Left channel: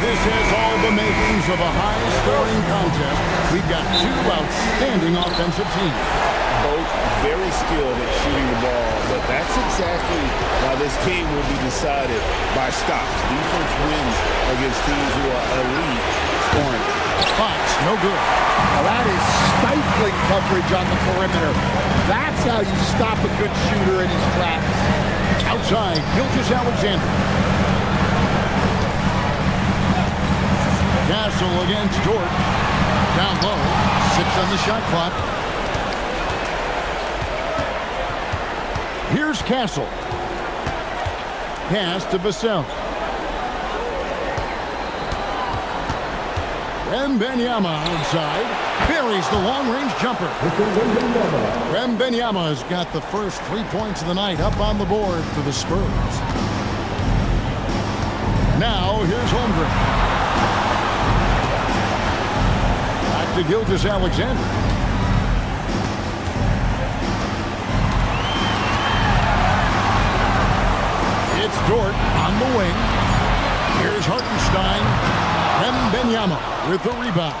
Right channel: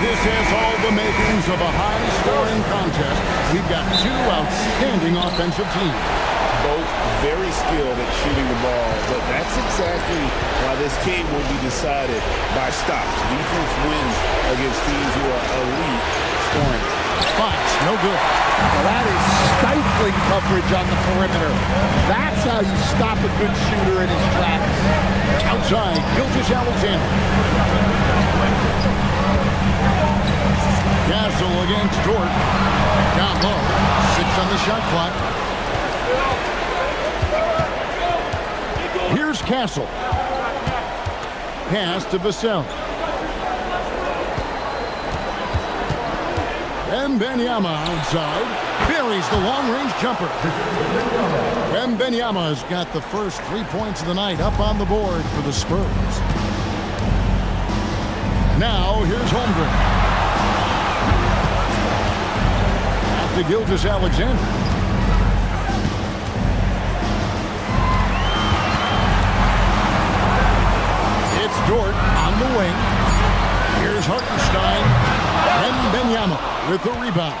This has all the makings of a high-scoring contest. We've got two outstanding offensive teams. Both very skilled at shooting the ball, but that's exactly why this game will be decided by stops. Defense wins against teams who are elite scoring. Fox, no good. Well, that is stifling coverage on the perimeter. That's how you stop a good shooter in his tracks. Outside, Gilgeous-Alexander. Castle against Dort. Down low, 6 on the shot clock. Here's Castle. Pass to Vassell. Wembanyama outside. Buries the long-range jumper. Wembanyama's got the first 3 points of the night up on the board for the Spurs. Now, here's Holmgren. Back to Gilgeous-Alexander. It's Dort on the wing. Here's Hartenstein. Wembanyama with the rebound.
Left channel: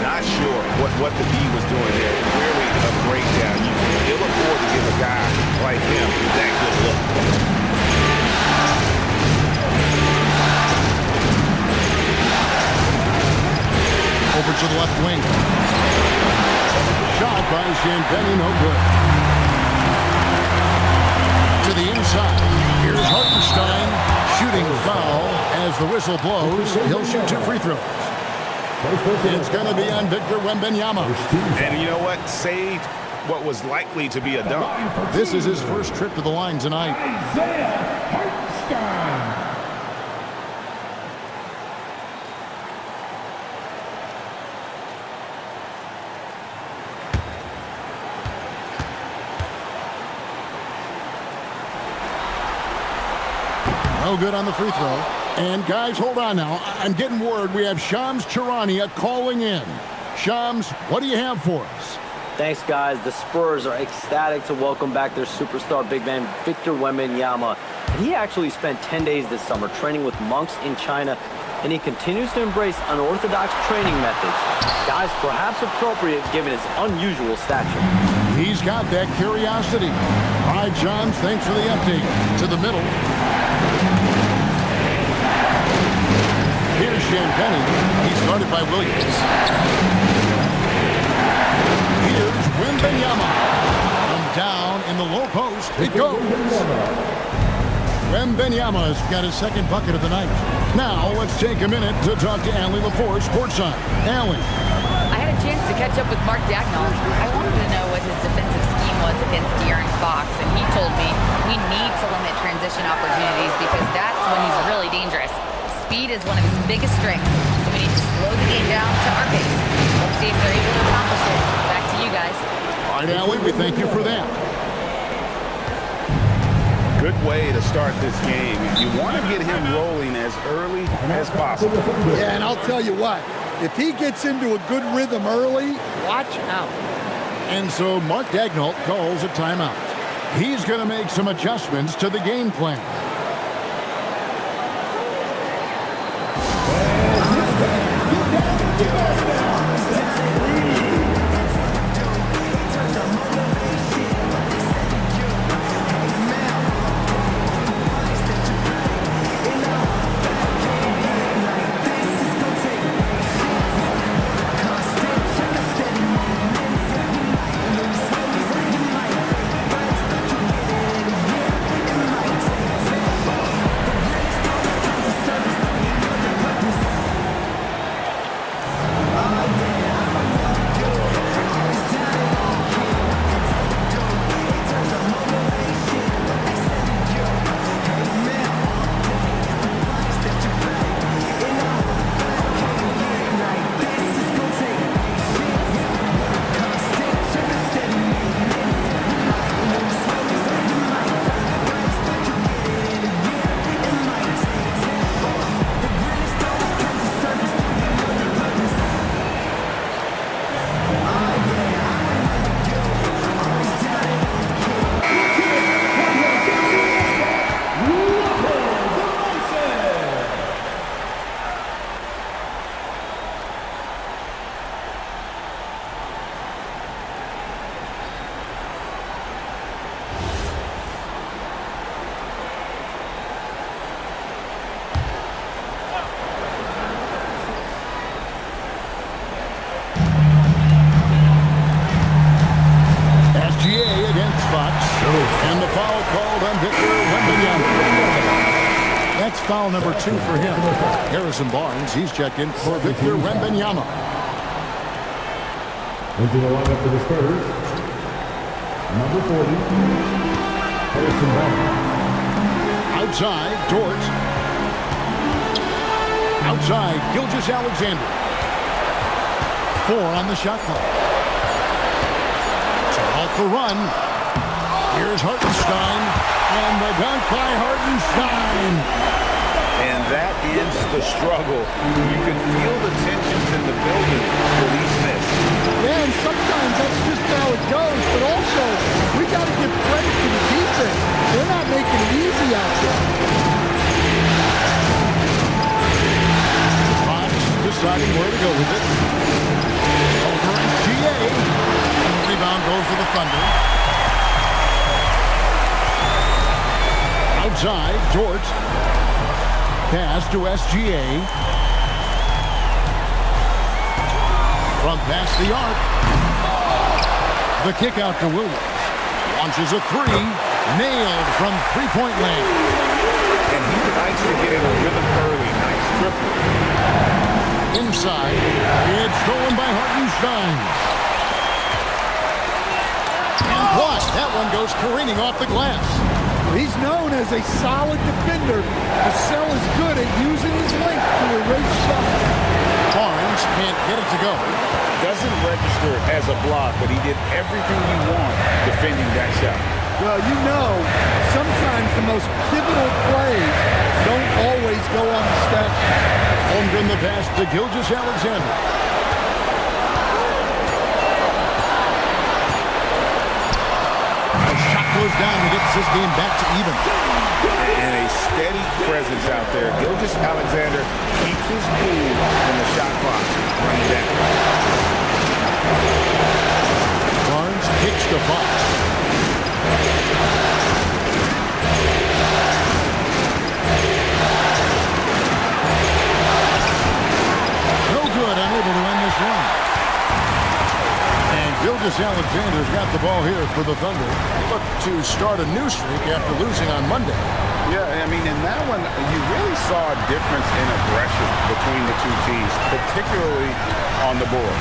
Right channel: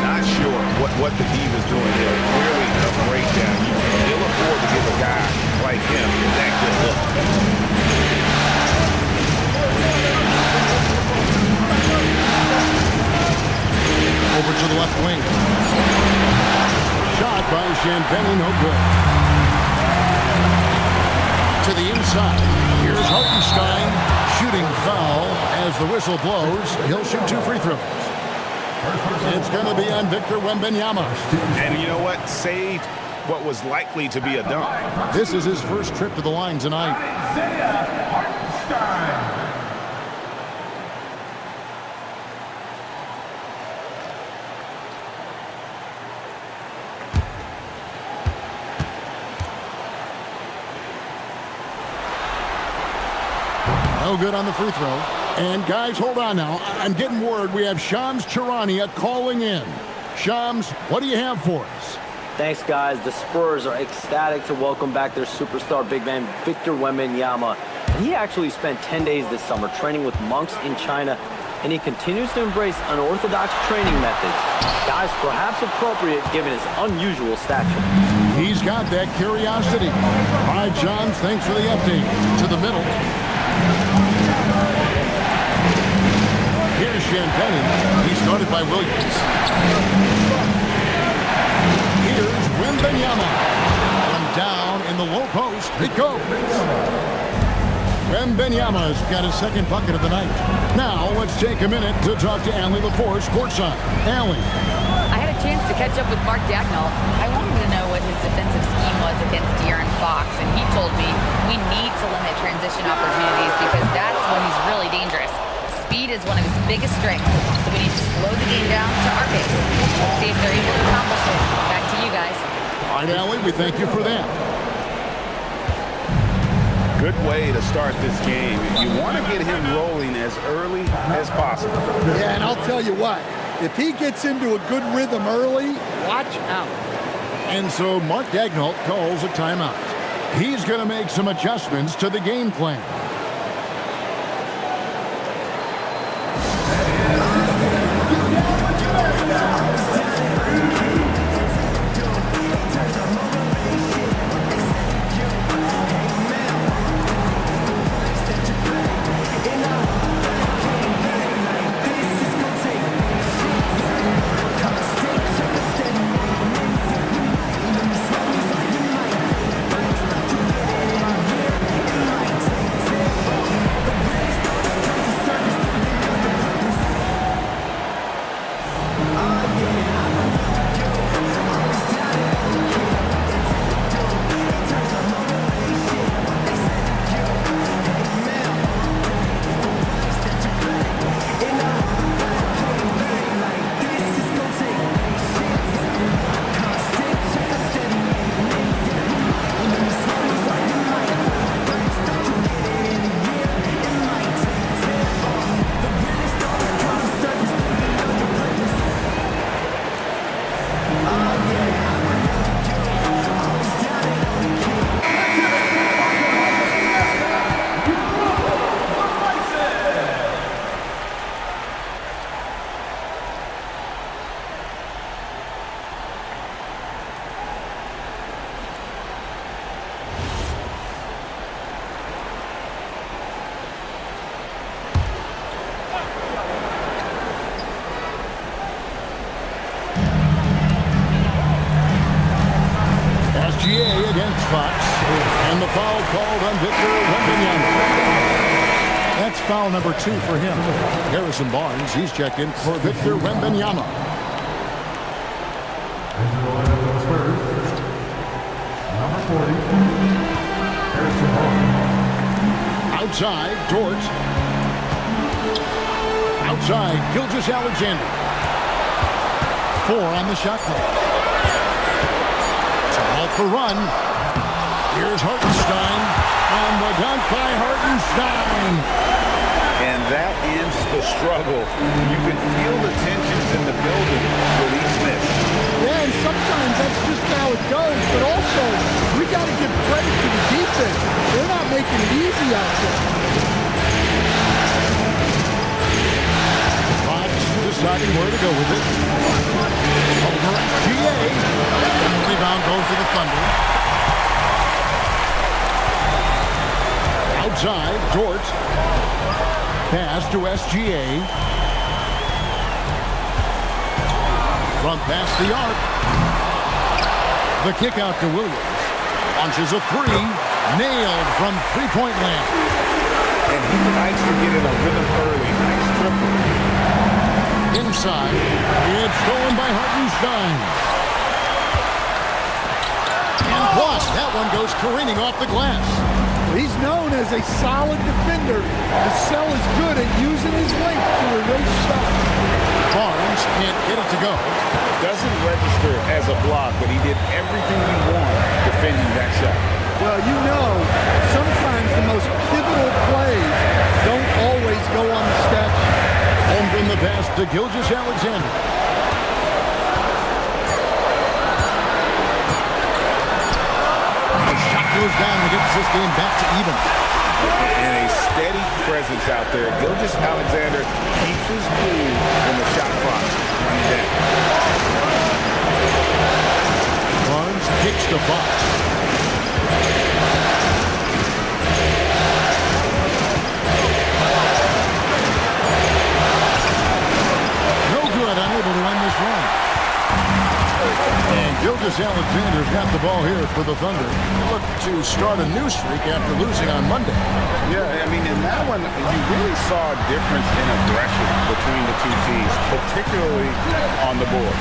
Not sure what the D was doing there. Clearly a breakdown. You can ill afford to give a guy like him that good look. Over to the left wing. Shot by Champagnie, no good. To the inside. Here's Hartenstein. Shooting foul as the whistle blows. He'll shoot 2 free throws. It's going to be on Victor Wembanyama. And you know what? Saved what was likely to be a dunk. This is his first trip to the line tonight. No good on the free throw. And guys, hold on now. I'm getting word we have Shams Charania calling in. Shams, what do you have for us? Thanks, guys. The Spurs are ecstatic to welcome back their superstar big man, Victor Wembanyama. He actually spent 10 days this summer training with monks in China, and he continues to embrace unorthodox training methods. Guys, perhaps appropriate given his unusual stature. He's got that curiosity. All right, Shams, thanks for the update. To the middle. Here's Champagnie. He's guarded by Williams. Here's Wembanyama. From down in the low post, it goes. Wembanyama's got his second bucket of the night. Now, let's take a minute to talk to Allie LaForce courtside. Allie. I had a chance to catch up with Mark Daigneault. I wanted to know what his defensive scheme was against De'Aaron Fox, and he told me we need to limit transition opportunities because that's when he's really dangerous. Speed is one of his biggest strengths, so we need to slow the game down to our pace. Let's see if they're able to accomplish it. Back to you guys. All right, Allie, we thank you for that. Good way to start this game. You want to get him rolling as early as possible. Yeah, and I'll tell you what, if he gets into a good rhythm early, watch out. And so Mark Daigneault calls a timeout. He's going to make some adjustments to the game plan. SGA against Fox. And the foul called on Victor Wembanyama. That's foul number 2 for him. Harrison Barnes, he's checked in for Victor Wembanyama. Into the lineup for the Spurs, number 40, Harrison Barnes. Outside, Dort. Outside, Gilgeous-Alexander. 4 on the shot clock. To halt the run. Here's Hartenstein. And the dunk by Hartenstein. And that ends the struggle. You can feel the tensions in the building with each miss. Yeah, and sometimes that's just how it goes. But also, we got to give credit to the defense. They're not making it easy out there. Fox deciding where to go with it. Over SGA. And the rebound goes to the Thunder. Outside, Dort. Pass to SGA. From past the arc. The kick out to Williams. Launches a 3. Nailed from three-point land. And he likes to get in a rhythm early. Nice triple. Inside. It's stolen by Hartenstein. And blocked. That one goes careening off the glass. He's known as a solid defender. Vassell is good at using his length to erase shots. Barnes can't get it to go. Doesn't register as a block, but he did everything you want defending that shot. Well, you know, sometimes the most pivotal plays don't always go on the stat sheet. Holmgren the pass to Gilgeous-Alexander. The shot goes down and gets this game back to even. And a steady presence out there. Gilgeous-Alexander keeps his cool when the shot clock's running down. Barnes kicks to Fox. No good, unable to end this run. And Gilgeous-Alexander's got the ball here for the Thunder. They look to start a new streak after losing on Monday. Yeah, I mean, in that one, you really saw a difference in aggression between the two teams, particularly on the board.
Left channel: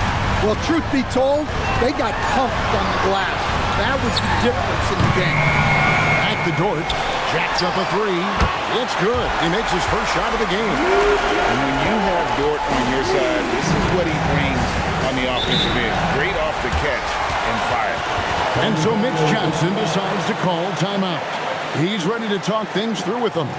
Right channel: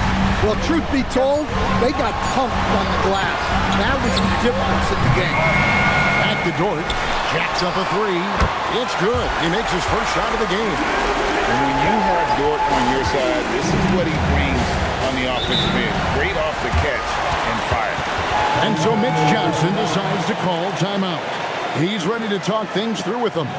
Well, truth be told, they got pumped on the glass. That was the difference in the game. Back to Dort. Jacks up a 3. It's good. He makes his first shot of the game. And when you have Dort on your side, this is what he brings on the offensive end. Great off the catch and fire. And so Mitch Johnson decides to call timeout. He's ready to talk things through with them.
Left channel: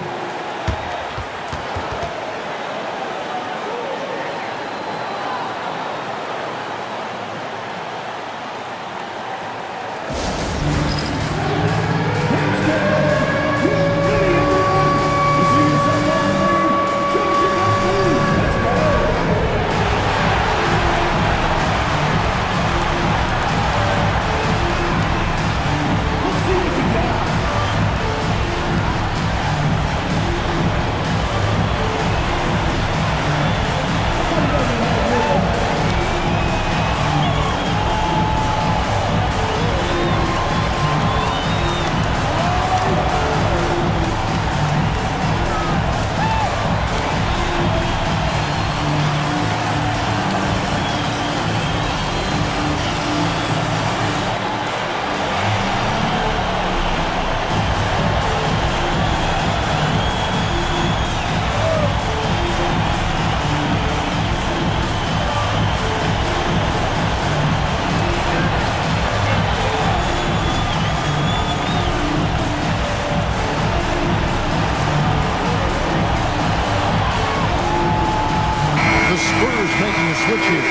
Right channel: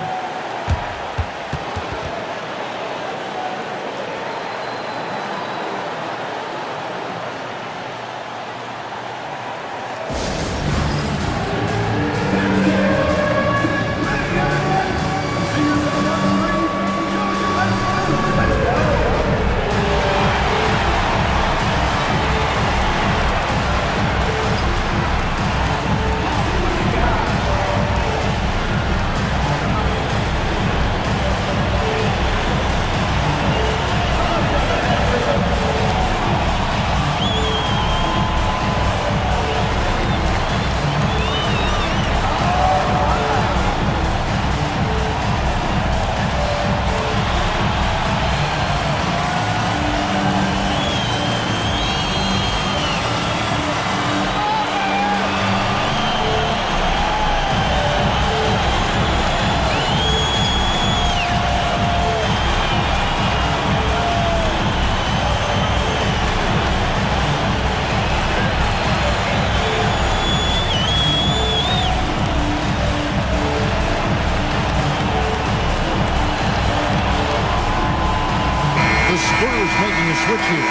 The Spurs making a switch here.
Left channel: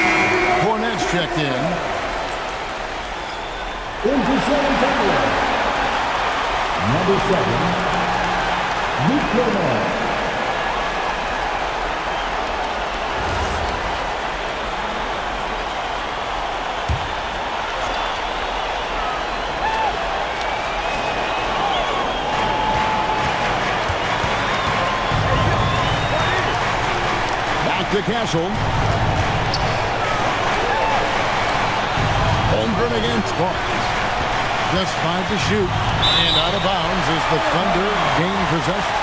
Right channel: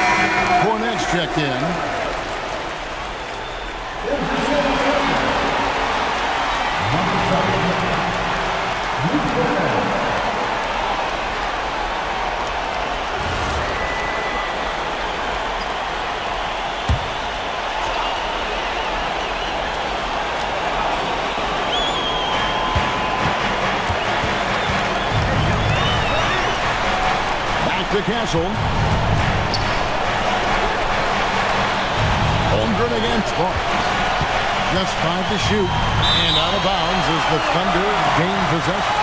Cornette's checked in. Number 7, ninguna. Back to Castle. Holmgren against Barnes. Just 5 to shoot. And out of bounds as the Thunder gain possession.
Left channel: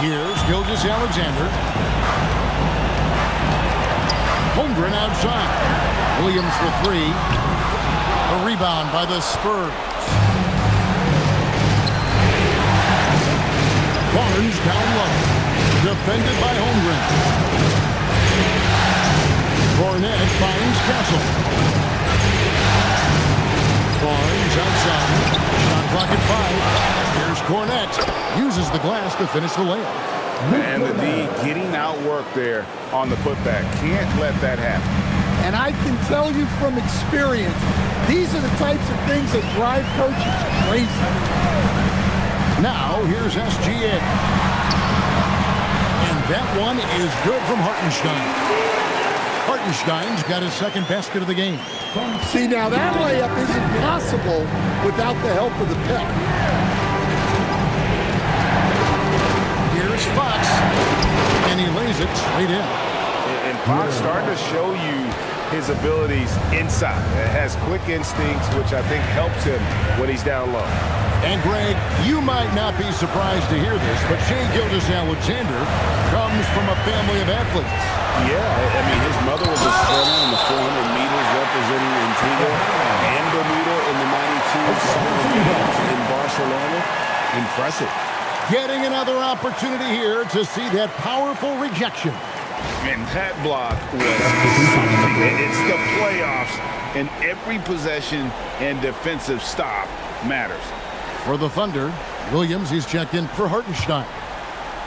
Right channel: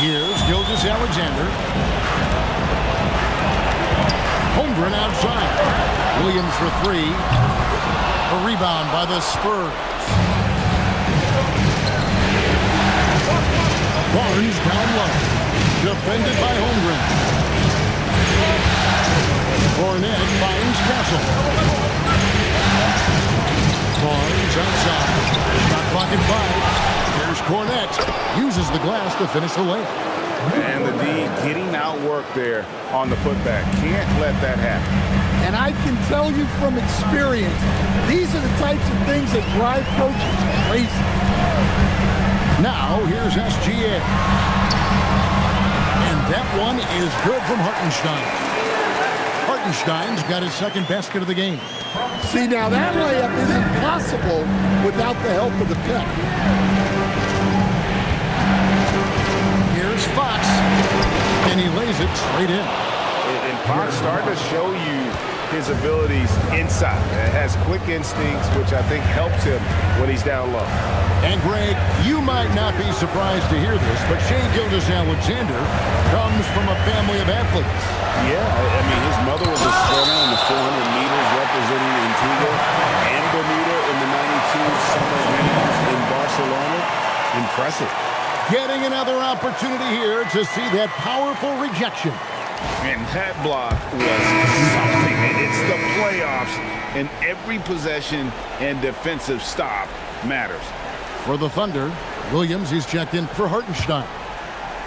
Here's Gilgeous-Alexander. Holmgren outside. Williams for 3. A rebound by the Spurs. Barnes down low. Defended by Holmgren. Cornet finds Castle. Barnes outside. Shot clock at 5. Here's Cornet. Uses the glass to finish the layup. And the D getting outworked there on the putback. Can't let that happen. And I can tell you from experience, these are the types of things that drive coaches crazy. Now, here's SGA. And that one is good from Hartenstein. Hartenstein's got his second basket of the game. See, now that layup isn't possible without the help of the pick. Here's Fox, and he lays it straight in. And Fox starting to show you his abilities inside. It has quick instincts, which I think helps him when he's down low. And Greg, you might not be surprised to hear this, but Shai Gilgeous-Alexander comes from a family of athletes. Yeah, I mean, his mother was a sprinter in the 400 meters representing Antigua and Bermuda in the 92 Summer Games in Barcelona. Impressive. Getting another opportunity here to see that powerful rejection. And that block was something. It's the playoffs, and every possession and defensive stop matters. For the Thunder, Williams, he's checked in for Hartenstein.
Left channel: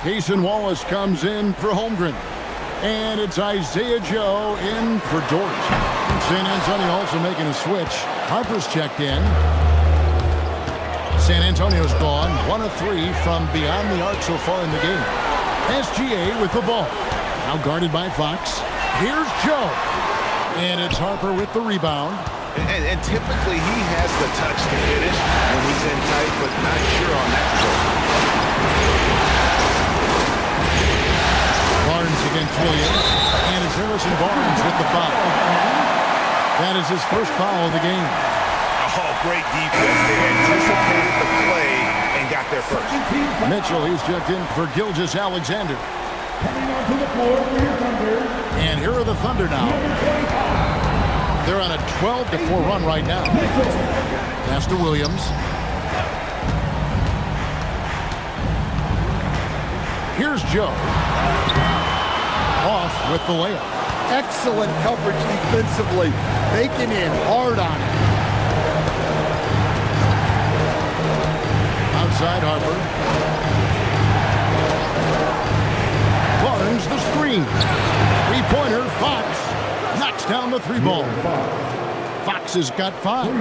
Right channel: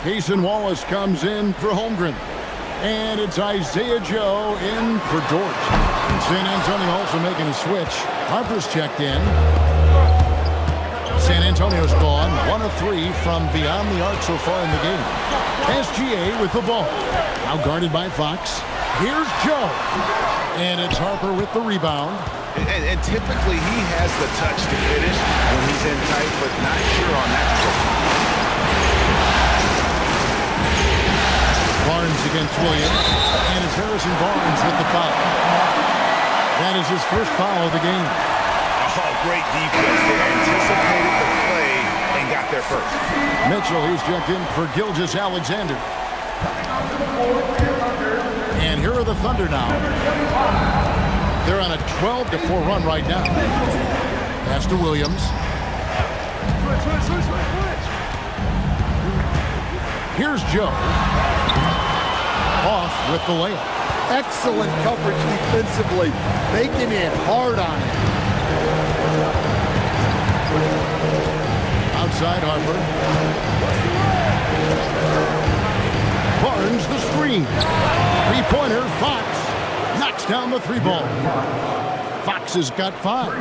Cason Wallace comes in for Holmgren. And it's Isaiah Joe in for George. San Antonio also making a switch. Harper's checked in. San Antonio's gone 1 of 3 from beyond the arc so far in the game. SGA with the ball. Now guarded by Fox. Here's Joe. And it's Harper with the rebound. And typically he has the touch to finish when he's in tight, but not sure on that position. Barnes against Williams. And it's Harrison Barnes with the foul. That is his first foul of the game. Oh, great defense there. Anticipated the play and got there first. Mitchell, he's checked in for Gilgeous-Alexander. And here are the Thunder now. They're on a 12-4 run right now. Pass to Williams. Here's Joe. Off with the layup. Excellent coverage defensively. Making it hard on it. Outside Harper. Barnes the screen. Three-pointer, Fox. Knocks down the 3-ball. Fox has got 5.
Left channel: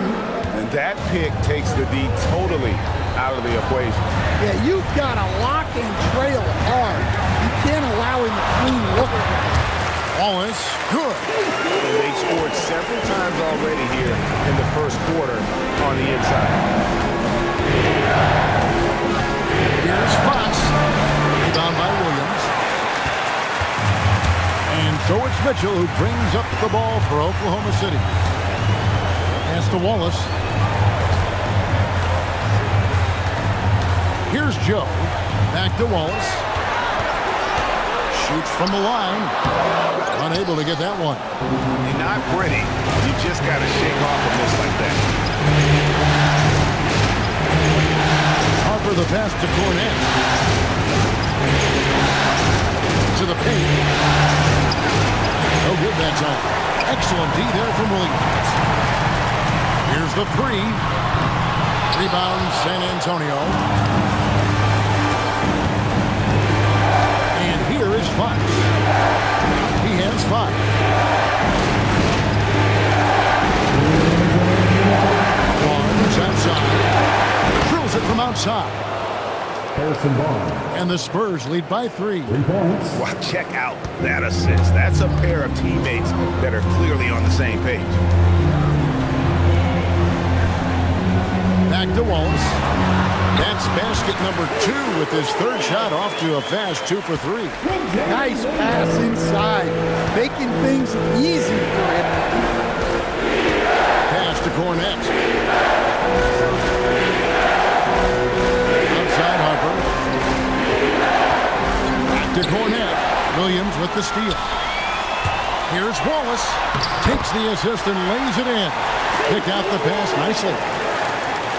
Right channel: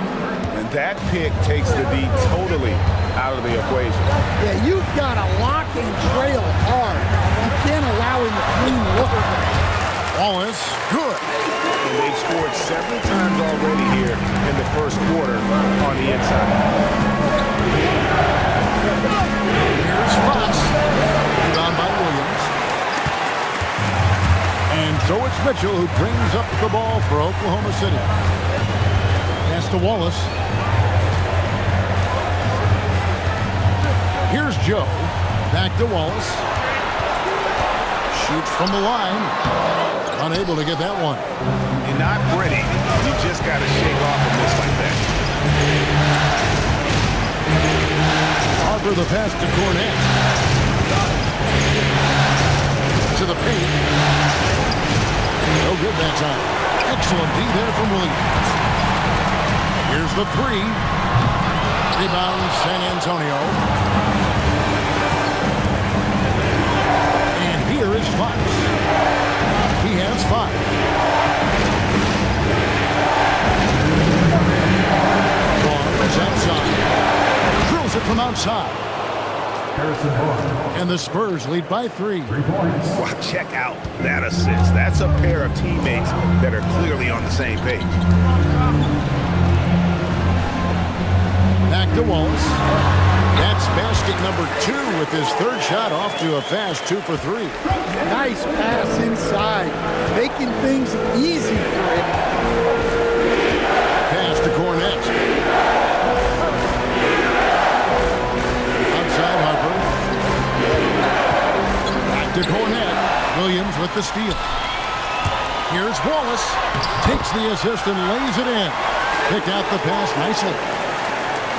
And that pick takes the D totally out of the equation. Yeah, you've got to lock and trail hard. You can't allow him to clean look. Wallace, good. And they've scored several times already here in the first quarter on the inside. Here's Fox. Rebound by Williams. And so it's Mitchell who brings up the ball for Oklahoma City. Pass to Wallace. Here's Joe. Back to Wallace. Shoots from the line. Unable to get that one. You're not pretty. You just got to shake off a miss like that. Harper the pass to Cornet. To the paint. No good that time. Excellent D there from Williams. Here's the 3. Rebound San Antonio. And here is Fox. He has 5. Barnes outside. Drills it from outside. Harrison Barnes. And the Spurs lead by 3. 3 points. Wow, check out that assist. That's a pair of teammates that are clearly on the same page. back to Wallace. That's basket number 2 with his third shot off to a fast 2 for 3. Nice pass inside, making things easy for him. Pass to Cornette. Outside Harper. Back to Cornette. Williams with the steal. Here's Wallace. Takes the assist and lays it in. Picked out the pass nicely.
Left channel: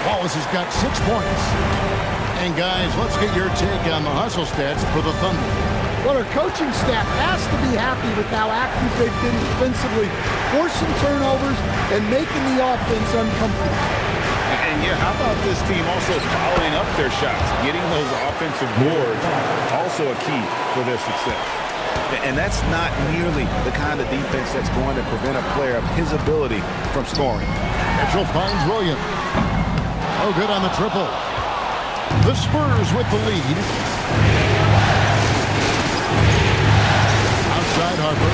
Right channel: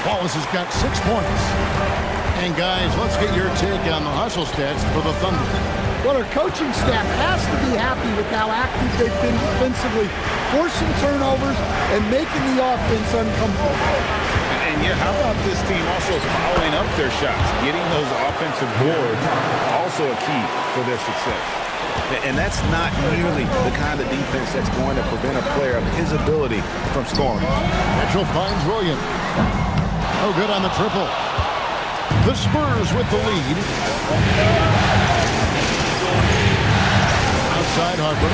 Wallace has got 6 points. And guys, let's get your take on the hustle stats for the Thunder. Well, our coaching staff has to be happy with how active they've been defensively, forcing turnovers and making the offense uncomfortable. And yeah, how about this team also following up their shots? Getting those offensive boards, also a key for their success. And that's not nearly the kind of defense that's going to prevent a player of his ability from scoring. Mitchell finds Williams. No good on the triple. The Spurs with the lead. Outside Harper.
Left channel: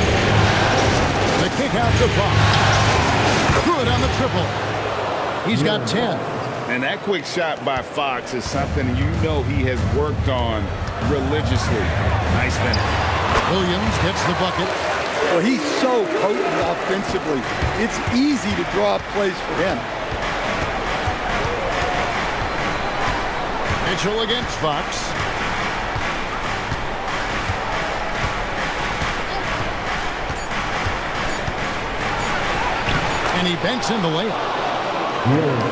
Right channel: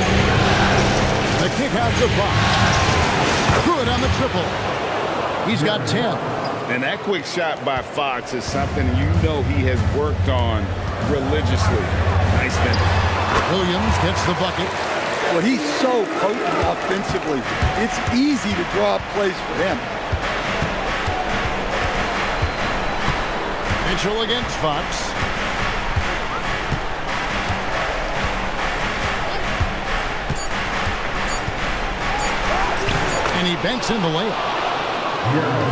The kick out to Fox. Good on the triple. He's got 10. And that quick shot by Fox is something you know he has worked on religiously. Nice finish. Williams gets the bucket. Well, he's so potent offensively. It's easy to draw up plays for him. Mitchell against Fox. And he banks in the layup.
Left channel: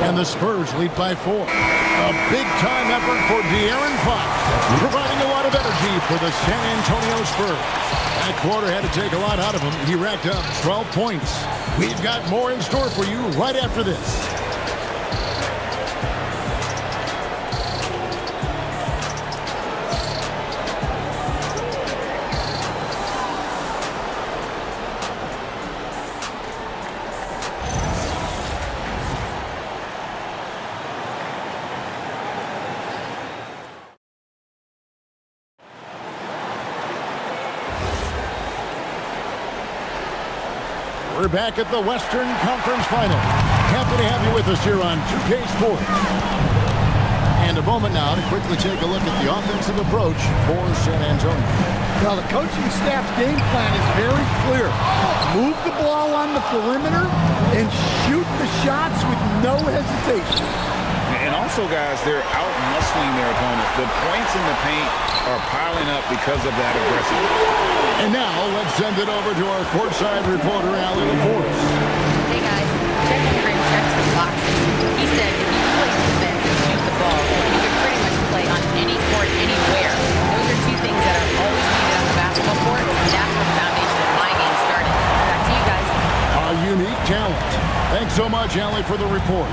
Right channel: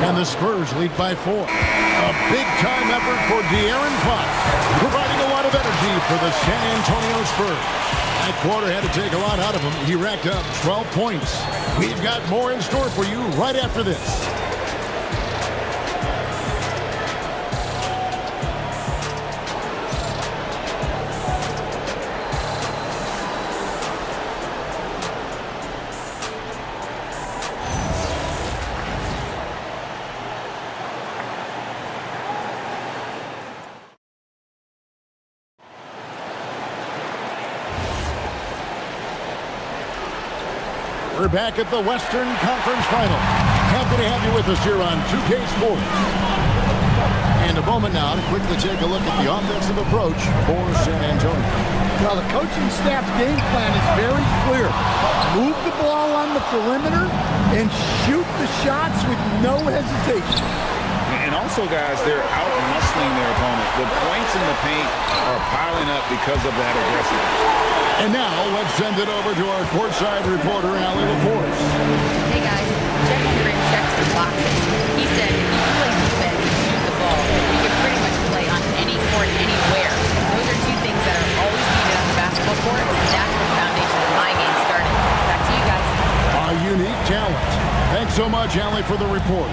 And the Spurs lead by 4. A big-time effort for De'Aaron Fox, providing a lot of energy for the San Antonio Spurs. That quarter had to take a lot out of him. He racked up 12 points. We've got more in store for you right after this. We're back at the Western Conference Final. Happy to have you with us here on 2K Sports. And a moment now to quickly take a look at the offensive approach for San Antonio. Well, the coaching staff's game plan is very clear. Move the ball on the perimeter and shoot the shots with no hesitation. And also, guys, they're out-muscling their opponent. The points in the paint are piling up because of that aggressiveness. And now, let's send it over to our courtside reporter, Allie LaForce. Hey guys, Chet Holmgren checked some boxes. He said if you can play defense and shoot the ball, you can pretty much play on any court, anywhere. Those are 2 things that are always needed on the basketball court, and that's where the foundation of my game started. Back to you guys. A unique talent. Thanks so much, Allie, for the report.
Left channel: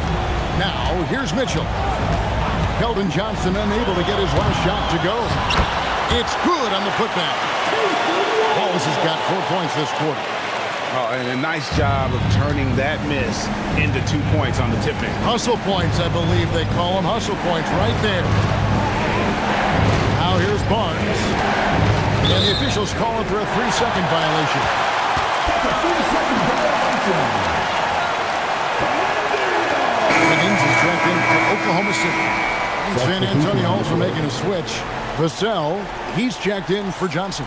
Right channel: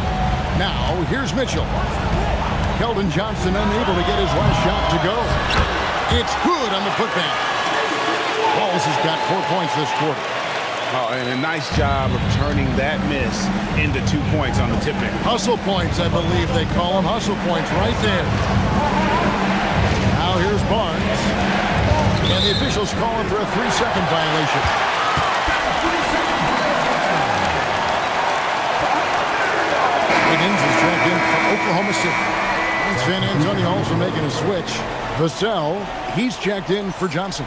Now, here's Mitchell. Keldon Johnson unable to get his last shot to go. It's good on the putback. Wallace has got 4 points this quarter. Oh, and a nice job of turning that miss into 2 points on the tip in. Hustle points, I believe they call them. Hustle points right there. Now here's Barnes. And the officials calling for a 3-second violation. Wiggins is checked in for Oklahoma City. And San Antonio also making a switch. Vassell, he's checked in for Johnson.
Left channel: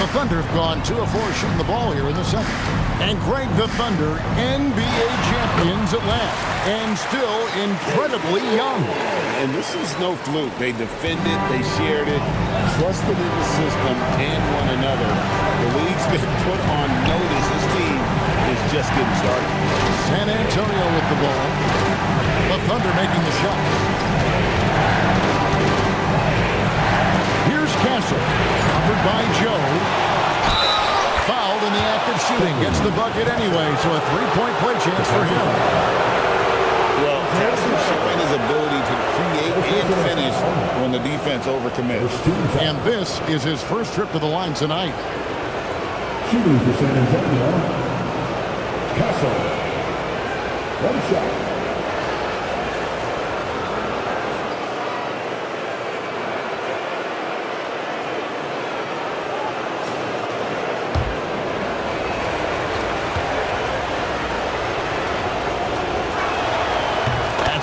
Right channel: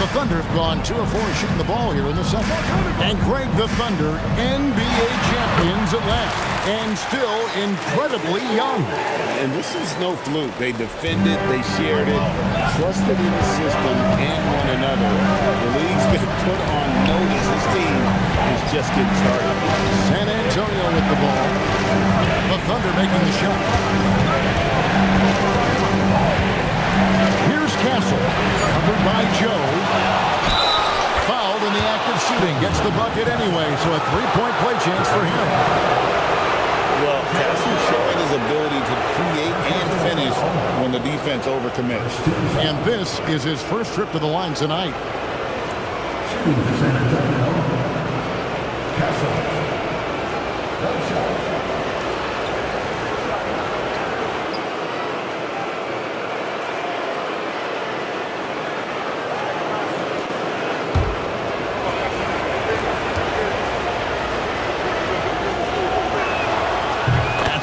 The Thunder have gone 2 of 4 shooting the ball here in the second. And Greg, the Thunder, NBA champions at last. And still incredibly young. And this is no fluke. They defended, they shared it, trusted in the system and one another. The league's been put on notice. This team is just getting started. San Antonio with the ball. The Thunder making the shot. Here's Castle, covered by Joe. Fouled in the act of shooting. Gets the bucket anyway, so a 3-point play chance for him. Well, Castle's showing his ability to create and finish when the defense overcommits. And this is his first trip to the line tonight. Shooting for San Antonio. Castle. 1 shot.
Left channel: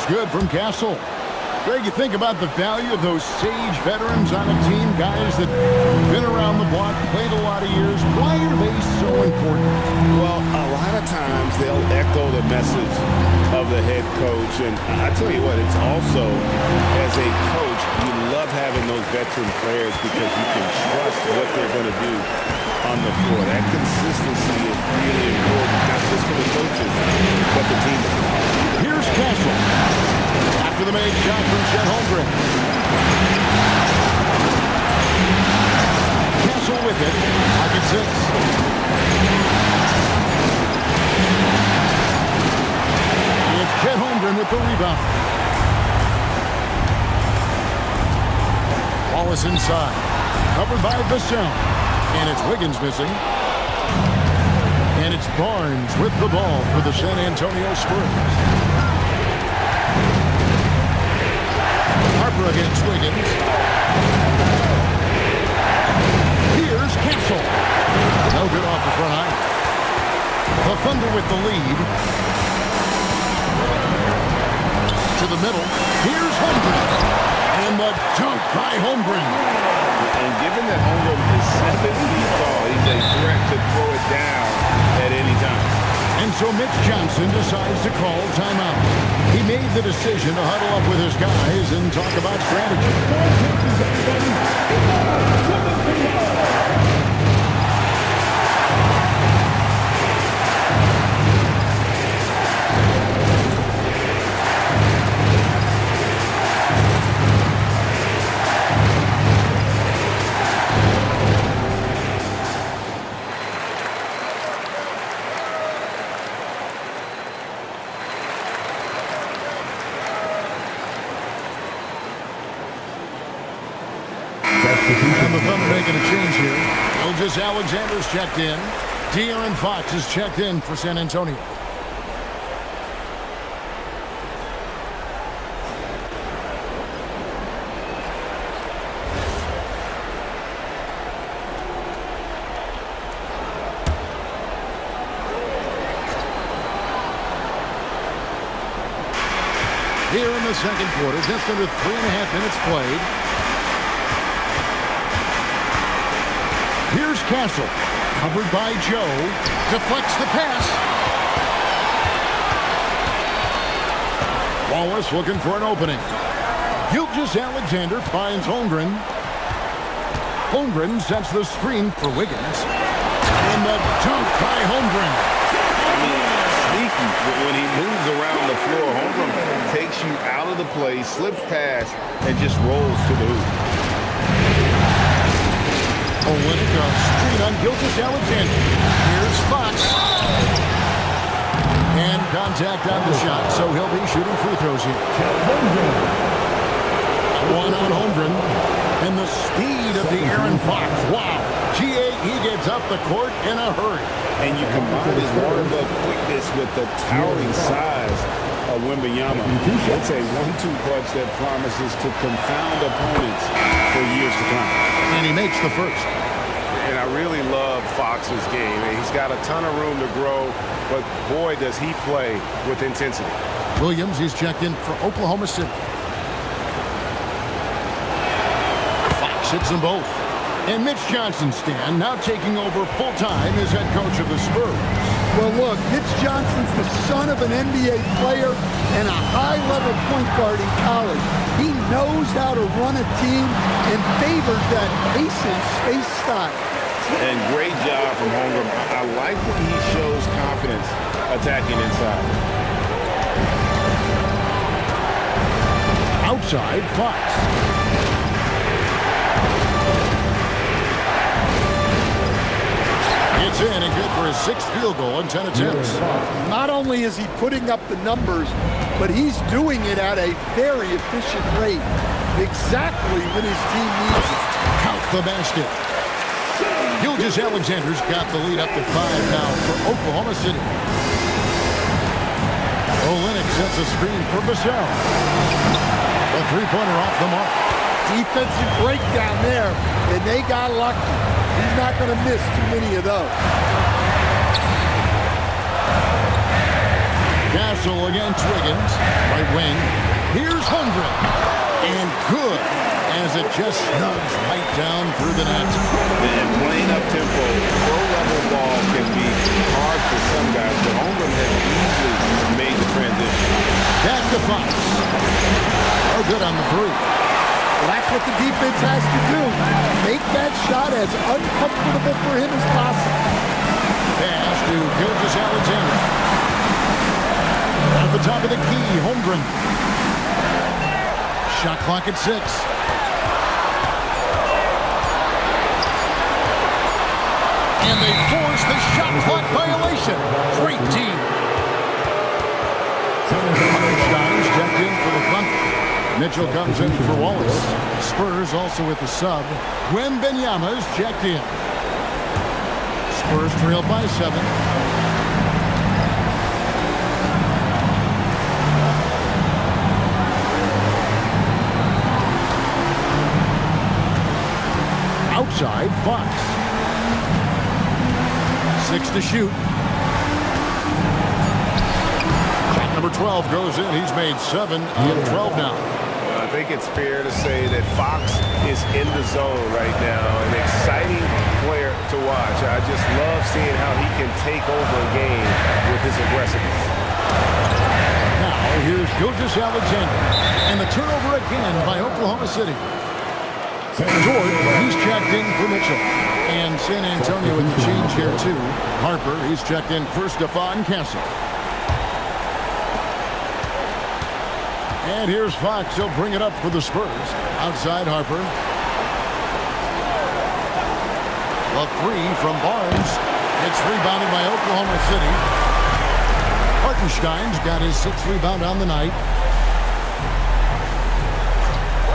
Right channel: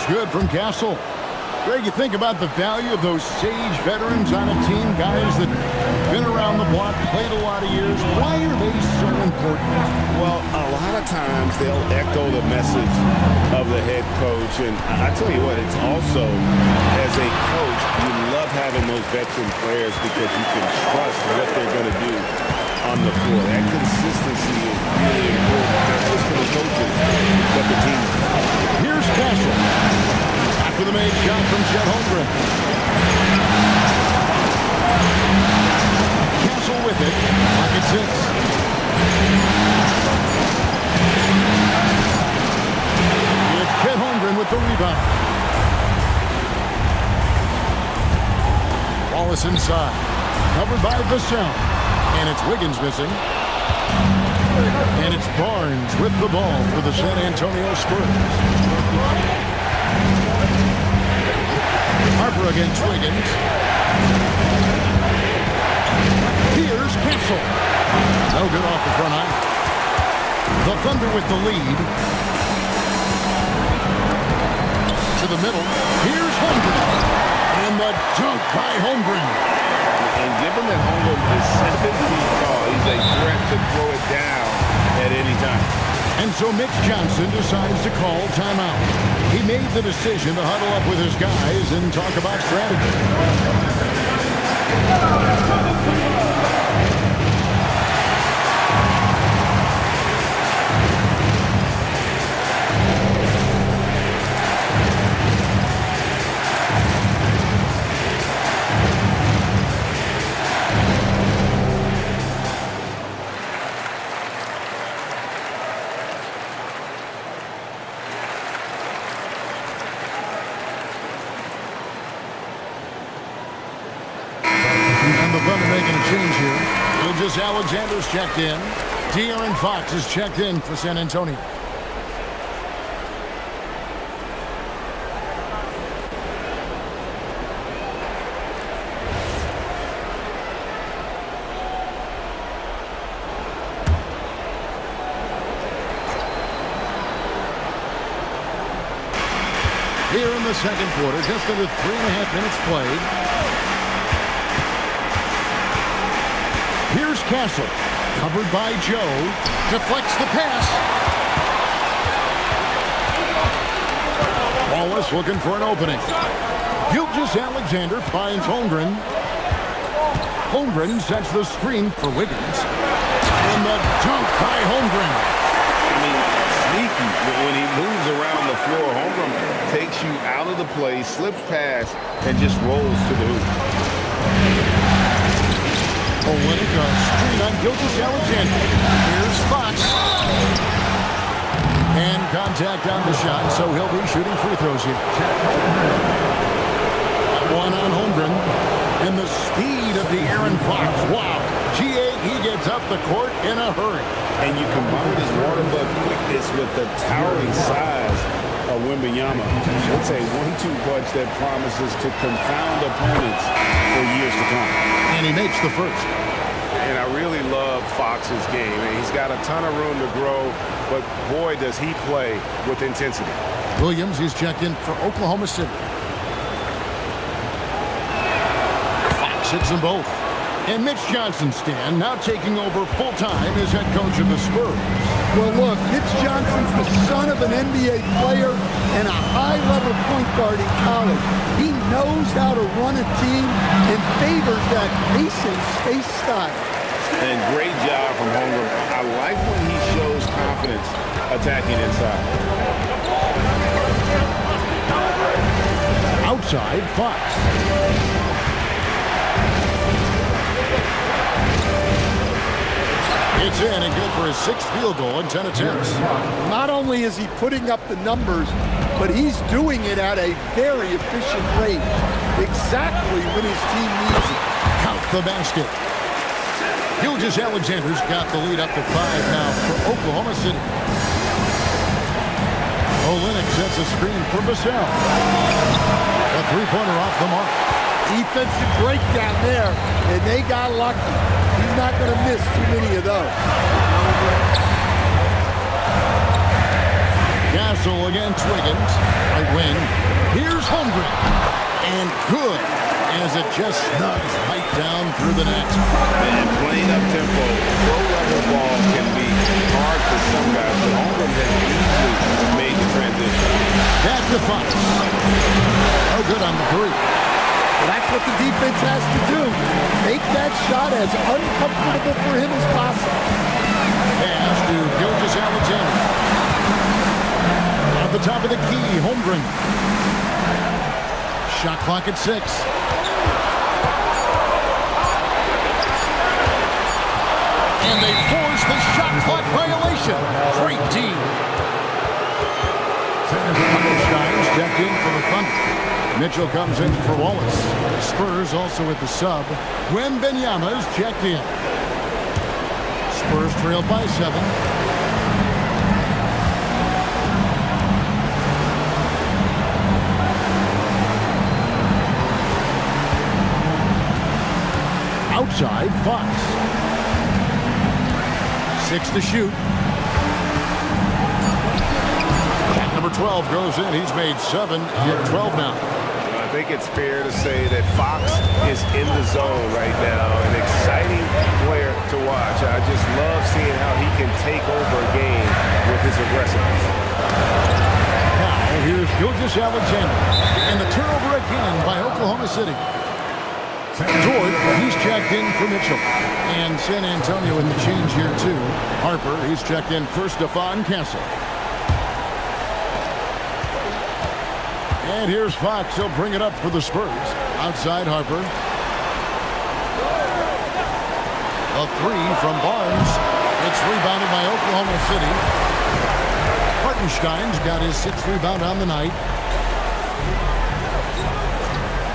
good from Castle. Greg, you think about the value of those sage veterans on a team, guys that have been around the block, played a lot of years. Why are they so important? Well, a lot of times they'll echo the message of the head coach. And I tell you what, it's also, as a coach, you love having those veteran players because you can trust what they're going to do on the floor. That consistency is really important, not just for the coaches, but the team. Here's Castle. After the made shot from Chet Holmgren. Castle with it. Pocket 6. It's Chet Holmgren with the rebound. Wallace inside. Covered by Vassell. And it's Wiggins missing. And it's Barnes with the ball for the San Antonio Spurs. Harper against Wiggins. Here's Castle. No good off the front iron. The Thunder with the lead. To the middle. Here's Holmgren. And the dunk by Holmgren. And given that Holmgren is 7 feet tall, he's a threat to throw it down at any time. And so Mitch Johnson decides to call timeout. He made the decision to huddle up with his guys and talk about strategy. And the Thunder making a change here. Gilgeous Alexander's checked in. De'Aaron Fox is checked in for San Antonio. Here in the second quarter, just under 3.5 minutes played. Here's Castle, covered by Joe, deflects the pass. Wallace looking for an opening. Gilgeous Alexander finds Holmgren. Holmgren sets the screen for Wiggins. And the dunk by Holmgren. I mean, sneaky. When he moves around the floor, Holmgren takes you out of the play, slips past, and just rolls to the hoop. Olynyk, a screen on Gilgeous Alexander. Here's Fox. And contact on the shot, so he'll be shooting free throws here. One on Holmgren. And the speed of De'Aaron Fox. Wow. G.A., he gets up the court in a hurry. And you combine his water bug quickness with the towering size of Wembanyama. It's a 1-2 punch that promises to confound opponents for years to come. And he makes the first. And I really love Fox's game. He's got a ton of room to grow, but boy, does he play with intensity. Williams, he's checked in for Oklahoma City. Fox hits them both. And Mitch Johnson, Stan, now taking over full-time as head coach of the Spurs. Well, look, Mitch Johnson's the son of an NBA player and a high-level point guard in college. He knows how to run a team and favors that pace and space style. And great job from Holmgren. I like when he shows confidence attacking inside. Outside, Fox. It's in and good for his 6th field goal in 10 attempts. Not only is he putting up the numbers, but he's doing it at a very efficient rate. Exactly when his team needs it. Count the basket. Gilgeous Alexander's got the lead up to 5 now for Oklahoma City. Olynyk sets a screen for Vassell. A three-pointer off the mark. Defensive breakdown there, and they got lucky. He's not going to miss too many of those. Castle against Wiggins. Right wing. Here's Holmgren. And good, as it just snugs right down through the net. And playing up-tempo, pro-level ball can be hard for some guys, but Holmgren has easily made the transition. Back to Fox. Oh, good on the three. Well, that's what the defense has to do. Make that shot as uncomfortable for him as possible. Pass to Gilgeous-Alexander. At the top of the key, Holmgren. Shot clock at 6. And they force the shot clock violation. Great D. Hartenstein's checked in for the Thunder. Mitchell comes in for Wallace. Spurs also with the sub. Wembanyama's checked in. Spurs trail by 7. Outside, Fox. 6 to shoot. Shot number 12 goes in. He's made 7 of 12 now. I think it's fair to say that Fox is in the zone right now. An exciting player to watch. I just love seeing how he can take over a game with his aggressiveness. Now, here's Gilgeous-Alexander. And the turnover again by Oklahoma City. Dort, he's checked in for Mitchell. And San Antonio with the change here, too. Harper, he's checked in for Stephon Castle. And here's Fox. He'll bring it up for the Spurs. Outside Harper. The three from Barnes. It's rebounded by Oklahoma City. Hartenstein's got his 6th rebound on the night.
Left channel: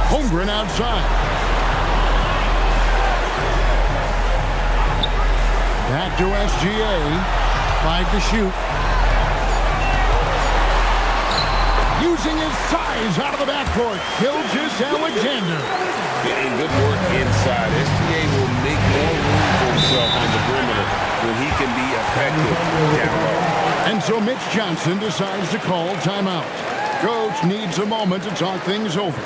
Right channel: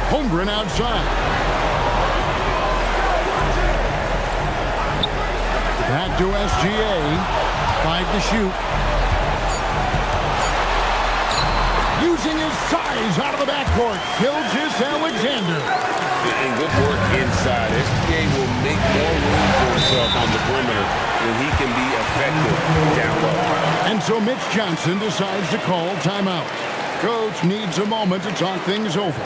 Holmgren outside. Back to SGA. 5 to shoot. Using his size out of the backcourt. Gilgeous-Alexander. And good work inside. SGA will make more room for himself on the perimeter when he can be effective down low. And so Mitch Johnson decides to call timeout. Coach needs a moment to talk things over.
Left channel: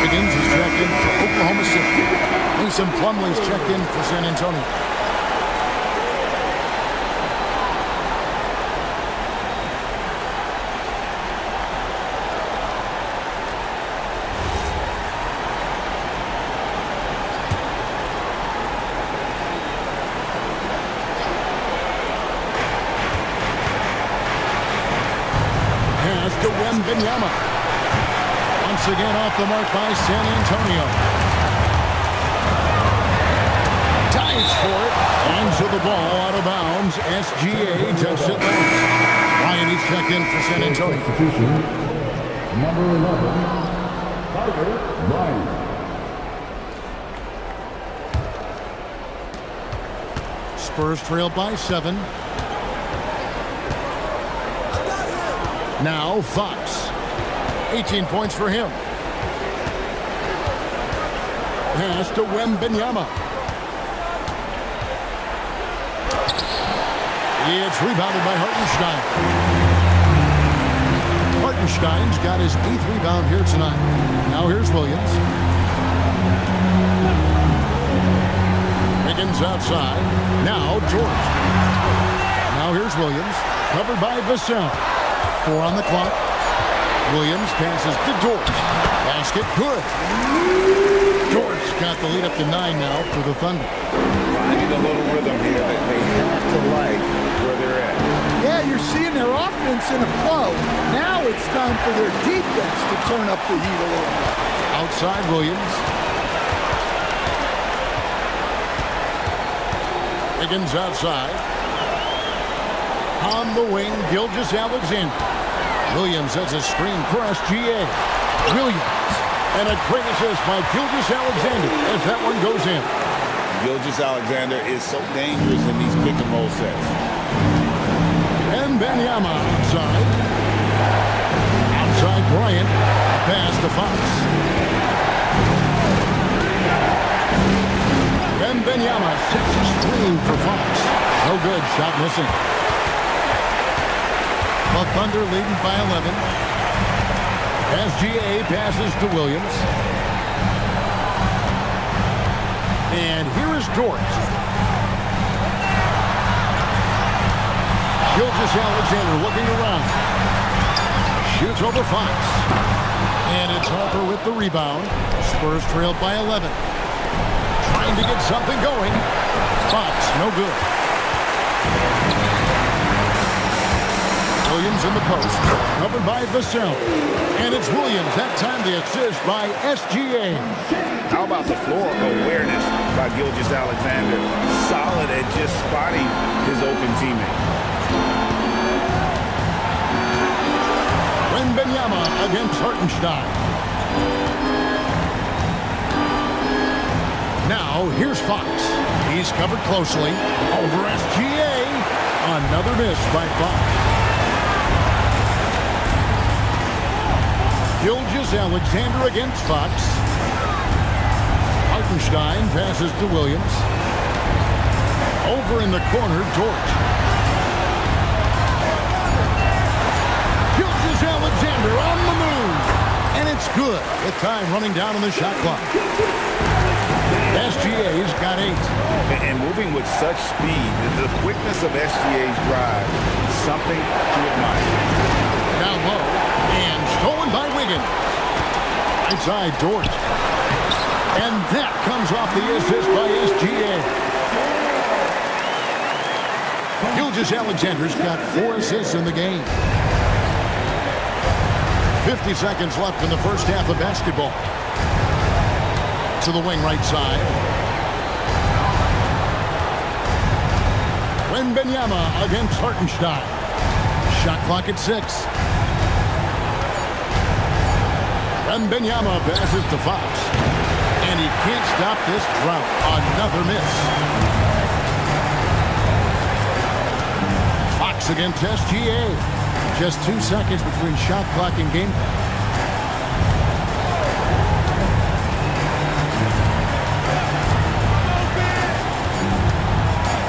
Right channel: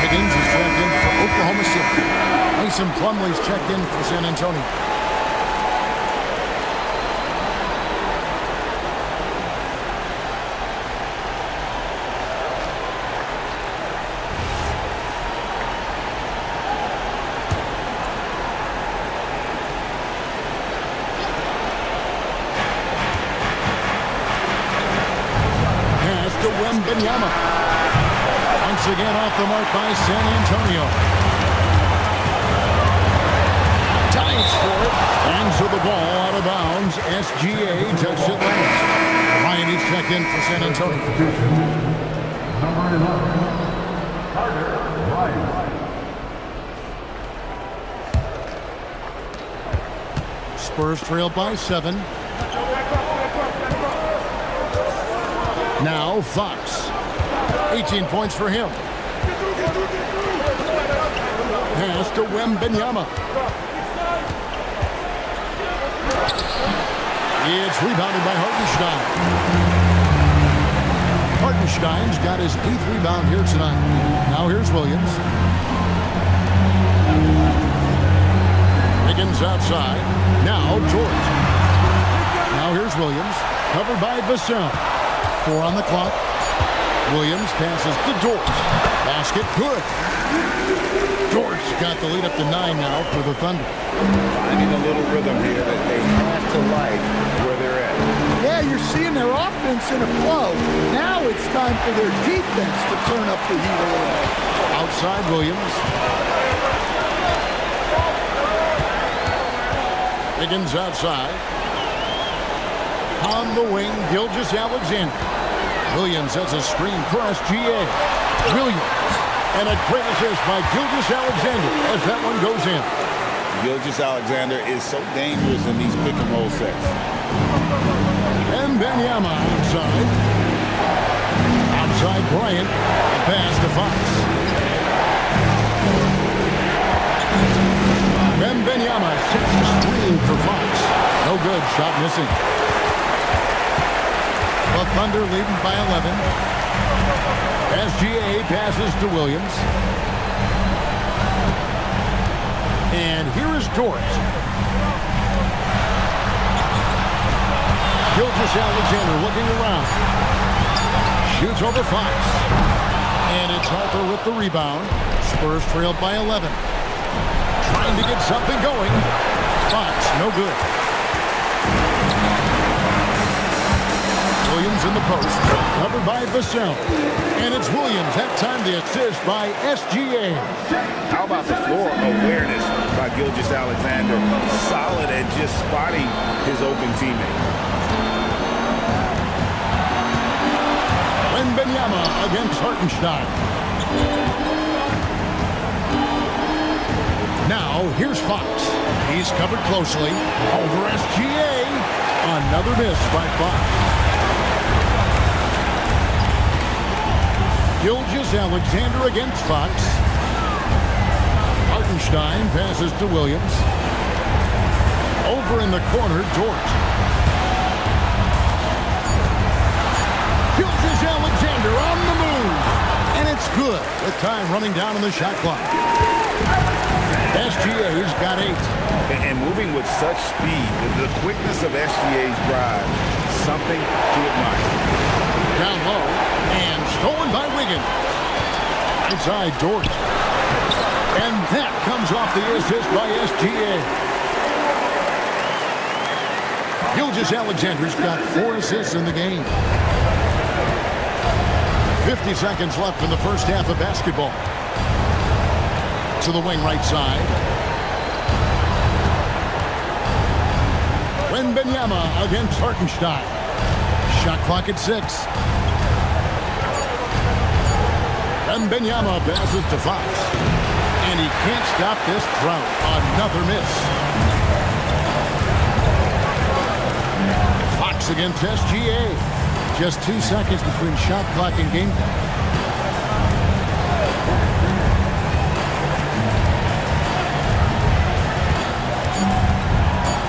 Wiggins is checked in for Oklahoma City. Mason Plumlee's checked in for San Antonio. Pass to Wembanyama. Once again off the mark by San Antonio. Dives for it. And so the ball out of bounds. SGA touched it last. Ryan is checked in for San Antonio. Substitution, number 11, Carter Ryan. Spurs trail by 7. Now Fox. 18 points for him. Pass to Wembanyama. It's rebounded by Hartenstein. Hartenstein's got his 8th rebound here tonight. Now here's Williams. Wiggins outside. Now George. Now here's Williams. Covered by Vassell. 4 on the clock. Williams passes to Dort. Basket good. Dort's got the lead up to 9 now for the Thunder. Finding a little rhythm here that they have to like where they're at. Yeah, Yeah, you're seeing their offense in a flow. Now it's time for their defense to turn up the heat a little more. Outside Williams. Higgins outside. On the wing, Gilgeous-Alexander. Williams has a screen for SGA. Williams. And a great assist by Gilgeous-Alexander as that one goes in. Gilgeous-Alexander is so dangerous in these pick-and-roll sets. And Wembanyama outside. Outside Bryant. A pass to Fox. Wembanyama sets a screen for Fox. No good. Shot missing. The Thunder leading by 11. SGA passes to Williams. And here is Dort. Gilgeous-Alexander looking around. Shoots over Fox. And it's Harper with the rebound. Spurs trailed by 11. Trying to get something going. Fox, no good. Williams in the post, covered by Vassell. And it's Williams, that time the assist by SGA. How about the floor awareness by Gilgeous-Alexander? Solid at just spotting his open teammate. Wembanyama against Hartenstein. Now, here's Fox. He's covered closely. Over SGA. Another miss by Fox. Gilgeous-Alexander against Fox. Hartenstein passes to Williams. Over in the corner, Dort. Gilgeous-Alexander on the move. And it's good. The time running down on the shot clock. SGA's got 8. And moving with such speed, the quickness of SGA's drive, something to admire. Down low, and stolen by Wiggins. Right side, Dort. And that comes off the assist by SGA. Gilgeous-Alexander's got 4 assists in the game. 50 seconds left in the first half of basketball. To the wing right side. Wembanyama against Hartenstein. Shot clock at 6. Wembanyama passes to Fox. And he can't stop this drought. Another miss. Fox against SGA. Just 2 seconds between shot clock and game clock.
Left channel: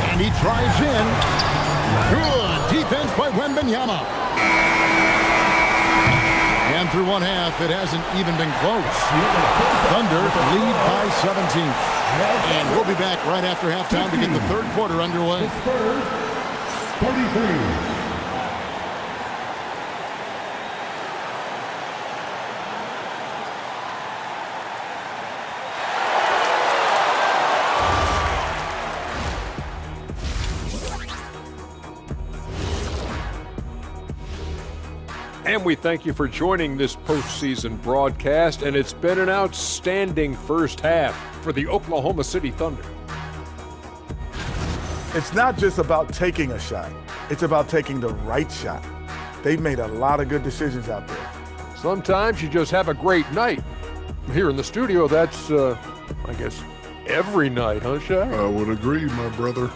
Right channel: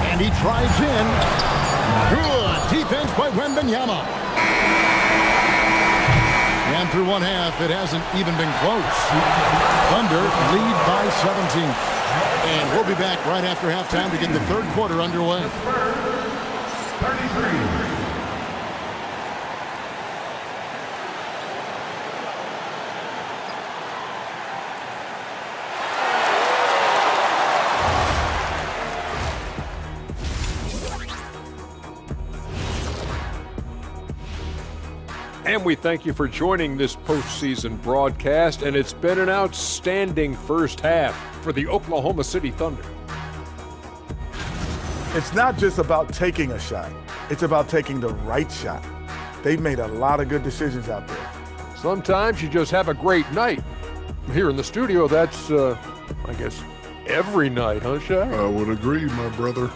And he drives in. Good defense by Wembanyama. And through one half, it hasn't even been close. Thunder lead by 17. And we'll be back right after halftime to get the third quarter underway. 33. And we thank you for joining this postseason broadcast, and it's been an outstanding first half for the Oklahoma City Thunder. It's not just about taking a shot. It's about taking the right shot. They've made a lot of good decisions out there. Sometimes you just have a great night. Here in the studio, that's, I guess, every night, huh, Shaq? I would agree, my brother.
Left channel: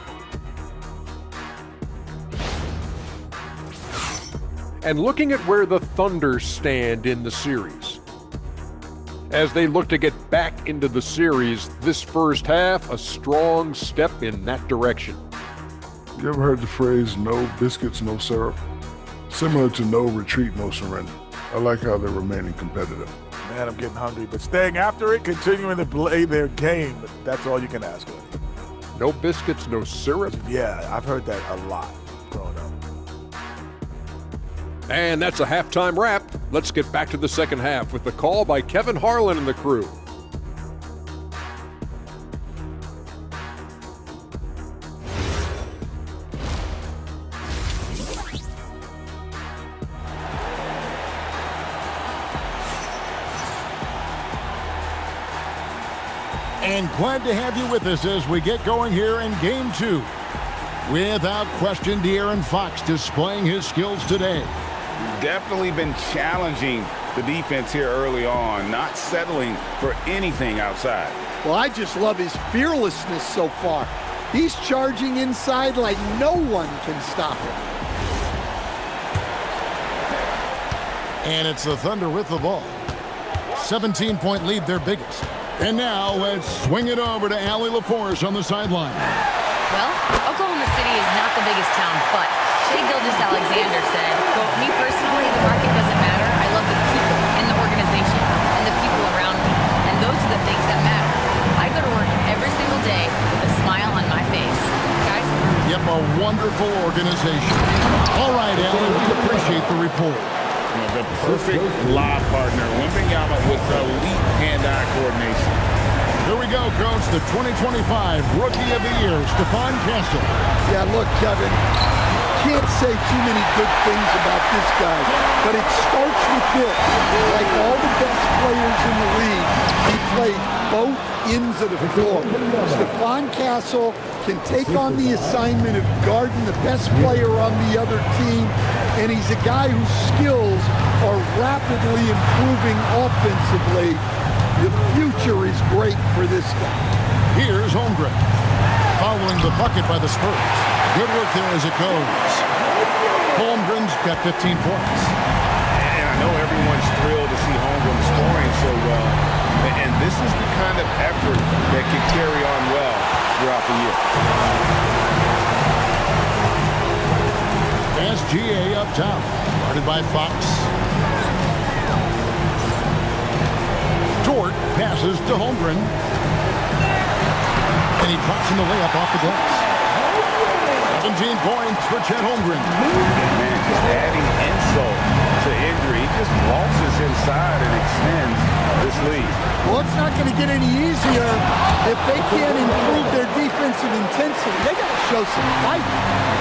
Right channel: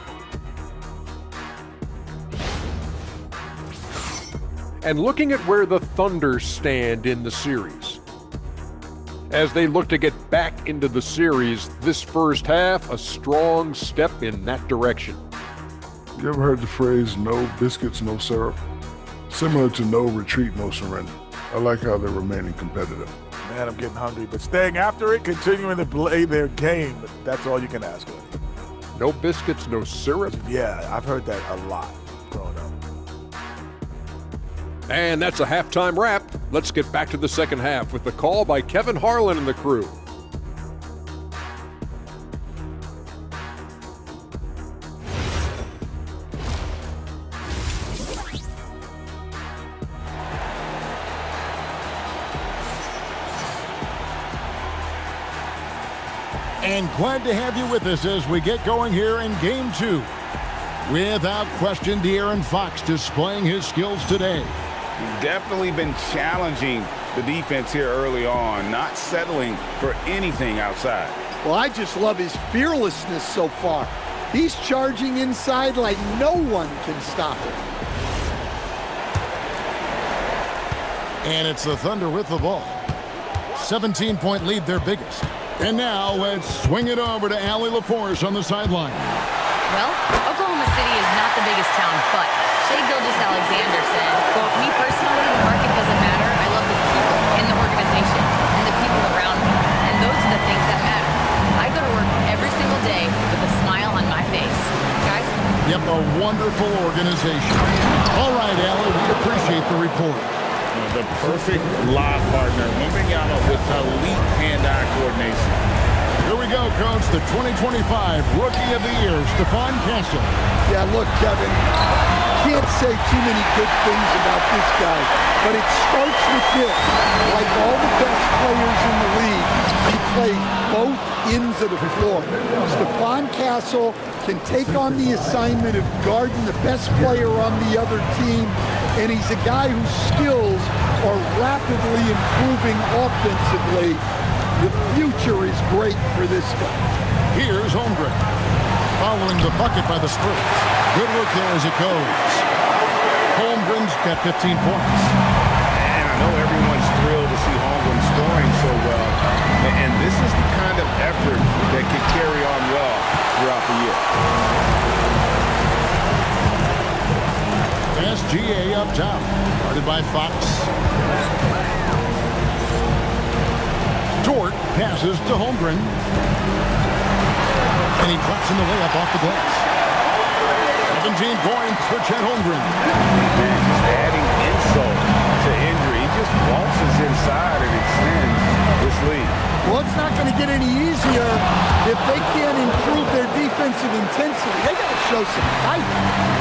And looking at where the Thunder stand in the series. As they look to get back into the series, this first half, a strong step in that direction. You ever heard the phrase, no biscuits, no syrup? Similar to no retreat, no surrender. I like how they're remaining competitive. Man, I'm getting hungry, but staying after it, continuing to play their game, that's all you can ask of. No biscuits, no syrup? Yeah, I've heard that a lot growing up. And that's a halftime wrap. Let's get back to the second half with the call by Kevin Harlan and the crew. And glad to have you with us as we get going here in Game 2. Without question, De'Aaron Fox displaying his skills today. Definitely been challenging the defense here early on, not settling for anything outside. Well, I just love his fearlessness so far. He's charging inside like no one can stop him. And it's the Thunder with the ball. 17-point lead, their biggest. And now let's swing it over to Allie LaForce on the sideline. Well, Oklahoma City is not the biggest town, but Shai Gilgeous-Alexander said, quote, "Me personally, the market doesn't matter. I love the people in the organization and the people around me. And those are the things that matter. I go to work every single day with a smile on my face." Guys? Yep, a wonderful organization. All right, Allie, we appreciate the report. The perfect lob partner, Wembanyama with elite hand-eye coordination. Here we go, Coach, the 2025 Rookie of the Year, Stephon Castle. Yeah, look, Kevin, you can't say too many good things about this guy, but it starts with this. Like all the best players in the league, he plays both ends of the floor. Stephon Castle can take on the assignment of guarding the best player on the other team, and he's a guy whose skills are rapidly improving offensively. The future is great for this guy. Here's Holmgren, following the bucket by the Spurs. Good work there as it goes. Holmgren's got 15 points. And I know everyone's thrilled to see Holmgren scoring so well. And this is the kind of effort that could carry on well throughout the year. SGA up top, guarded by Fox. Dort passes to Holmgren. And he drops in the layup off the glass. 17 points for Chet Holmgren. Man, just adding insult to injury. He just waltzes inside and extends this lead. Well, it's not going to get any easier if they can't improve their defensive intensity. They got to show some fight.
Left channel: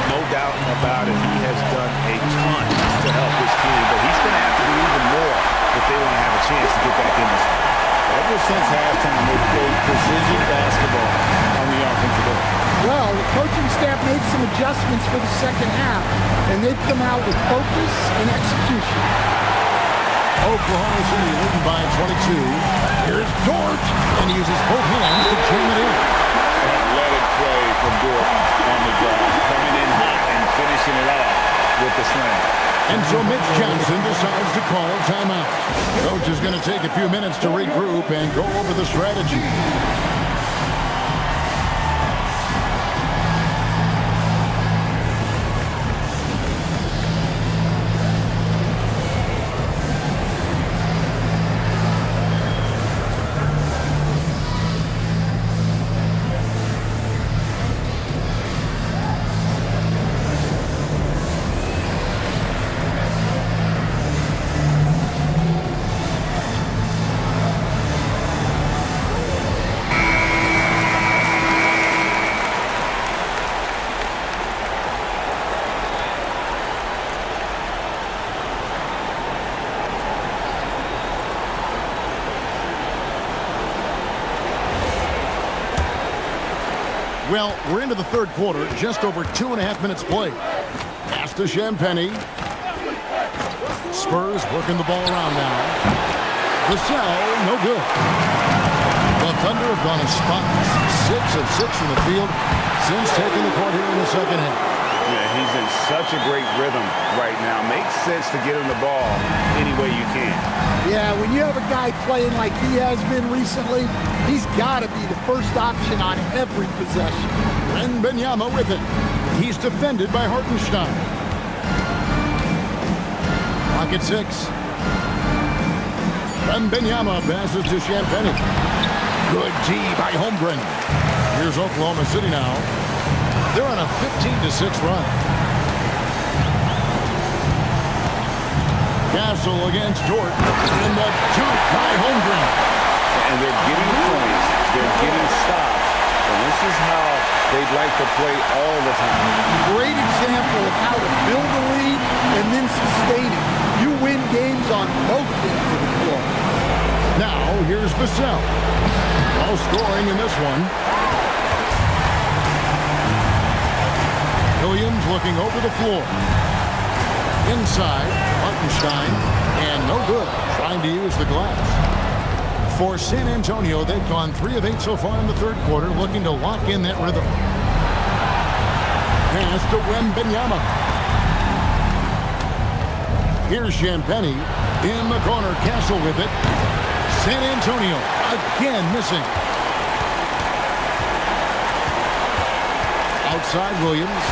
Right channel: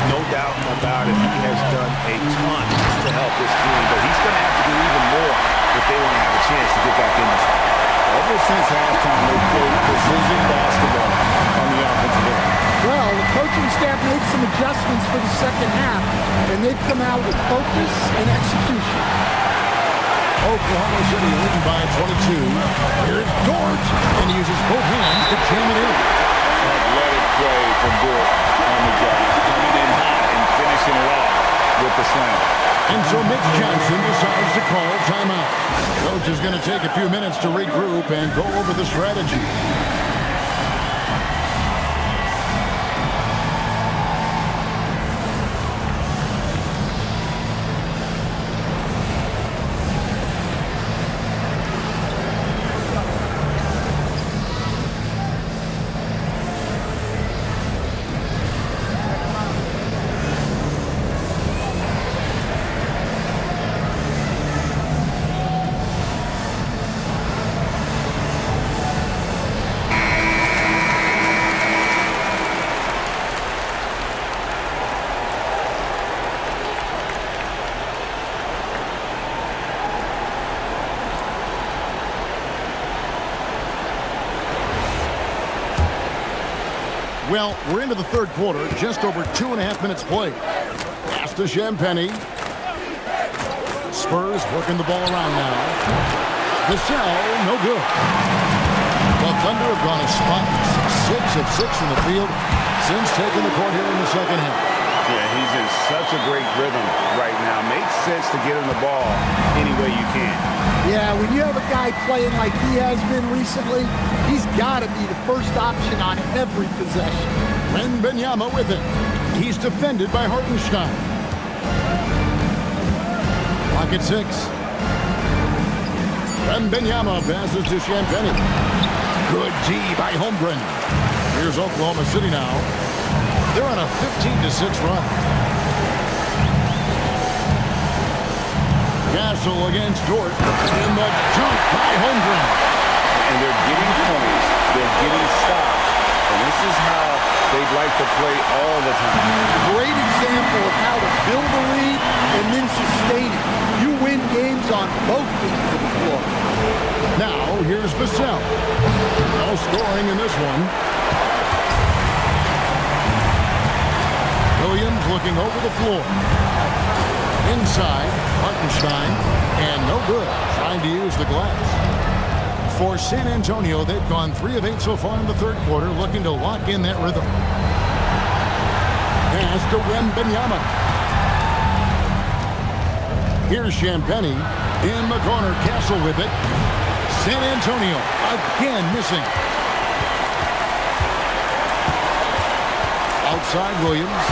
No doubt about it. He has done a ton to help this team, but he's going to have to do even more if they want to have a chance to get back in this one. Ever since halftime, they've played precision basketball on the offensive end. Well, the coaching staff made some adjustments for the second half, and they've come out with focus and execution. Oklahoma City leading by 22. Here's Dort, and he uses both hands to jam it in. Athletic play from Dort on the drive, coming in hot and finishing it off with the slam. And so Mitch Johnson decides to call timeout. Coach is going to take a few minutes to regroup and go over the strategy. Well, we're into the third quarter, just over 2.5 minutes played. Pass to Champagnie. Spurs working the ball around now. Vassell, no good. The Thunder have gone as spotless, 6 of 6 from the field since taking the court here in the second half. Yeah, he's in such a great rhythm right now. Makes sense to get him the ball any way you can. Yeah, when you have a guy playing like he has been recently, he's got to be the first option on every possession. Wembanyama with it. He's defended by Hartenstein. Clock at 6. Wembanyama passes to Champagnie. Good D by Holmgren. Here's Oklahoma City now. They're on a 15-6 run. Castle against Dort. In the dunk by Holmgren. And they're getting points. They're getting stops. And this is how they'd like to play all the time. Great example of how to build a lead and then sustain it. You win games on both ends of the floor. Now, here's Vassell. No scoring in this one. Williams looking over the floor. Inside, Hartenstein, and no good, trying to use the glass. For San Antonio, they've gone 3 of 8 so far in the third quarter, looking to lock in that rhythm. Pass to Wembanyama. Here's Champagny in the corner. Castle with it. San Antonio again missing. Outside Williams.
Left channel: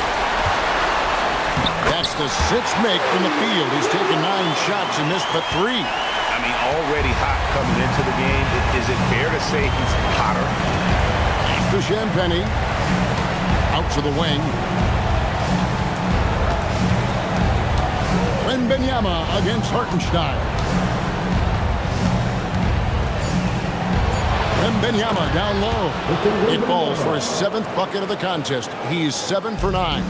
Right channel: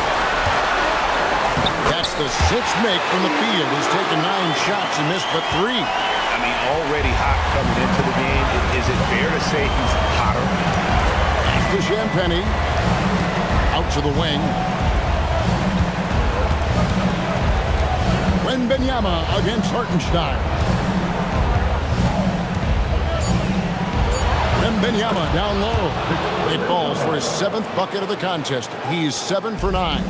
That's the 6th make from the field. He's taken 9 shots and missed but 3. I mean, already hot coming into the game. Is it fair to say he's hotter? Pass to Champagny. Out to the wing. Wembanyama against Hartenstein. Wembanyama down low. It falls for his 7th bucket of the contest. He's 7 for 9.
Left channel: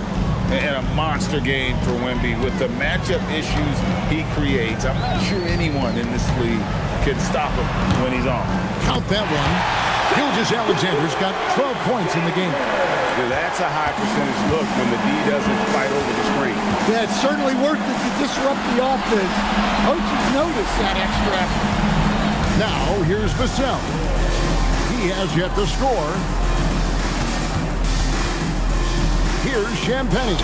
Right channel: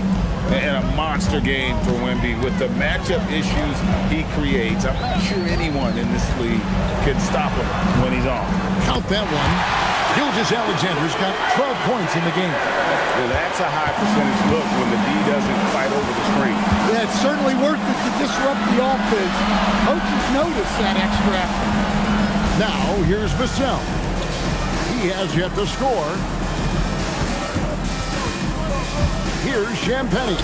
And a monster game for Wemby with the matchup issues he creates. I'm not sure anyone in this league can stop him when he's on. Count that one. Gilgeous-Alexander's got 12 points in the game. That's a high percentage look when the D doesn't fight over the screen. Yeah, it's certainly worth it to disrupt the offense. Coaches notice that extra effort. Now, here's Vassell. He has yet to score. Here's Champagny.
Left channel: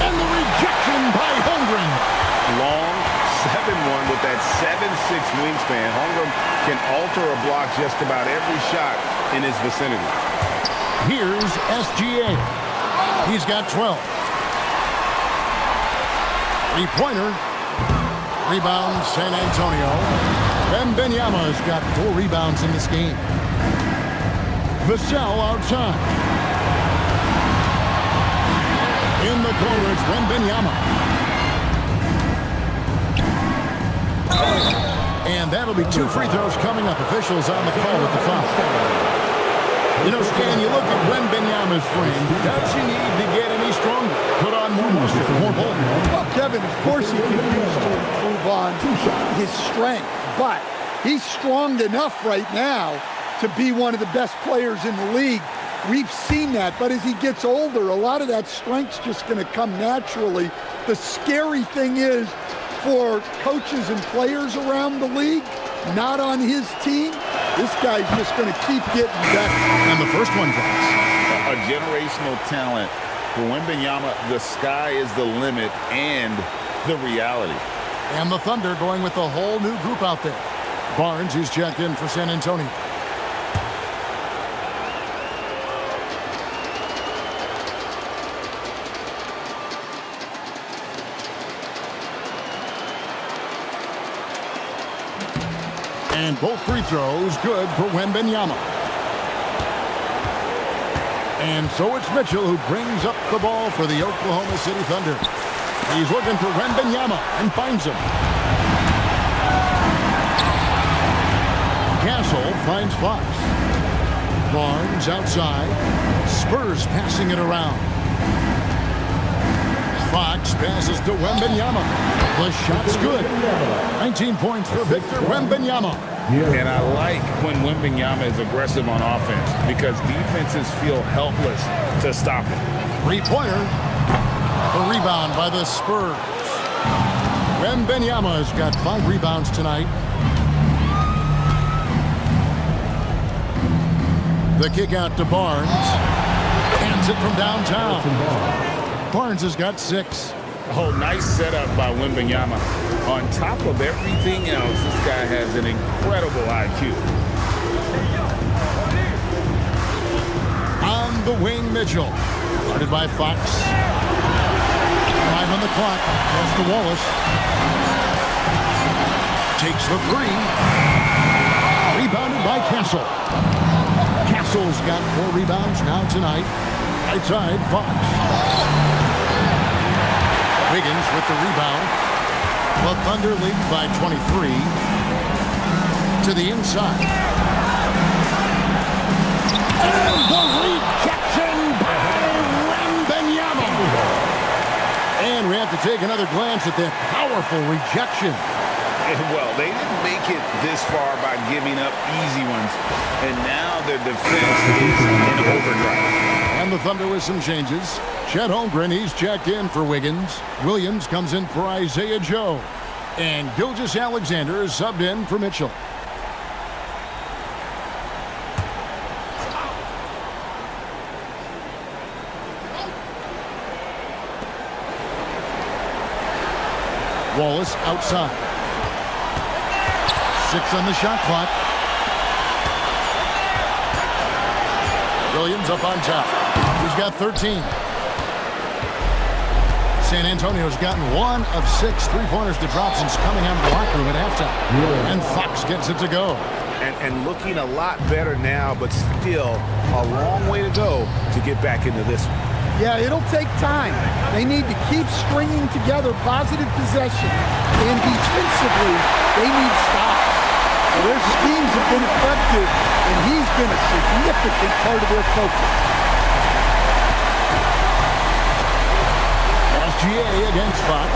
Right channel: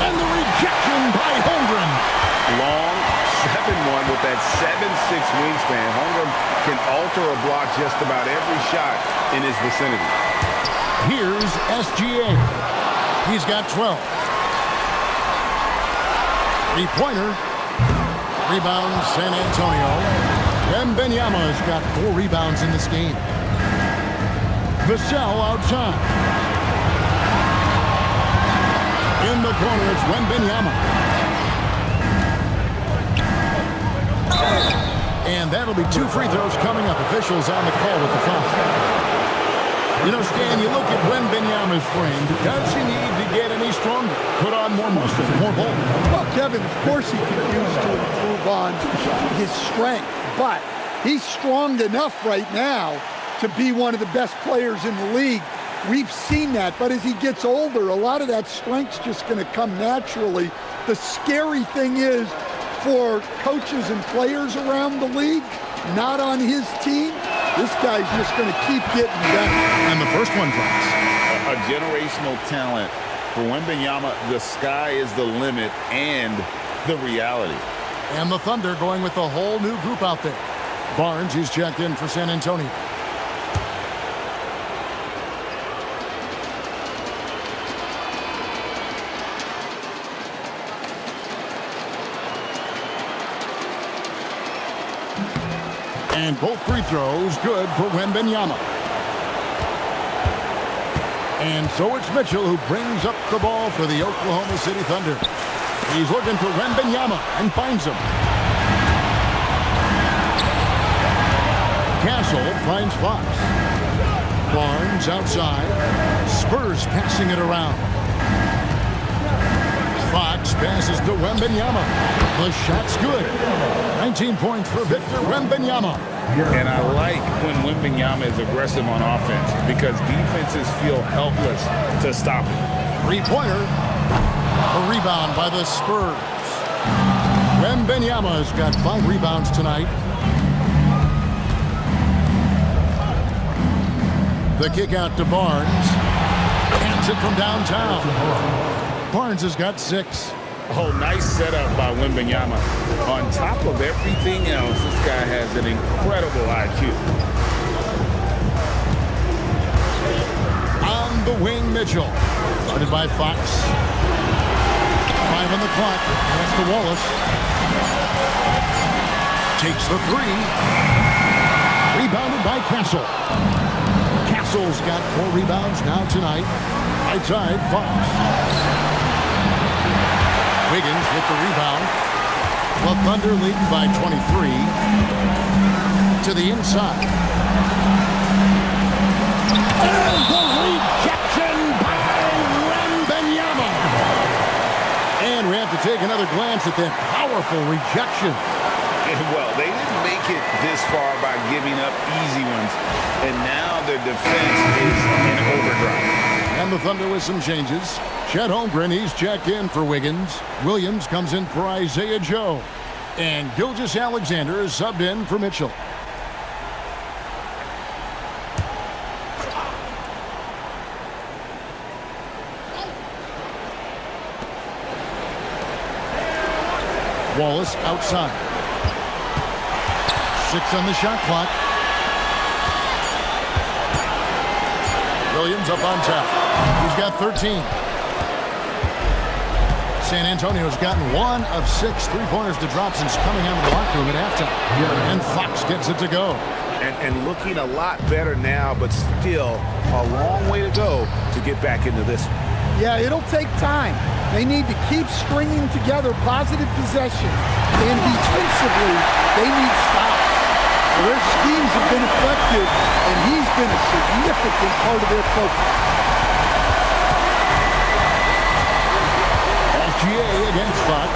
And the rejection by Holmgren. Long 7-1 with that 7'6" wingspan. Holmgren can alter a block just about every shot in his vicinity. Here's SGA. He's got 12. 3-pointer. Rebound San Antonio. Wembanyama's got 4 rebounds in this game. Vassell outside. In the corner, it's Wembanyama. And that'll be 2 free throws coming up. Officials on the call with the foul. You know, Stan, you look at Wembanyama's frame. Does he need to get any stronger? Put on more muscle, more bulk? Well, Kevin, of course he could use to improve on his strength. But he's strong enough right now to be one of the best players in the league. We've seen that, but as he gets older, a lot of that strength's just going to come naturally. The scary thing is for coaches and players around the league, not on his team, this guy's just going to keep getting better. And the first one drops. A generational talent. For Wembanyama, the sky is the limit and the reality. And the Thunder going with a whole new group out there. Barnes, he's checked in for San Antonio. And both free throws good for Wembanyama. And so it's Mitchell who brings up the ball for the Oklahoma City Thunder. He's looking for Wembanyama and finds him. Castle finds Fox. Barnes outside. Spurs passing it around. Fox passes to Wembanyama. The shot's good. 19 points for Victor Wembanyama. And I like when Wembanyama is aggressive on offense because defenses feel helpless to stop him. 3-pointer. A rebound by the Spurs. Wembanyama has got 5 rebounds tonight. The kick out to Barnes. Hands it from downtown. Barnes has got 6. Oh, nice setup by Wembanyama. On top of everything else, this guy has an incredible IQ. On the wing, Mitchell. Guarded by Fox. 5 on the clock. Pass to Wallace. Takes the 3. Rebounded by Castle. Castle's got 4 rebounds now tonight. Right side, Fox. Wiggins with the rebound. The Thunder leading by 23. To the inside. And the rejection by Wembanyama. And we have to take another glance at that powerful rejection. Well, they didn't make it this far by giving up easy ones, and now their defense is in overdrive. And the Thunder with some changes. Chet Holmgren, he's checked in for Wiggins. Williams comes in for Isaiah Joe. And Gilgeous-Alexander is subbed in for Mitchell. Wallace outside. 6 on the shot clock. Williams up on top. He's got 13. San Antonio's gotten 1 of 6 three-pointers to drop since coming out of the locker room at halftime. And Fox gets it to go. And looking a lot better now, but still a long way to go to get back into this one. Yeah, it'll take time. They need to keep stringing together positive possessions. And defensively, they need stops. Well, their schemes have been effective, and he's been a significant part of their focus. SGA against Fox.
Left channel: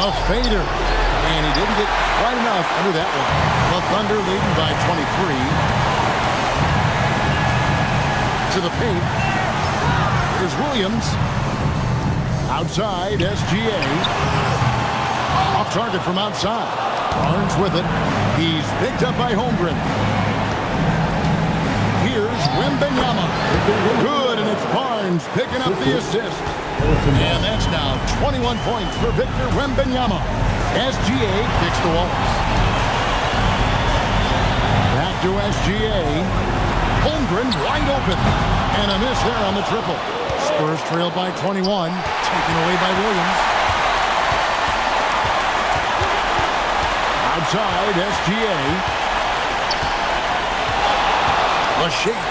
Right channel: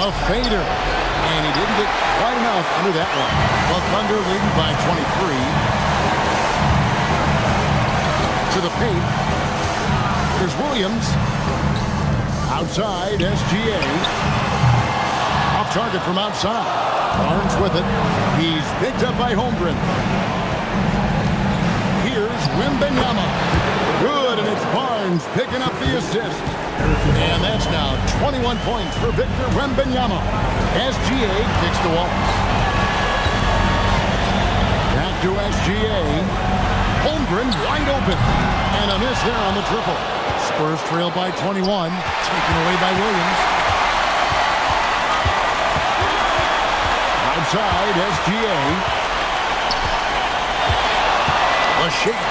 A fader. And he didn't get quite enough under that one. The Thunder leading by 23. To the paint. Here's Williams. Outside, SGA. Off target from outside. Barnes with it. He's picked up by Holmgren. Here's Wembanyama. Good, and it's Barnes picking up the assist. And that's now 21 points for Victor Wembanyama. SGA kicks to Wallace. Back to SGA. Holmgren wide open. And a miss there on the triple. Spurs trail by 21. Taken away by Williams. Outside, SGA. The shake.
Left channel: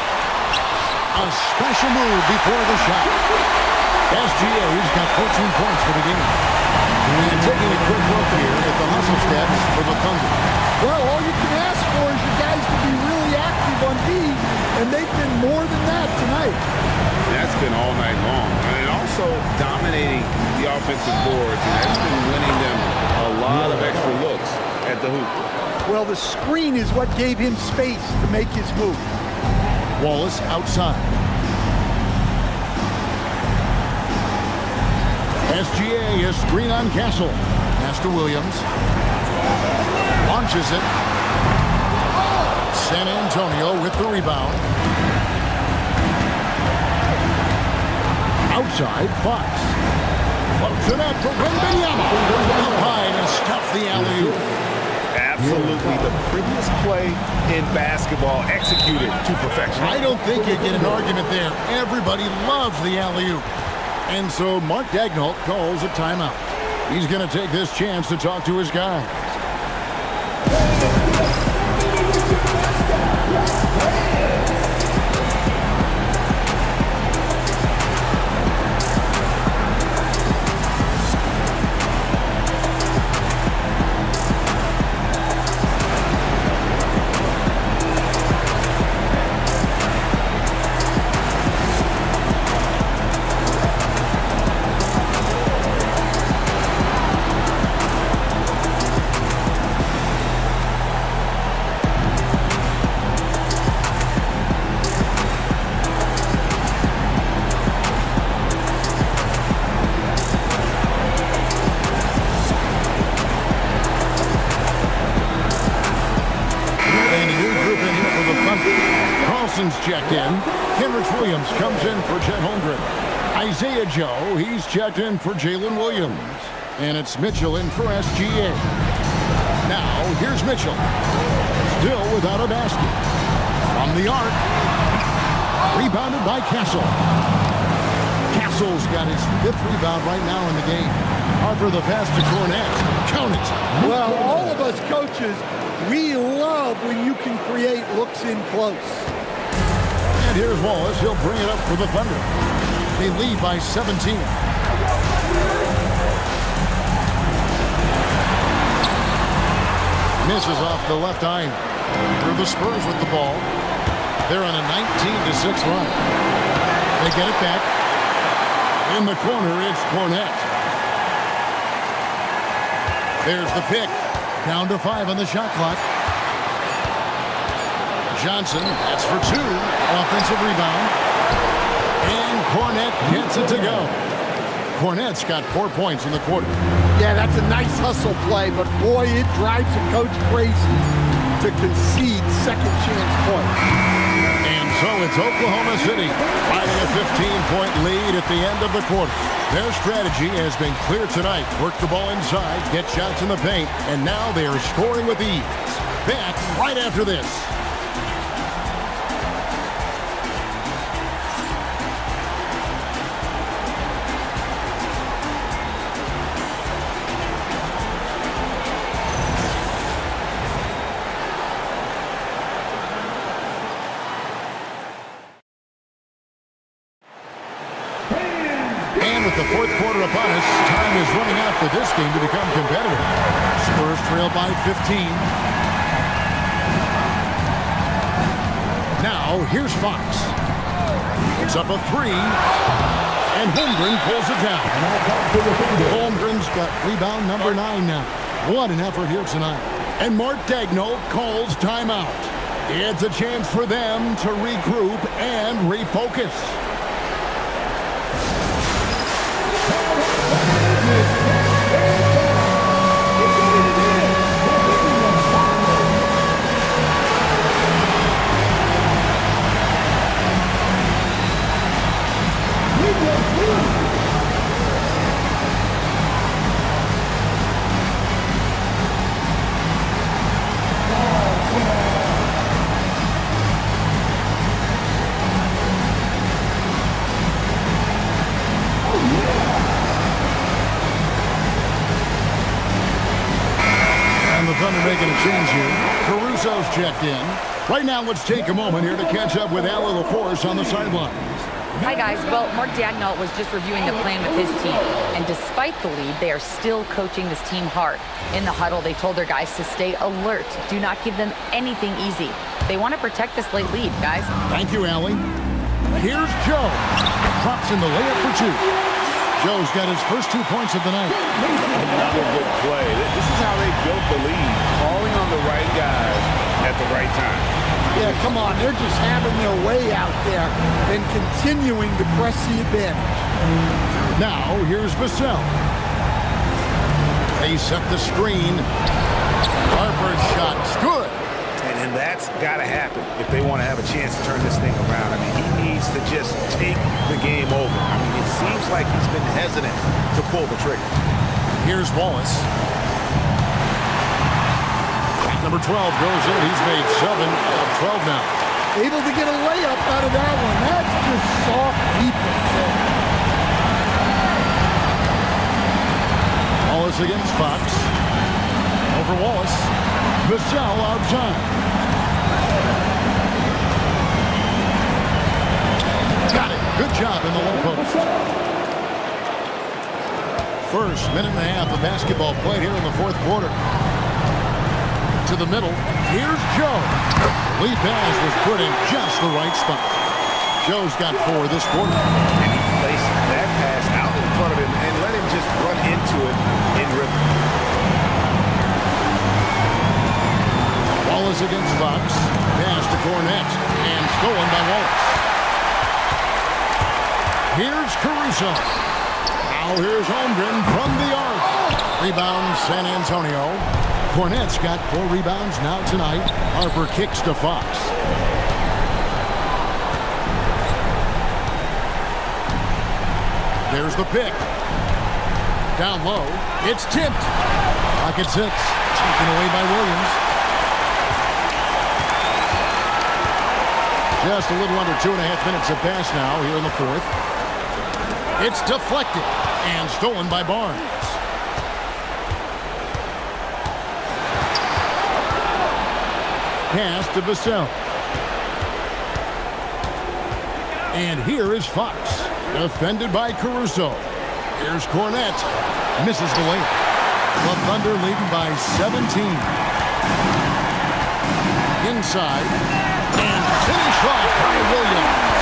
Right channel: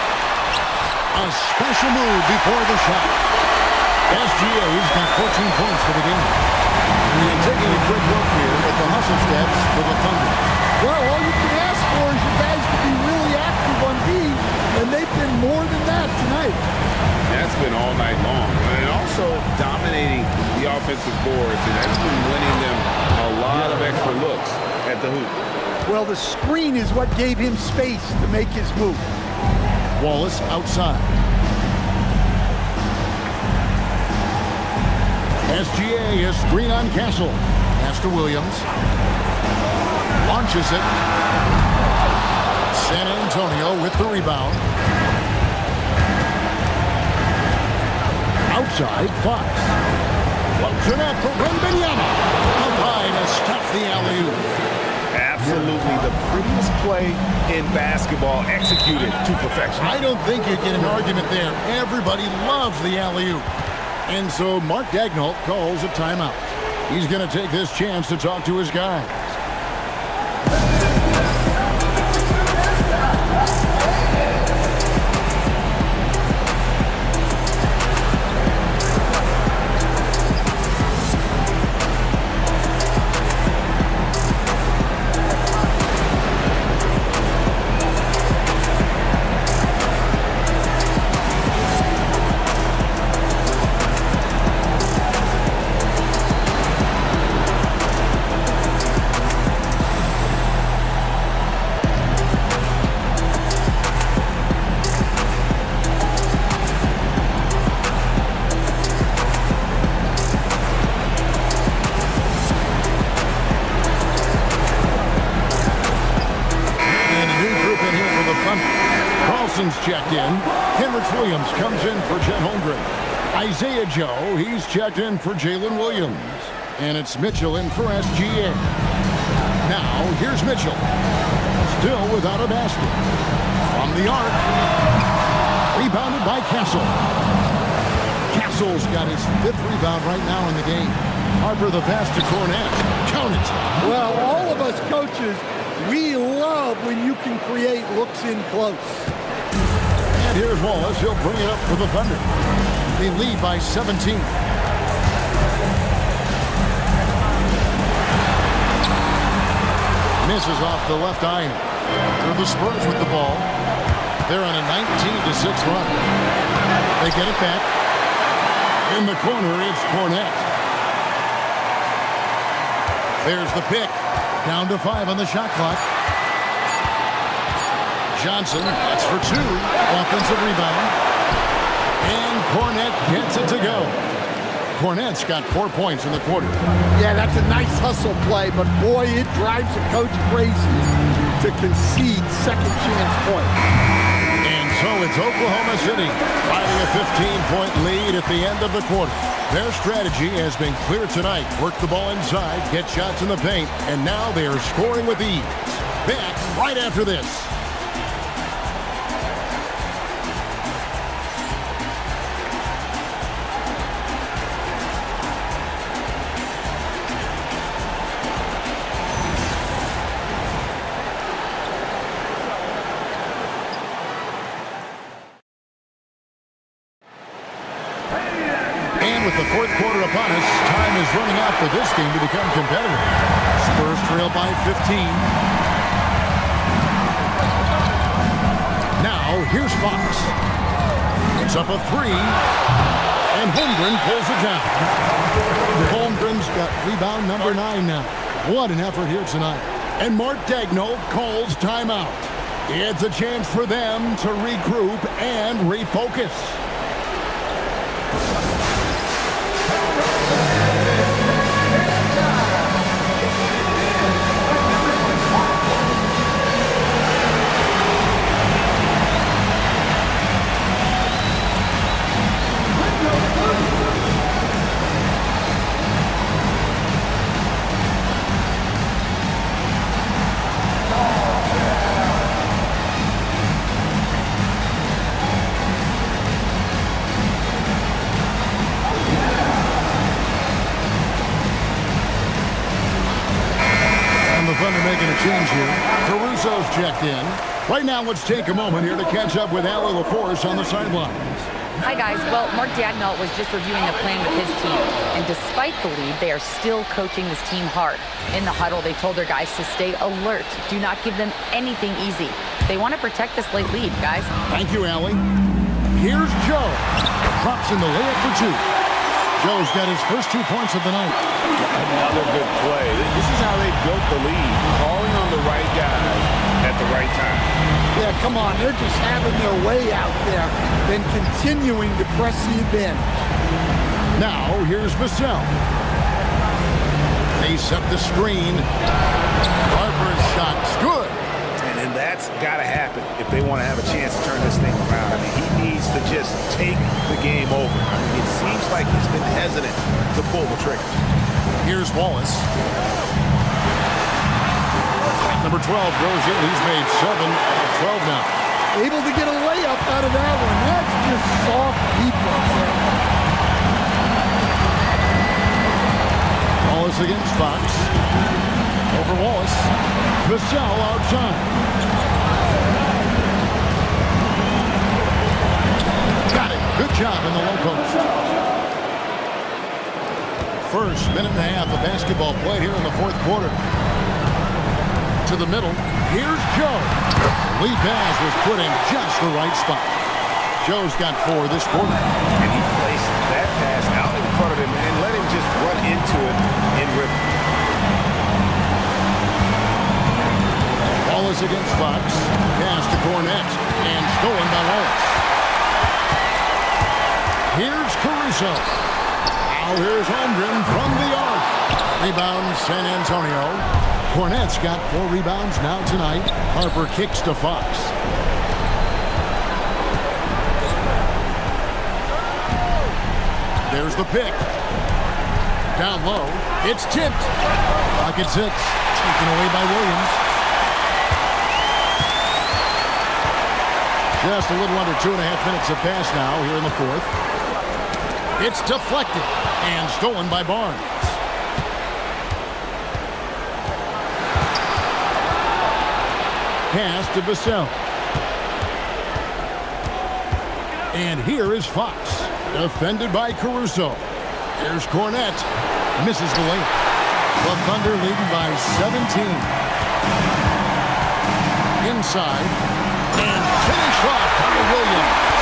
A special move before the shot. SGA's got 14 points for the game. And taking a quick look here at the hustle stats for the Thunder. Well, all you can ask for is your guys to be really active on D, and they've been more than that tonight. That's been all night long. And also dominating the offensive boards, and that's been winning them a lot of extra looks at the hoop. Well, the screen is what gave him space to make his move. Wallace outside. SGA is screen on Castle. Pass to Williams. Launches it. San Antonio with the rebound. Outside, Fox. Floats it up for Wembanyama. Up high to stuff the alley-oop. Absolutely the prettiest play in basketball, executed to perfection. I don't think you get an argument there. Everybody loves the alley-oop. And so Mark Daigneault calls a timeout. He's going to take this chance to talk to his guys. Carlson's checked in. Kenrich Williams comes in for Chet Holmgren. Isaiah Joe, he's checked in for Jalen Williams. And it's Mitchell in for SGA. Now, here's Mitchell. Still without a basket. From the arc. Rebounded by Castle. Castle's got his 5th rebound right now in the game. Harper the pass to Cornette. Count it. Well, all of us coaches, we love when you can create looks in close. And here's Wallace. He'll bring it up for the Thunder. They lead by 17. Misses off the left iron. Through the Spurs with the ball. They're on a 19-6 run. They get it back. In the corner, it's Cornette. There's the pick. Down to 5 on the shot clock. Johnson, that's for 2. Offensive rebound. And Cornette gets it to go. Cornette's got 4 points in the quarter. Yeah, that's a nice hustle play, but boy, it drives a coach crazy to concede second chance points. And so it's Oklahoma City finding a 15-point lead at the end of the quarter. Their strategy has been clear tonight. Work the ball inside, get shots in the paint, and now they are scoring with ease. Back right after this. And with the fourth quarter upon us, time is running out for this game to become competitive. Spurs trail by 15. Now, here's Fox. It's up a 3. And Holmgren pulls it down. Holmgren's got rebound number 9 now. What an effort here tonight. And Mark Daigneault calls timeout. It's a chance for them to regroup and refocus. The Thunder making a change here. Caruso's checked in. Right now, let's take a moment here to catch up with Allie LaForce on the sidelines. Hi, guys. Well, Mark Daigneault was just reviewing the plan with his team. And despite the lead, they are still coaching this team hard. In the huddle, they told their guys to stay alert. Do not give them anything easy. They want to protect this late lead, guys. Thank you, Allie. Here's Joe. Drops in the layup for 2. Joe's got his first 2 points of the night. Another good play. This is how they built the lead, calling on the right guys at the right time. Yeah, come on. They're just having their way out there and continuing to press the advantage. Now, here's Vassell. They set the screen. Harper's shot's good. And that's got to happen if they want to have a chance to turn this thing around. I mean, he needs to just take the game over. I mean, it seems like he's been hesitant to pull the trigger. Here's Wallace. Number 12 goes in. He's made 7 of 12 now. Able to get a layup out of that one. That's just soft defense there. Wallace against Fox. Over Wallace. Vassell outside. Got it. Good job in the low post. First minute and a half of basketball played here in the fourth quarter. To the middle. Here's Joe. The lead pass was put in just the right spot. Joe's got 4 this quarter. And he placed that pass out in front of him and let him just run into it in rhythm. Wallace against Fox. Pass to Cornette. And stolen by Wallace. Here's Caruso. Now here's Holmgren from the arc. Rebound San Antonio. Cornette's got 4 rebounds now tonight. Harper kicks to Fox. There's the pick. Down low. It's tipped. Pocket 6. Taken away by Williams. Just a little under 2.5 minutes have passed now here in the fourth. It's deflected and stolen by Barnes. Pass to Vassell. And here is Fox. Defended by Caruso. Here's Cornette. Misses the layup. The Thunder leading by 17. Inside. And finished off by Williams.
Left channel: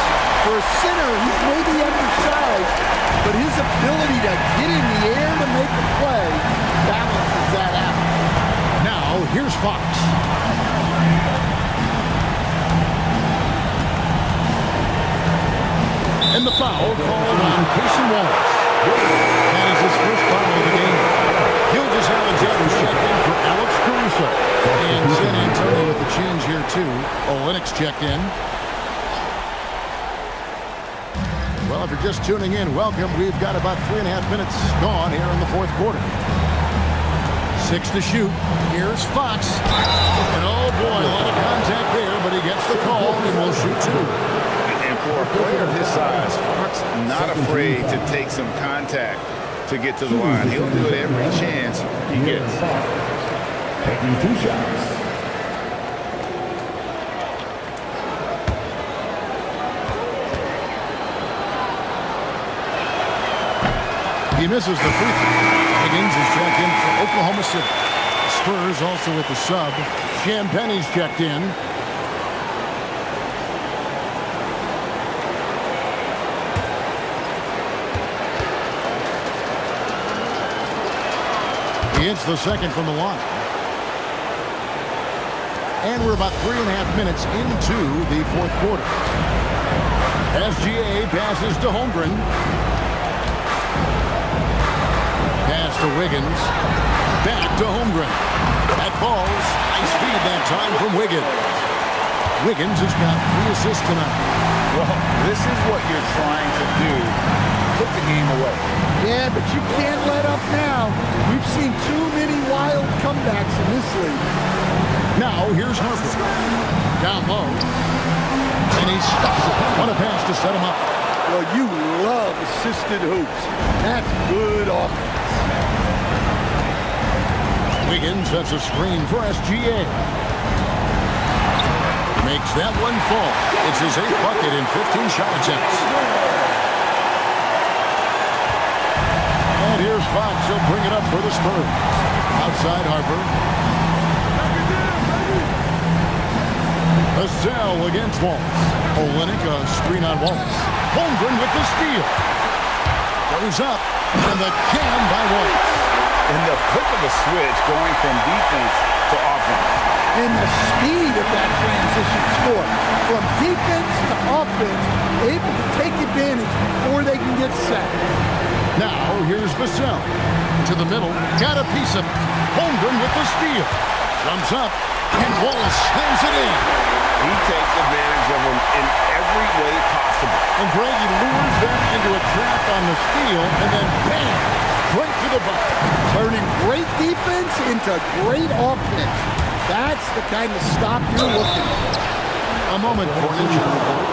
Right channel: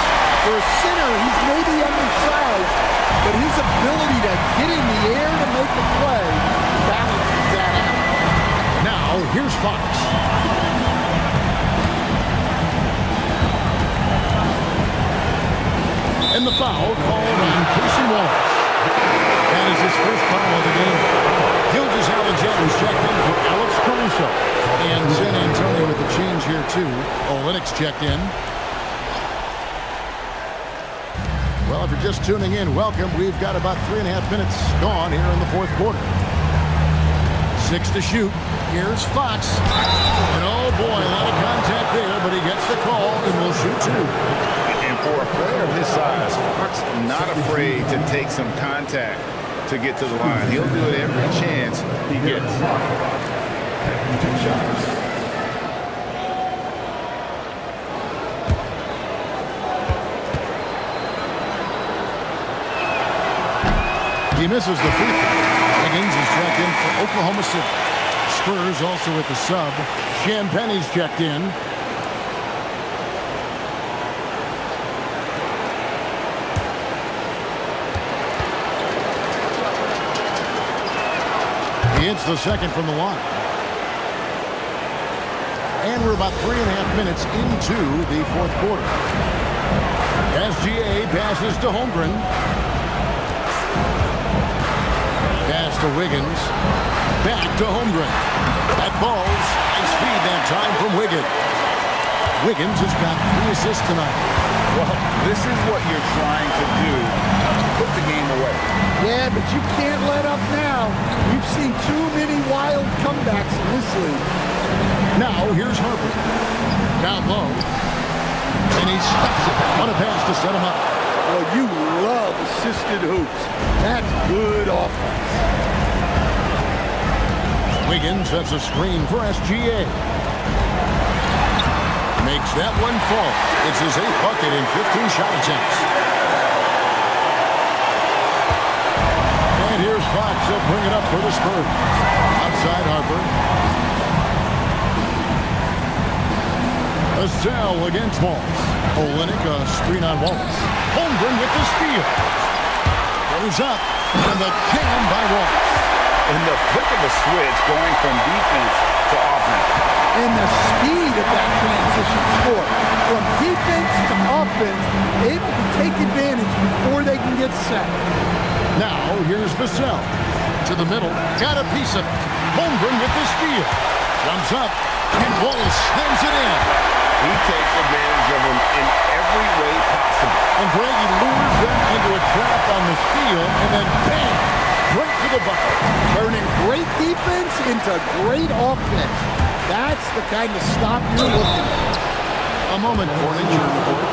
For a center, he's maybe undersized, but his ability to get in the air to make a play balances that out. Now, here's Fox. And the foul called on Casey Wallace. That is his first foul of the game. Gilgeous Alexander's checked in for Alex Caruso. And San Antonio with the change here, too. Olynyk's checked in. Well, if you're just tuning in, welcome. We've got about 3.5 minutes gone here in the fourth quarter. 6 to shoot. Here's Fox. And oh boy, a lot of contact there, but he gets the call and will shoot 2. And for a player of his size, Fox not afraid to take some contact to get to the line. He'll do it every chance he gets. Taking 2 shots. He misses the free throw. Wiggins is checked in for Oklahoma City. Spurs also with the sub. Champagne's checked in. He hits the second from the line. And we're about 3.5 minutes into the fourth quarter. SGA passes to Holmgren. Pass to Wiggins. Back to Holmgren. That falls. Nice feed that time from Wiggins. Wiggins has got 3 assists tonight. Well, this is what you're trying to do. Put the game away. Yeah, but you can't let up now. We've seen too many wild comebacks in this league. Now, here's Harper. Down low. And he stuffs it. What a pass to set him up. Well, you love assisted hoops. That's good offense. Wiggins sets a screen for SGA. Makes that one fall. It's his 8th bucket in 15 shot attempts. And here's Fox. He'll bring it up for the Spurs. Outside Harper. A cell against Wallace. Olynyk, a screen on Wallace. Holmgren with the steal. Goes up. And the jam by Wallace. In the flick of a switch, going from defense to offense. And the speed of that transition score. From defense to offense, able to take advantage before they can get set. Now, here's Vassell. To the middle. Got a piece of it. Holmgren with the steal. Jumps up. And Wallace slams it in. He takes advantage of them in every way possible. And Greg, he lures them into a trap on the steal. And then, bam, straight to the bucket. Turning great defense into great offense. That's the kind of stop you're looking for. A moment for an injury report.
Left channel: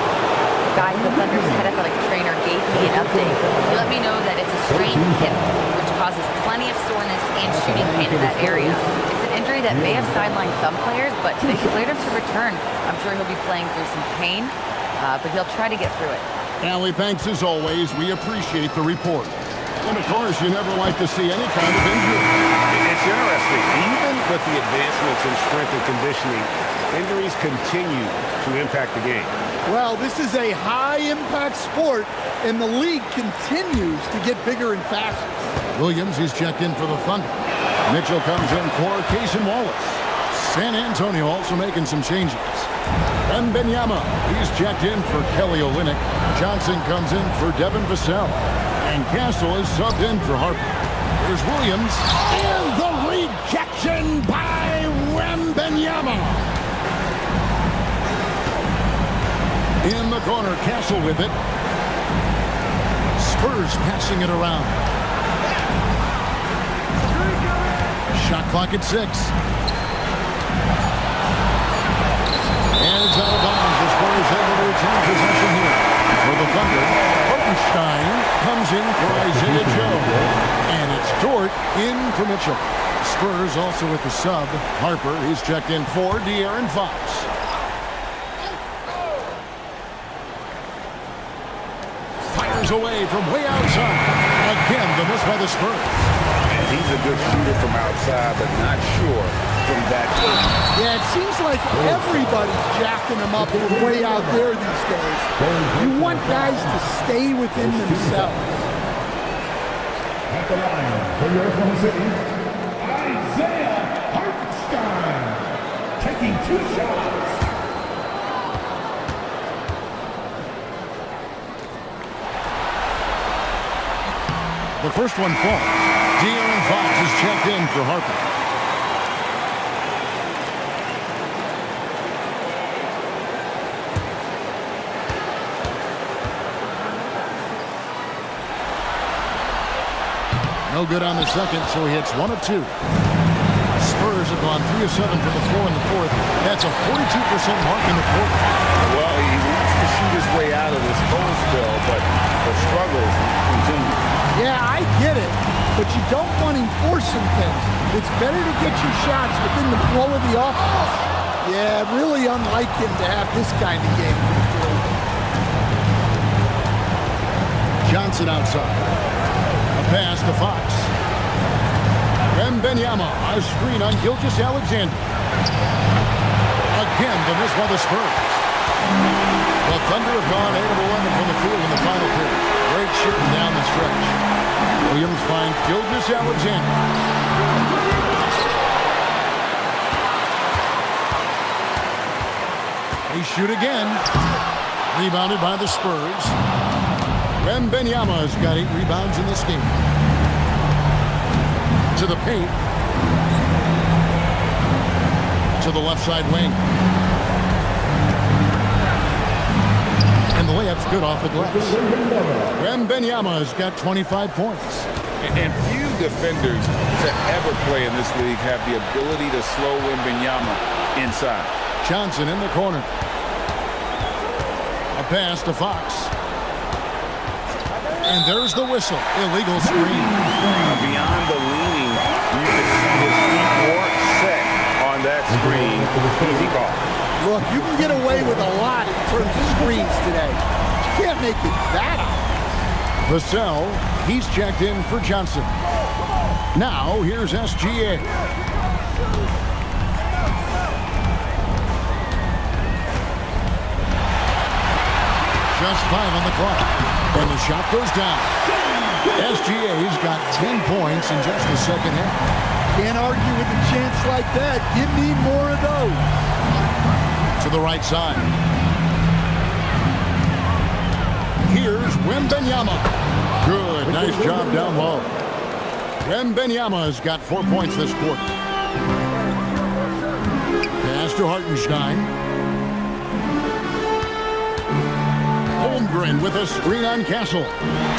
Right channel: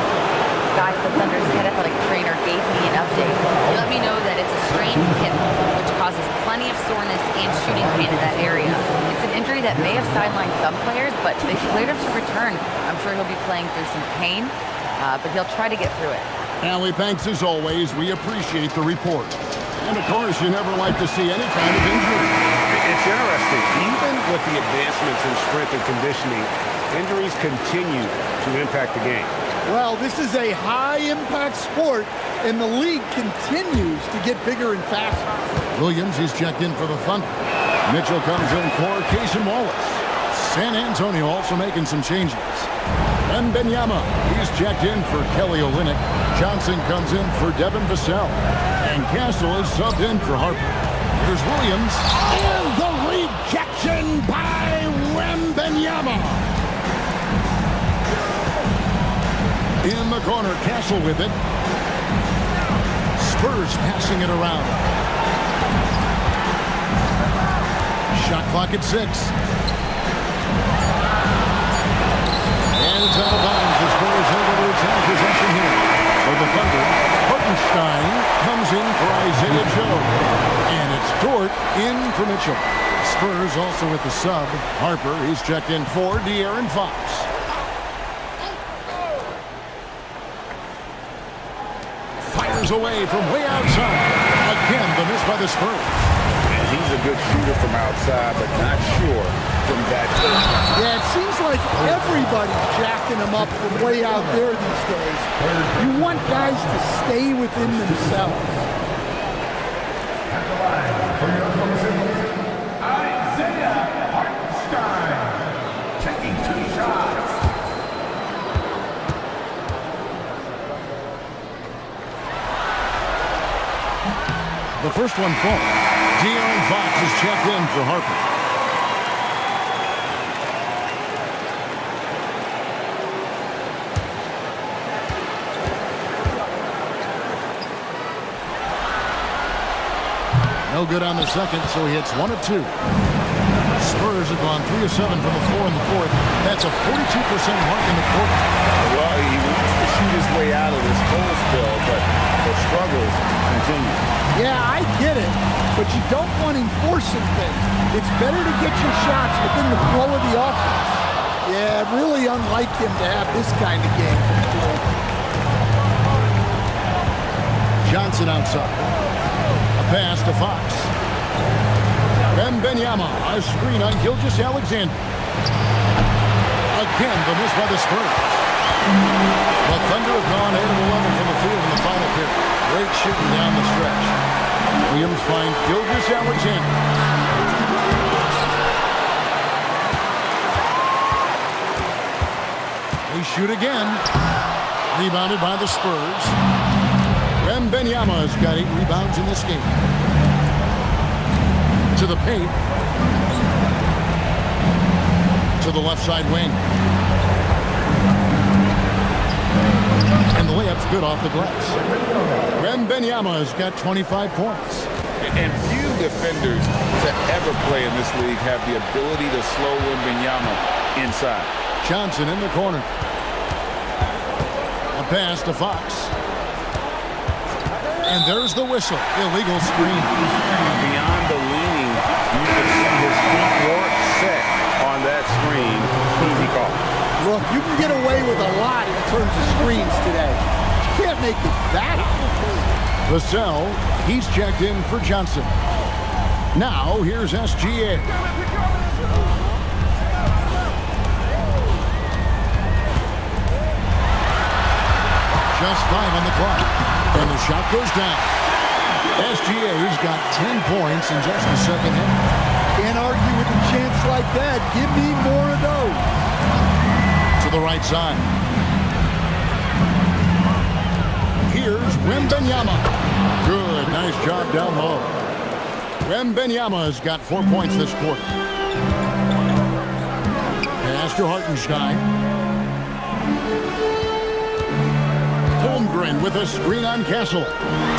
Guys, the Thunder's head athletic trainer gave me an update. He let me know that it's a strained hip, which causes plenty of soreness and shooting pain in that area. It's an injury that may have sidelined some players, but they cleared him to return. I'm sure he'll be playing through some pain, but he'll try to get through it. Allie, thanks as always. We appreciate the report. And of course, you never like to see any kind of injury. It's interesting. Even with the advancements in strength and conditioning, injuries continue to impact the game. Well, this is a high-impact sport, and the league continues to get bigger and faster. Williams, he's checked in for the Thunder. Mitchell comes in for Casey Wallace. San Antonio also making some changes. Wembanyama, he's checked in for Kelly Olynyk. Johnson comes in for Devin Vassell. And Castle is subbed in for Harper. Here's Williams. And the rejection by Wembanyama. In the corner, Castle with it. Spurs passing it around. Shot clock at 6. And it's out of bounds. The Spurs able to retain possession here. For the Thunder, Hartenstein comes in for Isaiah Joe. And it's Dort in for Mitchell. Spurs also with the sub. Harper, he's checked in for De'Aaron Fox. Fires away from way outside. Again, the miss by the Spurs. And he's a good shooter from outside, but not sure from that deep. Yeah, it seems like everybody's jacking them up from way out there these days. You want guys to stay within themselves. At the line for your opponent's Isaiah Hartenstein, taking 2 shots. The first one falls. De'Aaron Fox is checked in for Harper. No good on the second, so he hits 1 of 2. Spurs have gone 3 of 7 from the floor in the fourth. That's a 42% mark in the quarter. Well, he wants to shoot his way out of this cold spell, but the struggles continue. Yeah, I get it, but you don't want him forcing things. It's better to get your shots within the flow of the offense. Yeah, really unlike him to have this kind of game from 3. Johnson outside. A pass to Fox. Wembanyama, a screen on Gilgeous-Alexander. Again, the miss by the Spurs. The Thunder have gone 8 of 11 from the field in the final period. Great shooting down the stretch. Williams finds Gilgeous-Alexander. They shoot again. Rebounded by the Spurs. Wembanyama has got 8 rebounds in this game. To the paint. To the left side wing. And the layup's good off the glass. Wembanyama has got 25 points. And few defenders to ever play in this league have the ability to slow Wembanyama inside. Johnson in the corner. A pass to Fox. And there's the whistle. Illegal screen. Beyond the leaning, you can see his feet weren't set on that screen. Easy call. Look, you can get away with a lot in terms of screens today. But you can't make it that obvious. Vassell, he's checked in for Johnson. Now, here's SGA. Just 5 on the clock. And the shot goes down. SGA's got 10 points in just the second half. Can't argue with a chance like that. Give me more of those. To the right side. Here's Wembanyama. Good, nice job down low. Wembanyama's got 4 points this quarter. Pass to Hartenstein. Holmgren with a screen on Castle.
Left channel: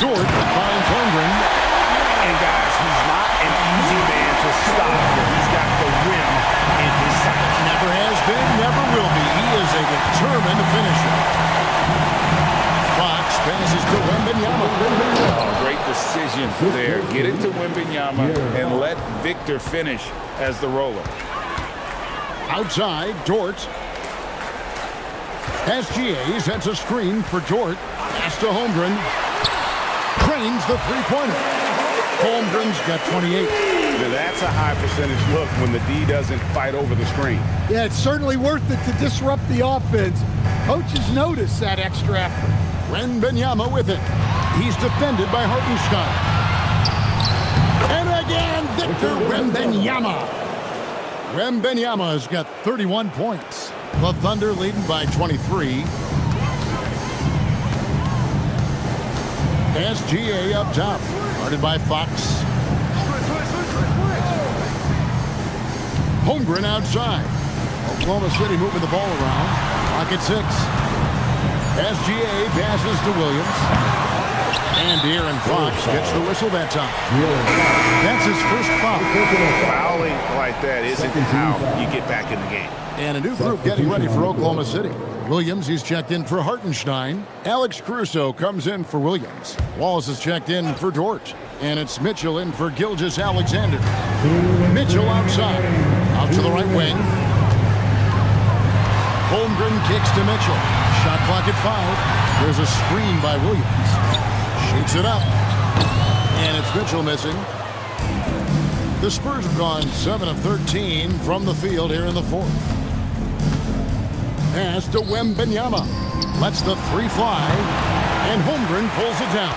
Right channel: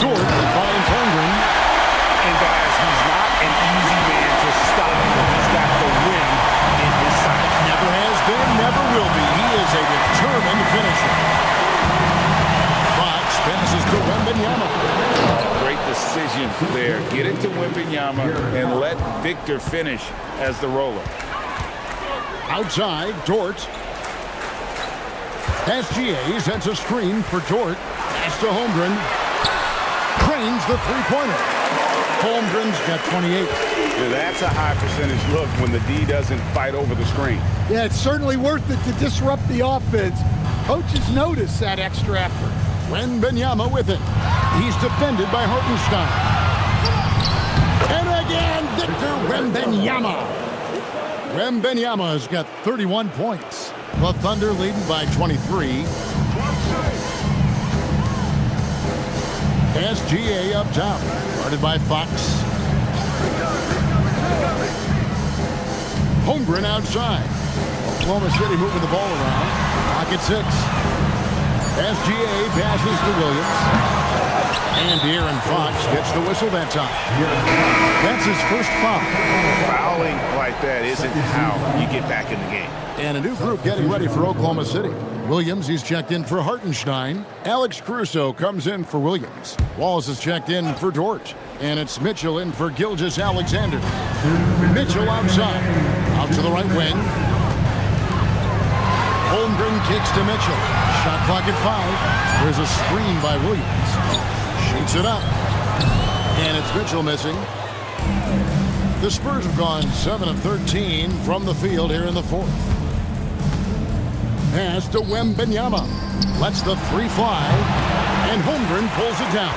Dort finds Holmgren. And guys, he's not an easy man to stop, but he's got the rim in his sights. Never has been, never will be. He is a determined finisher. Fox passes to Wembanyama. Oh, great decision there. Get it to Wembanyama and let Victor finish as the roller. Outside, Dort. SGA sets a screen for Dort. Pass to Holmgren. Cranes the three-pointer. Holmgren's got 28. That's a high percentage look when the D doesn't fight over the screen. Yeah, it's certainly worth it to disrupt the offense. Coaches notice that extra effort. Wembanyama with it. He's defended by Hartenstein. And again, Victor Wembanyama. Wembanyama's got 31 points. The Thunder leading by 23. SGA up top. Guarded by Fox. Holmgren outside. Oklahoma City moving the ball around. Clock at 6. SGA passes to Williams. And De'Aaron Fox gets the whistle that time. That's his first foul. Fouling like that isn't how you get back in the game. And a new group getting ready for Oklahoma City. Williams, he's checked in for Hartenstein. Alex Caruso comes in for Williams. Wallace is checked in for Dort. And it's Mitchell in for Gilgeous-Alexander. Mitchell outside. Out to the right wing. Holmgren kicks to Mitchell. Shot clock at 5. There's a screen by Williams. Shoots it up. And it's Mitchell missing. The Spurs have gone 7 of 13 from the field here in the fourth. Pass to Wembanyama. Lets the three fly, and Holmgren pulls it down.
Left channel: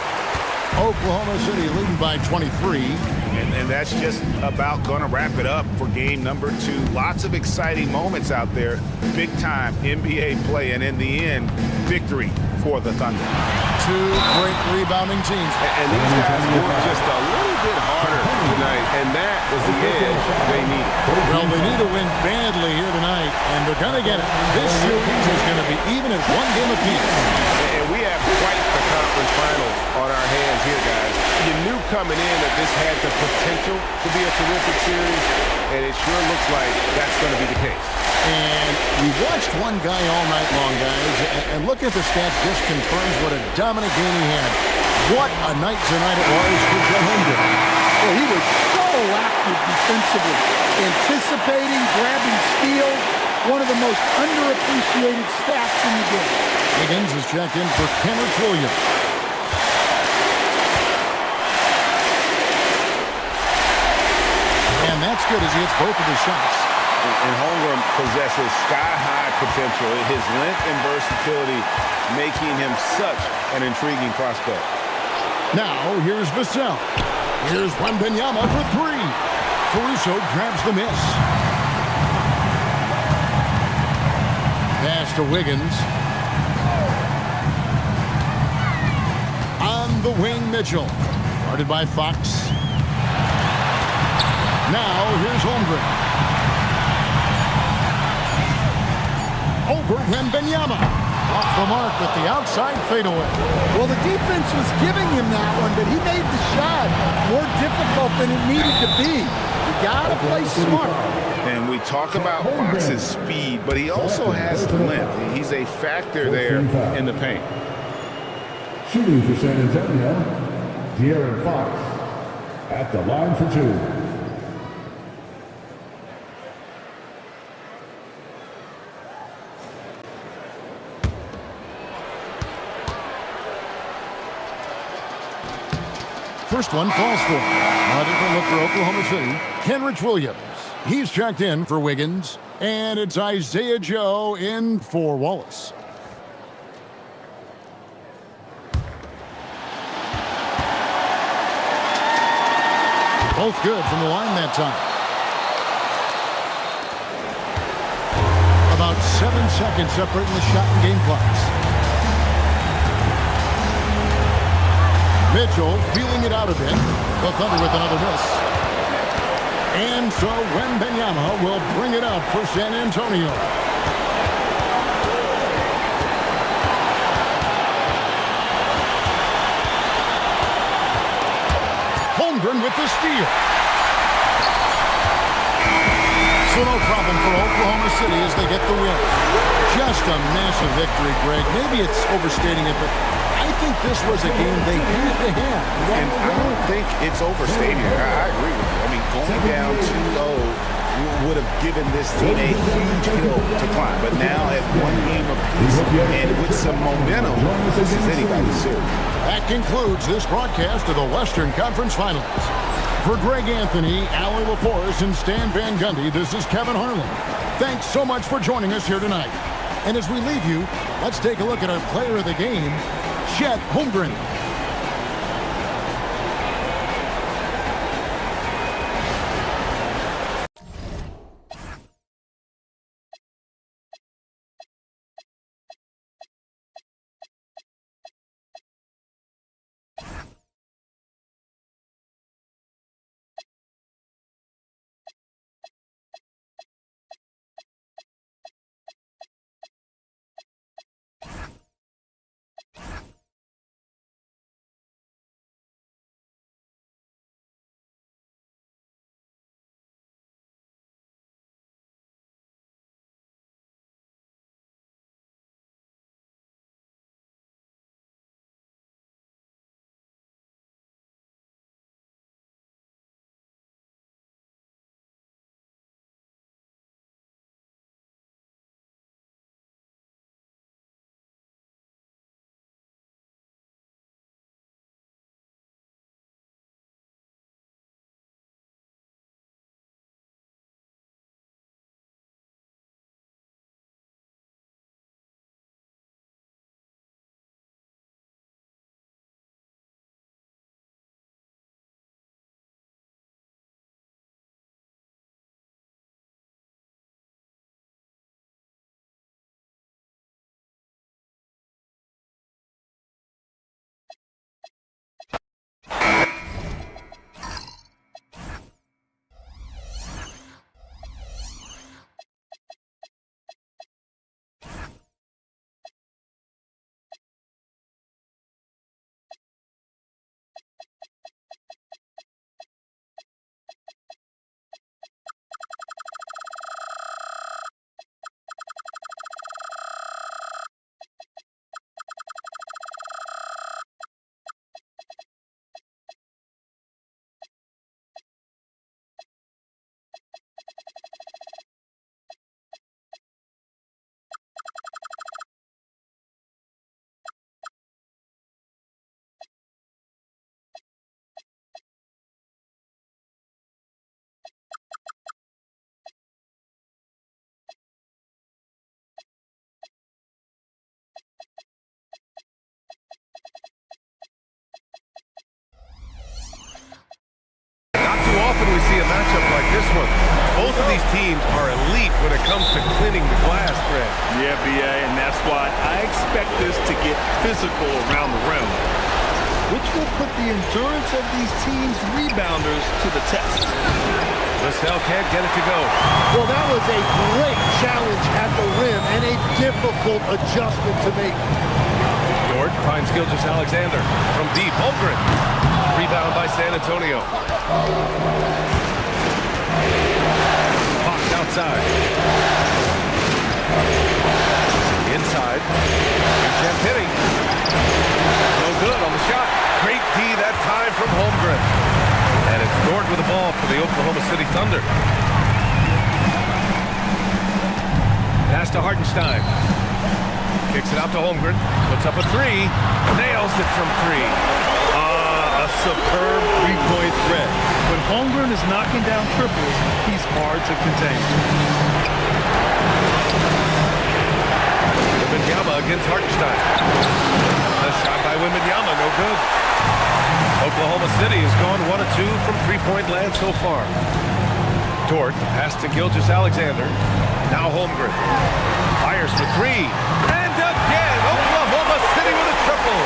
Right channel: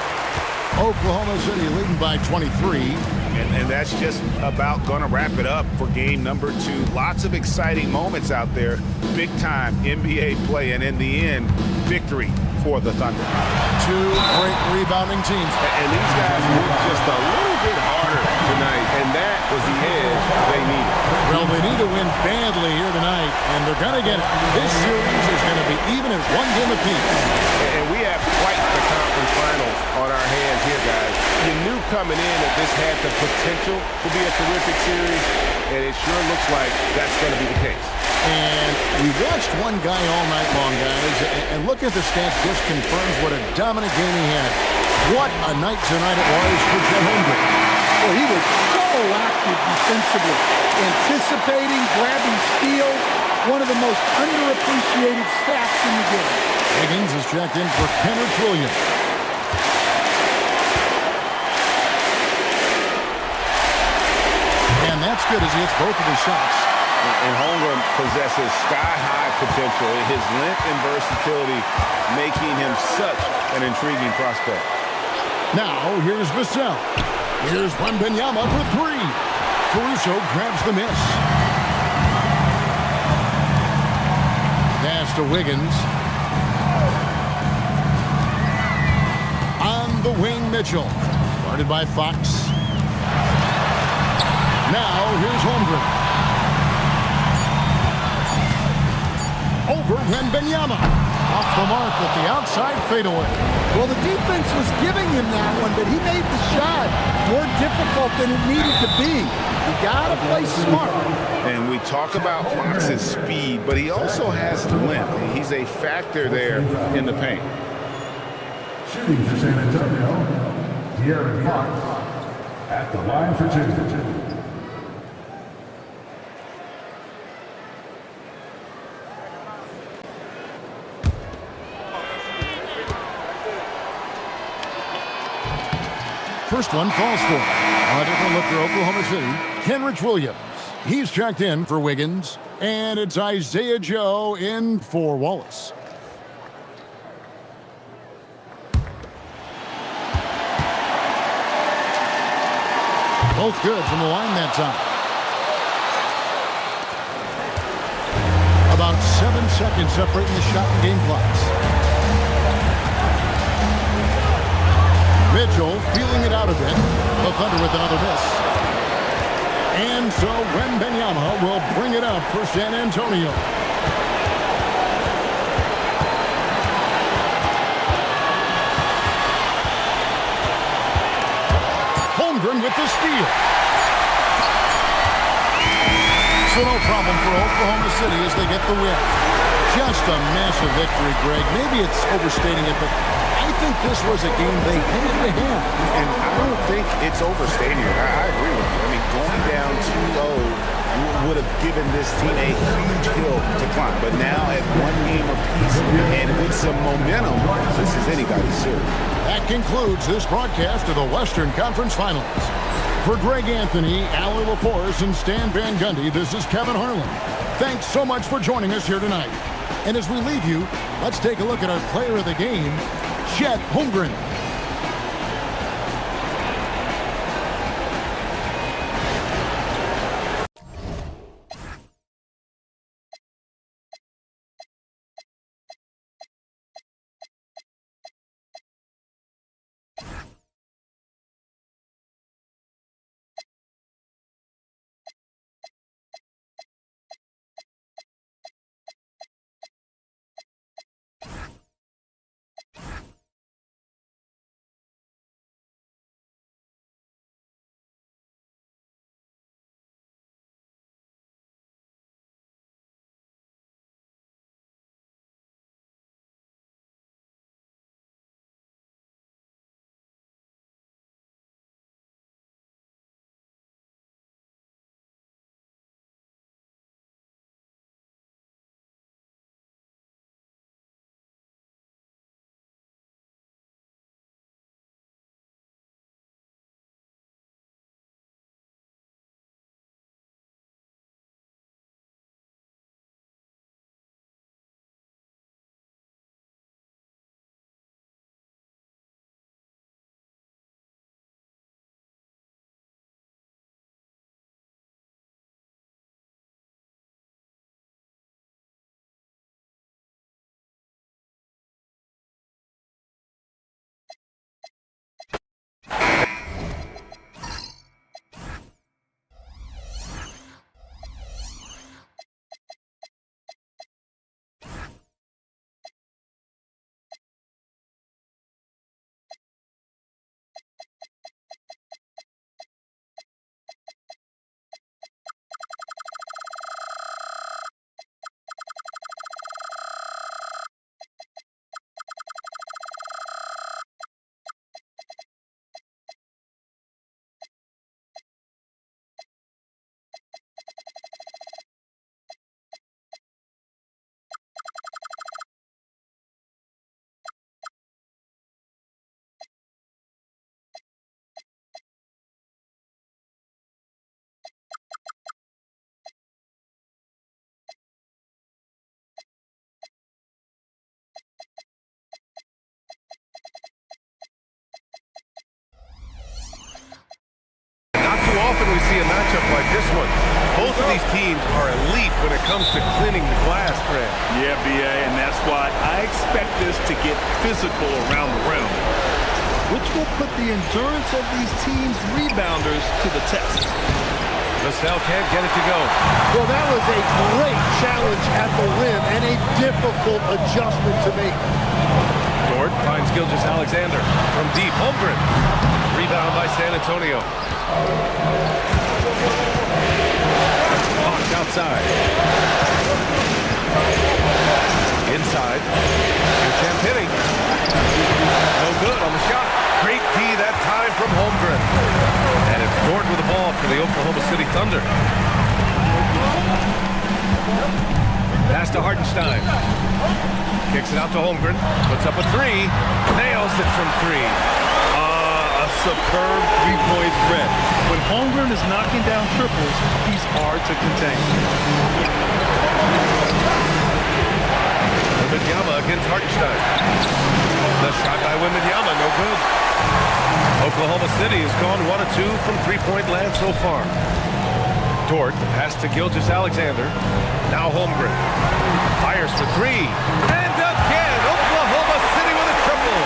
Oklahoma City leading by 23. And that's just about going to wrap it up for game number 2. Lots of exciting moments out there. Big-time NBA play, and in the end, victory for the Thunder. Two great rebounding teams. And these guys worked just a little bit harder tonight, and that was the edge they needed. Well, they need to win badly here tonight, and they're going to get it. This series is going to be even at 1 game apiece. And we have quite the conference finals on our hands here, guys. You knew coming in that this had the potential to be a terrific series, and it sure looks like that's going to be the case. And we watched one guy all night long, guys, and look at the stats, just confirms what a dominant game he had. What a night tonight it was for Chet Holmgren. Well, he was so active defensively, anticipating, grabbing steals, one of the most underappreciated stats in the game. Wiggins is checked in for Kenrich Williams. And that's good as he hits both of his shots. And Holmgren possesses sky-high potential. His length and versatility making him such an intriguing prospect. Now, here's Vassell. Here's Wembanyama for 3. Caruso grabs the miss. Pass to Wiggins. On the wing, Mitchell. Guarded by Fox. Now, here's Holmgren. Over Wembanyama. Off the mark with the outside fadeaway. Well, the defense was giving him that one, but he made the shot more difficult than it needed to be. You gotta play smart. And we talk about Fox's speed, but he also has length. He's a factor there in the paint. Shooting for San Antonio, De'Aaron Fox at the line for 2. First one falls for. A different look for Oklahoma City. Kenrich Williams. He's checked in for Wiggins. And it's Isaiah Joe in for Wallace. Both good from the line that time. About 7 seconds separating the shot and game clocks. Mitchell feeling it out a bit. The Thunder with another miss. And so Wembanyama will bring it up for San Antonio. Holmgren with the steal. So no problem for Oklahoma City as they get the win. Just a massive victory, Greg. Maybe it's overstating it, but I think this was a game they had to have. And I don't think it's overstating it. I agree with you. I mean, going down 2-0 would have given this team a huge hill to climb. But now at 1 game apiece and with some momentum, this is anybody's series. That concludes this broadcast of the Western Conference Finals. For Greg Anthony, Allie LaForce, and Stan Van Gundy, this is Kevin Harlan. Thanks so much for joining us here tonight. And as we leave you, let's take a look at our player of the game, Chet Holmgren. too often we see a matchup like this one. Both of these teams are elite when it comes to cleaning the glass, Grant. Yeah, BA, and that's why I expect this to get physical around the rim, which will put the endurance of these teams' rebounders to the test. Vassell can't get it to go. Well, that was a great challenge at the rim and a difficult adjustment to make. Dort finds Gilgeous-Alexander from deep. Holmgren. Rebound by San Antonio. Hawks outside. Inside. Here's Champagny. No good on the shot. Great D that time from Holmgren. And it's Dort with the ball for the Oklahoma City Thunder. Pass to Hartenstein. Kicks it out to Holmgren. Puts up a three. Nails it from three. A superb three-point threat. When Holmgren is knocking down triples, he's hard to contain. Wembanyama against Hartenstein. The shot by Wembanyama, no good. Oklahoma City has gone 1 of 2 from three-point land so far. Dort, the pass to Gilgeous-Alexander. Now Holmgren. Fires for three. And again, Oklahoma City with a triple.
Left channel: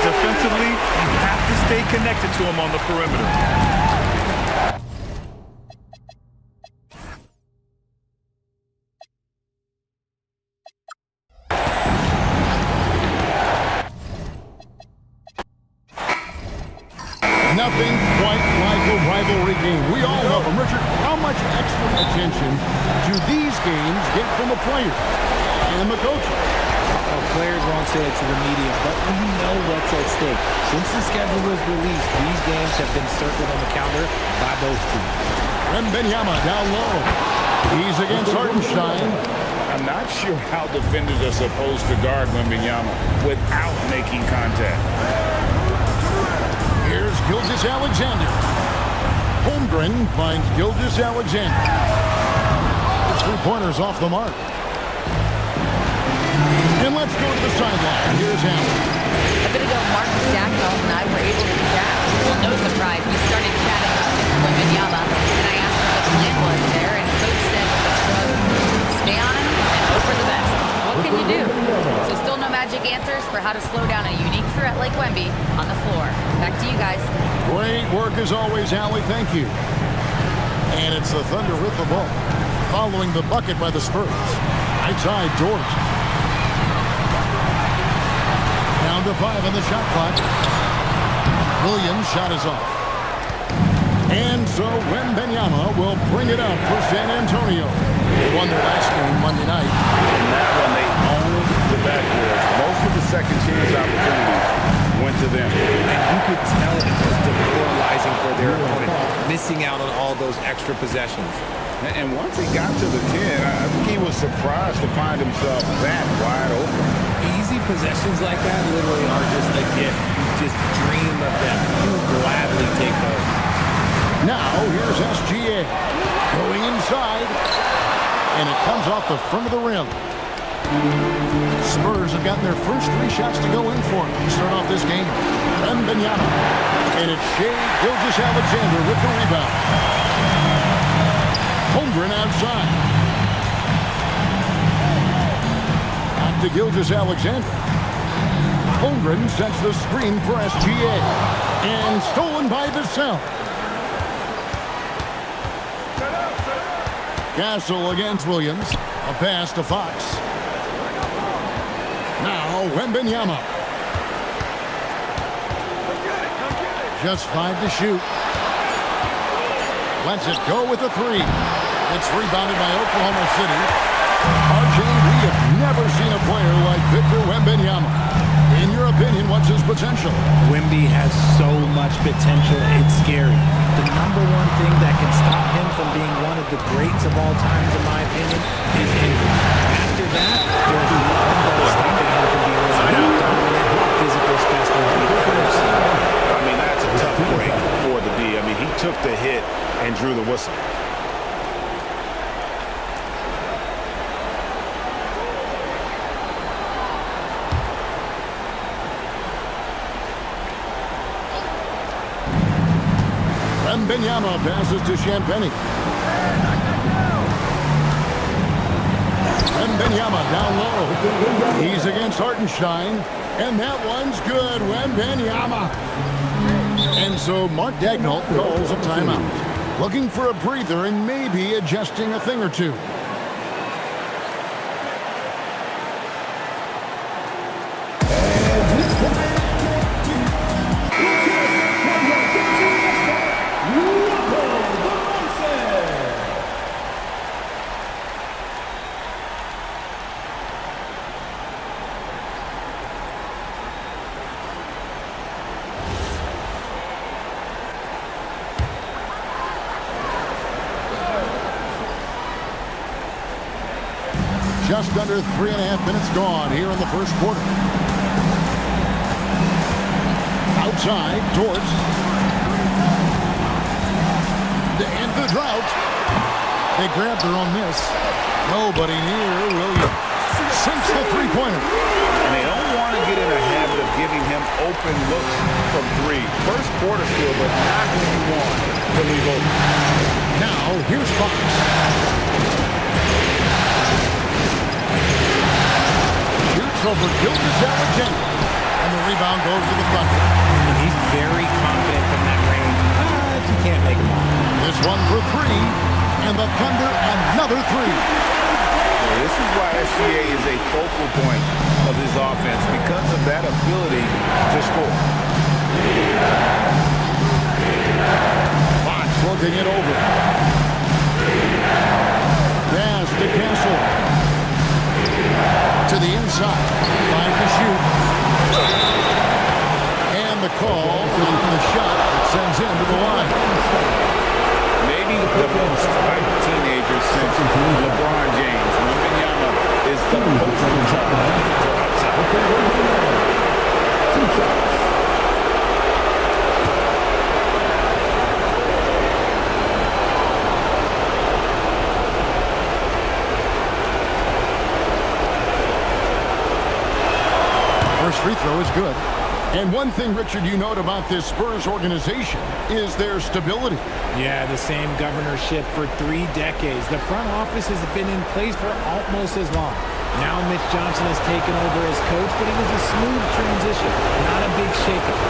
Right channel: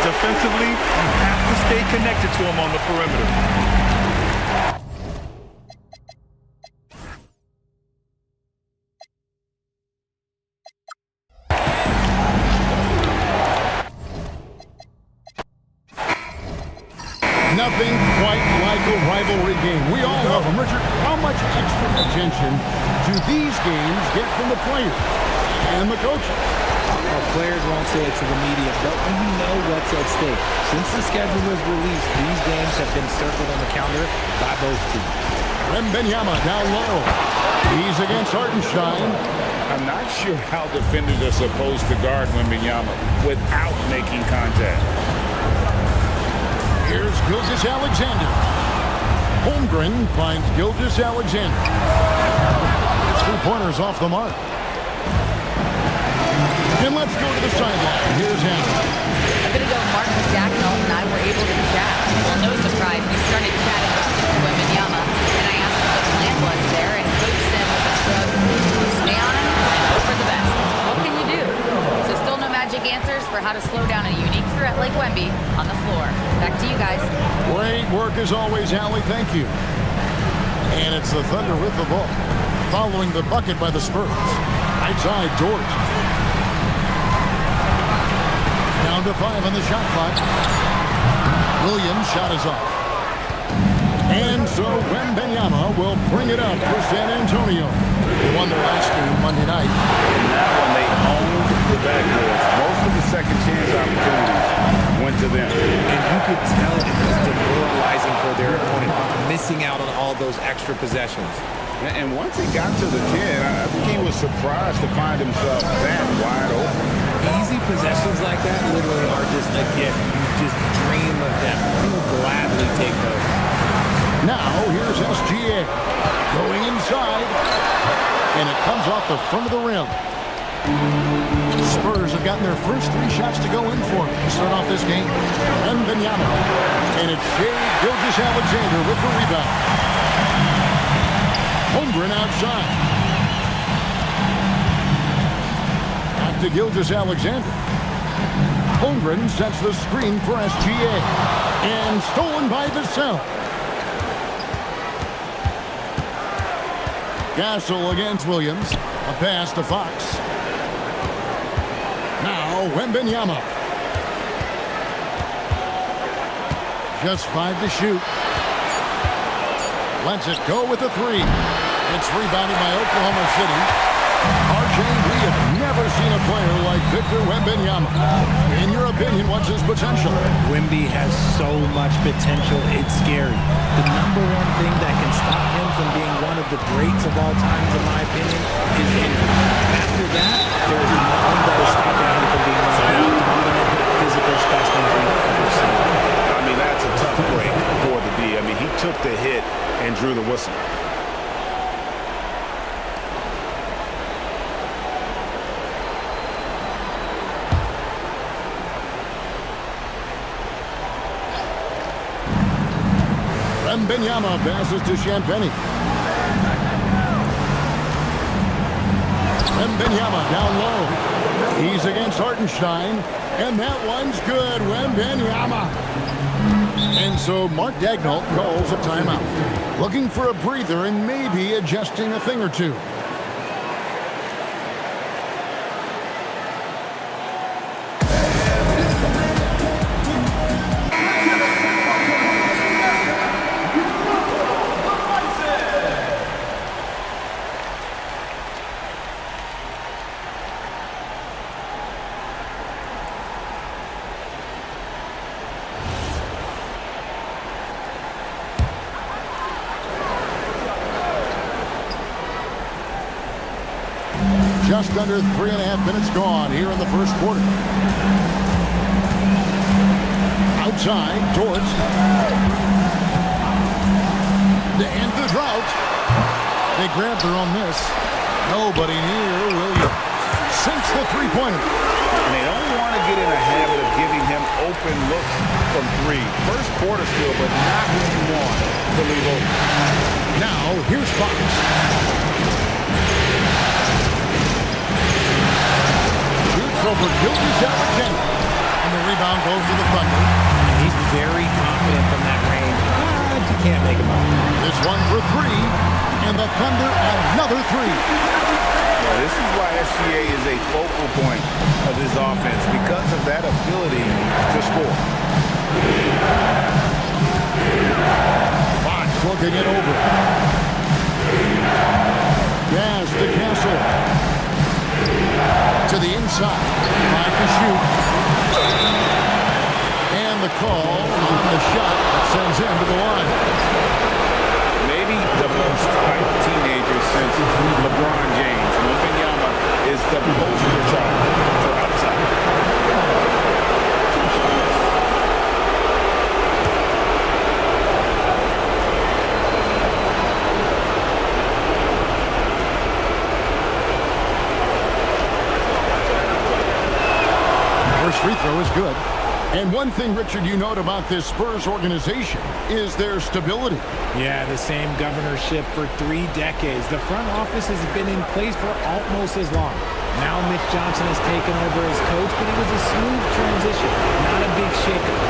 Defensively, you have to stay connected to him on the perimeter. Nothing quite like a rivalry game. We all love them. Richard, how much extra attention do these games get from the players and the coaches? Well, players won't say it to the media, but we know what's at stake. Since the schedule was released, these games have been circled on the calendar by both teams. Wembanyama down low. He's against Hartenstein. I'm not sure how defenders are supposed to guard Wembanyama without making contact. Here's Gilgeous-Alexander. Holmgren finds Gilgeous-Alexander. His three-pointer's off the mark. And let's go to the sideline. Here's Allen. A bit ago, Mark Dagnall and I were able to chat. Well, no surprise, we started chatting with Victor Wembanyama, and I asked what the plan was there, and Coach said with a shrug, stay on him and hope for the best. What can you do? So still no magic answers for how to slow down a unique threat like Wemby on the floor. Back to you guys. Great work as always, Allie. Thank you. And it's the Thunder with the ball, following the bucket by the Spurs. Right side, Dort. Down to 5 on the shot clock. Williams' shot is off. And so Wembanyama will bring it up for San Antonio. They won their last game Monday night. In that one, they owned the backboards. Most of the second chance opportunities went to them. And you could tell it was demoralizing for their opponent, missing out on all those extra possessions. And once he got to the 10, I think he was surprised to find himself that wide open. Easy possessions like that literally are just a gift. You just dream of them. You'll gladly take those. Now, here's SGA going inside, and it comes off the front of the rim. Spurs have gotten their first 3 shots to go in for them to start off this game. Wembanyama, and it's Shai Gilgeous-Alexander with the rebound. Holmgren outside. Back to Gilgeous-Alexander. Holmgren sets the screen for SGA. And stolen by Vassell. Castle against Williams. A pass to Fox. Now Wembanyama. Just 5 to shoot. Lets it go with a 3. It's rebounded by Oklahoma City. RJ, we have never seen a player like Victor Wembanyama. In your opinion, what's his potential? Wemby has so much potential, it's scary. The number one thing that can stop him from being one of the greats of all times, in my opinion, is injury. After that, there is nothing that is stopping him from being one of the most dominant physical specimens we've ever seen. I mean, that's a tough break for the D. I mean, he took the hit and drew the whistle. Wembanyama passes to Champagny. Wembanyama down low. He's against Hartenstein. And that one's good. Wembanyama. And so Mark Daigneault calls a timeout. Looking for a breather and maybe adjusting a thing or two. Just under 3.5 minutes gone here in the first quarter. Outside, Dort. To end the drought. They grab their own miss. Nobody near. Williams sinks the three-pointer. And they don't want to get in a habit of giving him open looks from three. First quarter still, but not who you want to leave open. Now, here's Fox. Over Gilgeous-Alexander, and the rebound goes to the Thunder. And he's very confident from that range, but you can't make him all. This one for three, and the Thunder another three. Well, this is why SGA is a focal point of his offense, because of that ability to score. Fox looking it over. Pass to Castle. To the inside, 5 to shoot. And the call on the shot that sends him to the line. Maybe the most hyped teenager since LeBron James. Wembanyama is the poster child for upside. 2 shots. First free throw is good. And one thing, Richard, you note about this Spurs organization is their stability. Yeah, the same governorship for 3 decades. The front office has been in place for almost as long. Now Mitch Johnson has taken over as coach, but it was a smooth transition, not a big shakeup.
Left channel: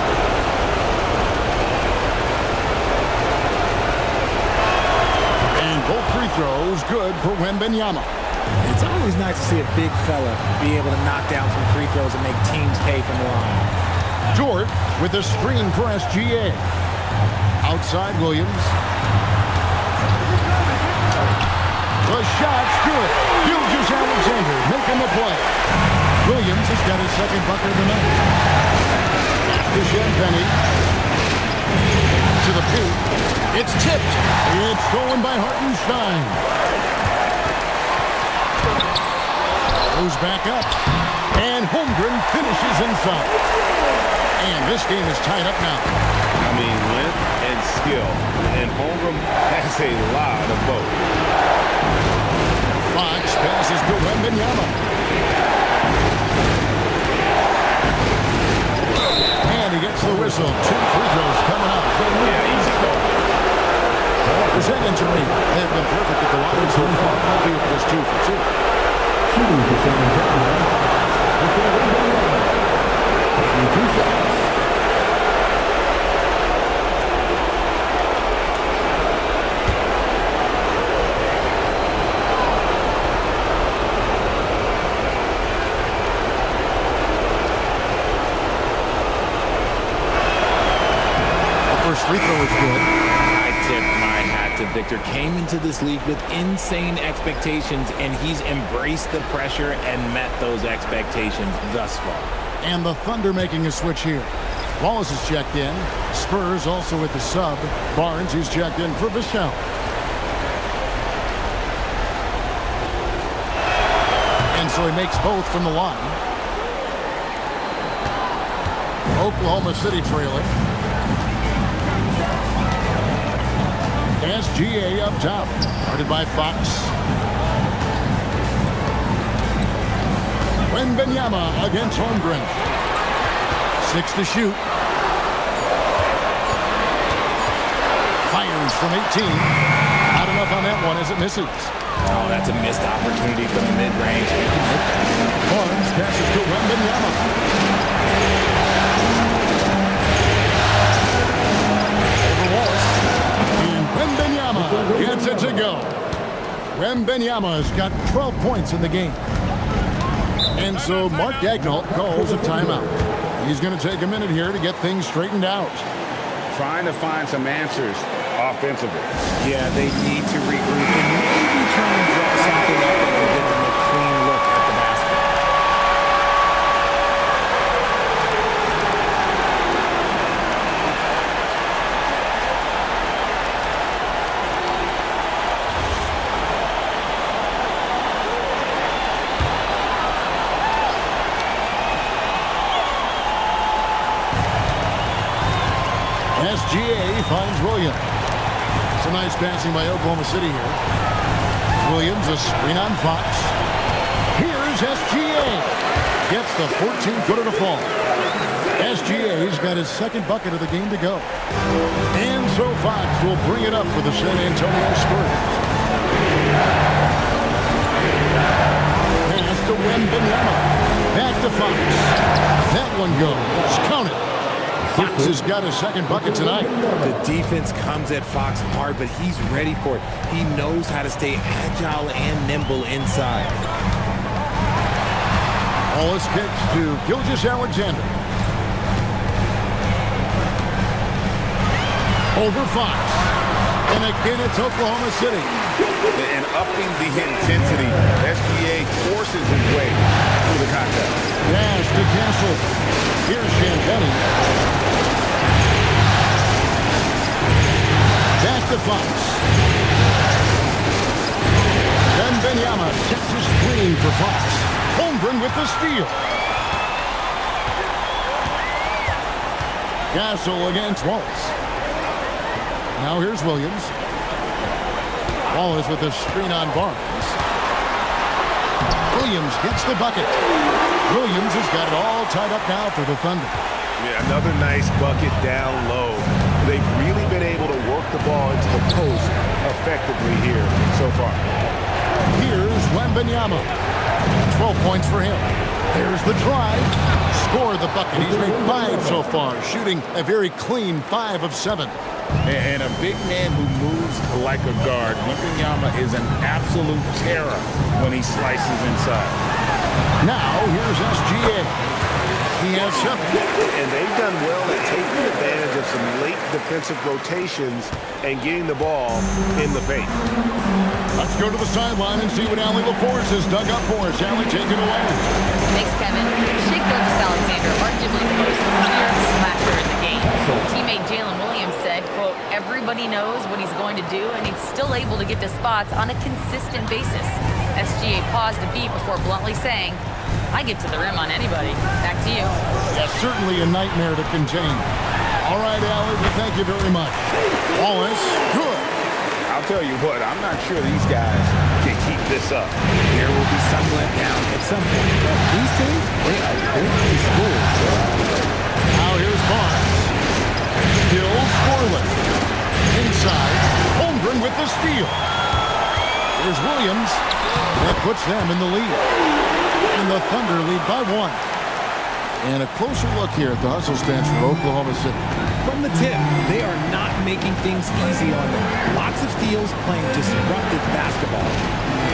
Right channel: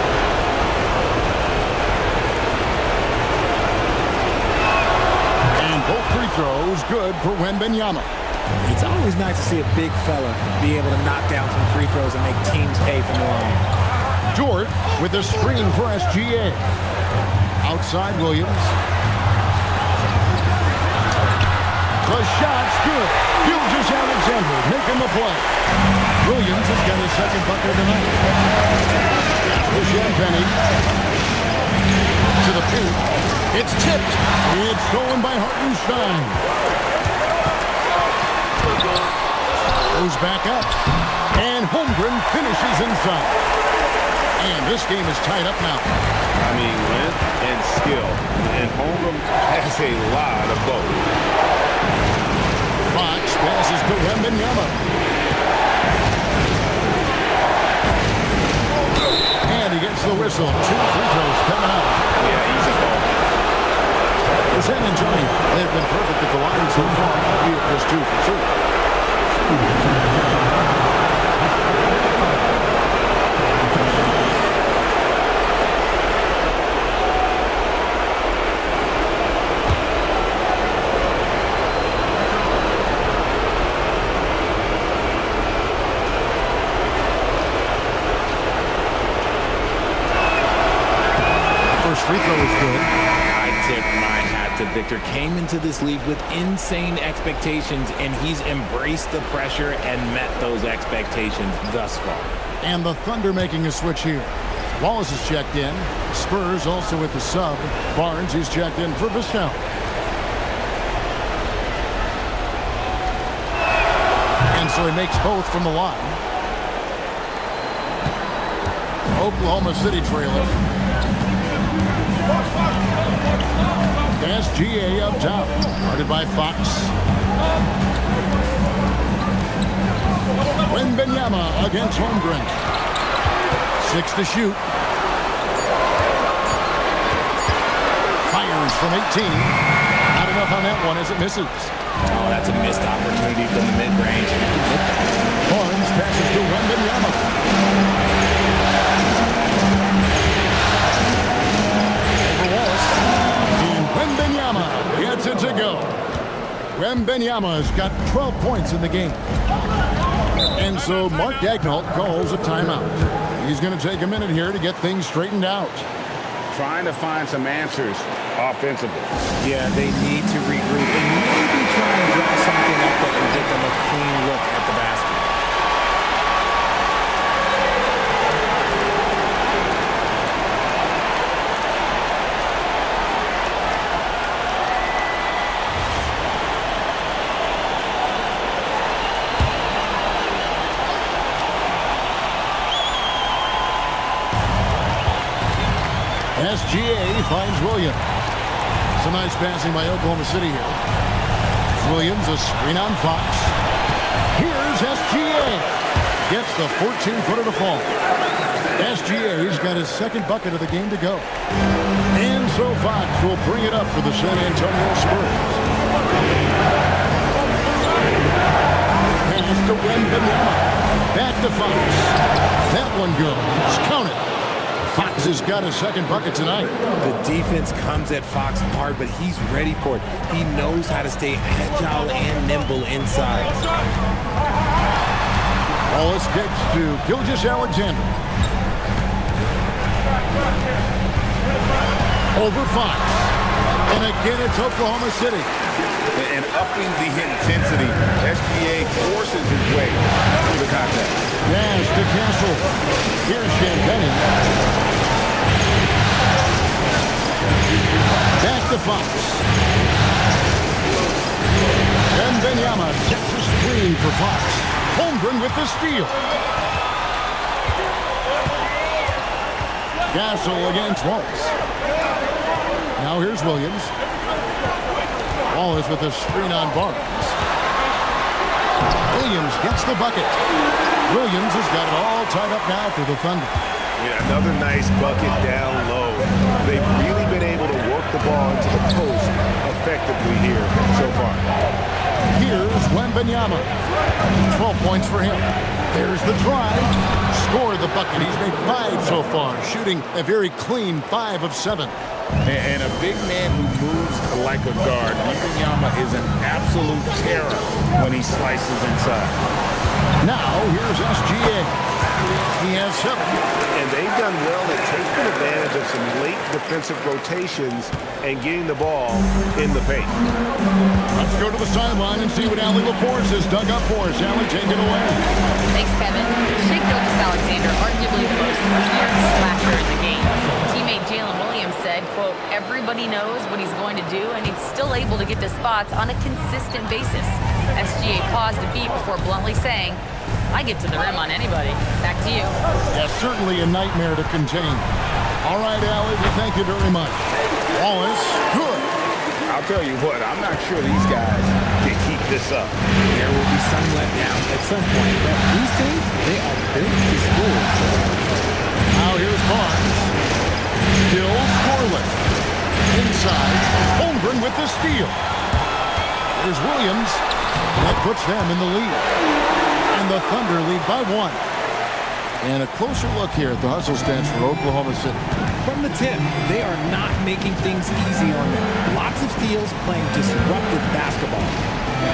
And both free throws good for Wembanyama. It's always nice to see a big fella be able to knock down some free throws and make teams pay from the line. Dort with a screen for SGA. Outside Williams. The shot's good. Gilgeous-Alexander making the play. Williams has got his second bucket of the night. Pass to Champagny. To the paint. It's tipped. It's stolen by Hartenstein. Goes back up, and Holmgren finishes inside. And this game is tied up now. I mean, length and skill, and Holmgren has a lot of both. Fox passes to Wembanyama. And he gets the whistle. 2 free throws coming up. Yeah, easy call. For San Antonio, they have been perfect at the line so far, albeit just 2 for 2. Shooting for San Antonio. 2 shots. The first free throw is good. I tip my hat to Victor. Came into this league with insane expectations, and he's embraced the pressure and met those expectations thus far. And the Thunder making a switch here. Wallace is checked in. Spurs also with the sub. Barnes, he's checked in for Vassell. And so he makes both from the line. Oklahoma City trailing. SGA up top, guarded by Fox. Wembanyama against Holmgren. 6 to shoot. Fires from 18. Not enough on that one as it misses. Oh, that's a missed opportunity from the mid-range. He can hit that. Barnes passes to Wembanyama. Over Wallace. And Wembanyama gets it to go. Wembanyama's got 12 points in the game. And so Mark Daigneault calls a timeout. He's going to take a minute here to get things straightened out. Trying to find some answers offensively. Yeah, they need to regroup and maybe try and draw something up that can get them a clean look at the basket. SGA finds Williams. Some nice passing by Oklahoma City here. Williams, a screen on Fox. Here's SGA. Gets the 14-footer to fall. SGA's got his second bucket of the game to go. And so Fox will bring it up for the San Antonio Spurs. Pass to Wembanyama. Back to Fox. That one goes. Count it. Fox has got his second bucket tonight. The defense comes at Fox hard, but he's ready for it. He knows how to stay agile and nimble inside. Wallace kicks to Gilgeous-Alexander. Over Fox. And again, it's Oklahoma City. And upping the intensity, SGA forces his way through the contest. Pass to Castle. Here's Champagnie. Back to Fox. Wembanyama gets a screen for Fox. Holmgren with the steal. Castle against Wallace. Now here's Williams. Wallace with a screen on Barnes. Williams gets the bucket. Williams has got it all tied up now for the Thunder. Yeah, another nice bucket down low. They've really been able to work the ball into the post effectively here so far. Here's Wembanyama. 12 points for him. There's the drive. Score the bucket. He's made 5 so far, shooting a very clean 5 of 7. And a big man who moves like a guard. Wembanyama is an absolute terror when he slices inside. Now here's SGA. He has 7. And they've done well at taking advantage of some late defensive rotations and getting the ball in the paint. Let's go to the sideline and see what Allie LaForce has dug up for us. Allie, take it away. Thanks, Kevin. Shai Gilgeous-Alexander, arguably the most feared slasher in the game. Teammate Jalen Williams said, quote, everybody knows what he's going to do, and he's still able to get to spots on a consistent basis. SGA paused a beat before bluntly saying, I get to the rim on anybody. Back to you. That's certainly a nightmare to contain. All right, Allie, well, thank you very much. Wallace, good. I'll tell you what, I'm not sure these guys can keep this up. There will be some letdown at some point, but these teams, they are built to score. So. Now here's Barnes. Still scoreless. Inside, Holmgren with the steal. Here's Williams. That puts them in the lead. And the Thunder lead by 1. And a closer look here at the hustle stance for Oklahoma City. From the tip, they are not making things easy on them. Lots of steals, playing disruptive basketball.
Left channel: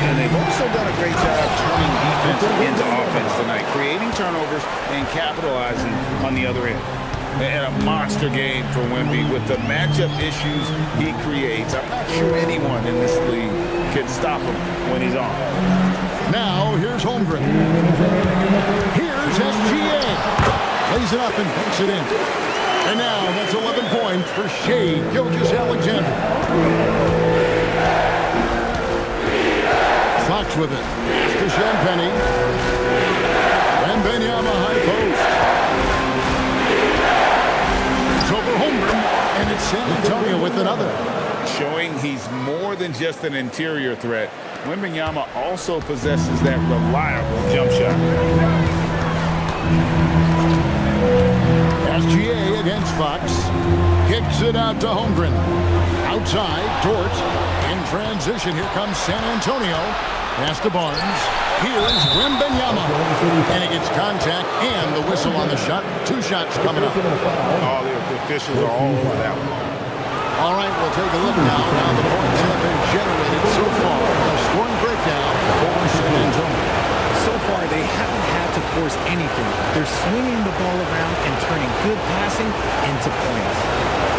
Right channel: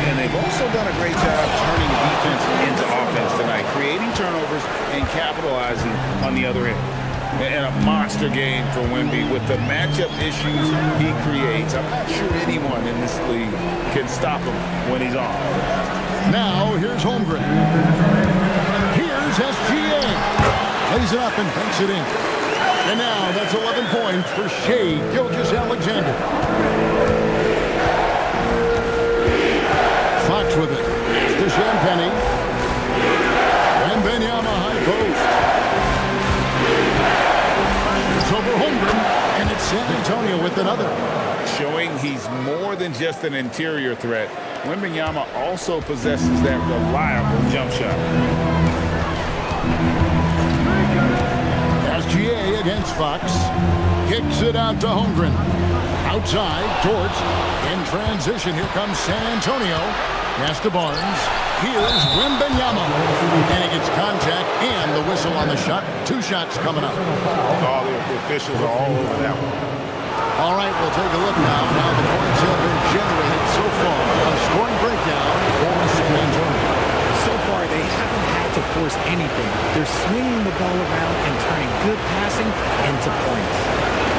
And they've also done a great job turning defense into offense tonight, creating turnovers and capitalizing on the other end. And a monster game for Wemby with the matchup issues he creates. I'm not sure anyone in this league can stop him when he's on. Now, here's Holmgren. Here's SGA. Lays it up and banks it in. And now, that's 11 points for Shai Gilgeous-Alexander. Fox with it. Pass to Champagnie. Wembanyama high post. It's over Holmgren, and it's San Antonio with another. Showing he's more than just an interior threat. Wembanyama also possesses that reliable jump shot. SGA against Fox. Kicks it out to Holmgren. Outside, Dort. In transition, here comes San Antonio. Pass to Barnes. Here's Wembanyama. And he gets contact and the whistle on the shot. 2 shots coming up. Oh, the officials are all over that one. All right, we'll take a look now at how the points have been generated so far. A scoring breakdown for San Antonio. So far, they haven't had to force anything. They're swinging the ball around and turning good passing into points.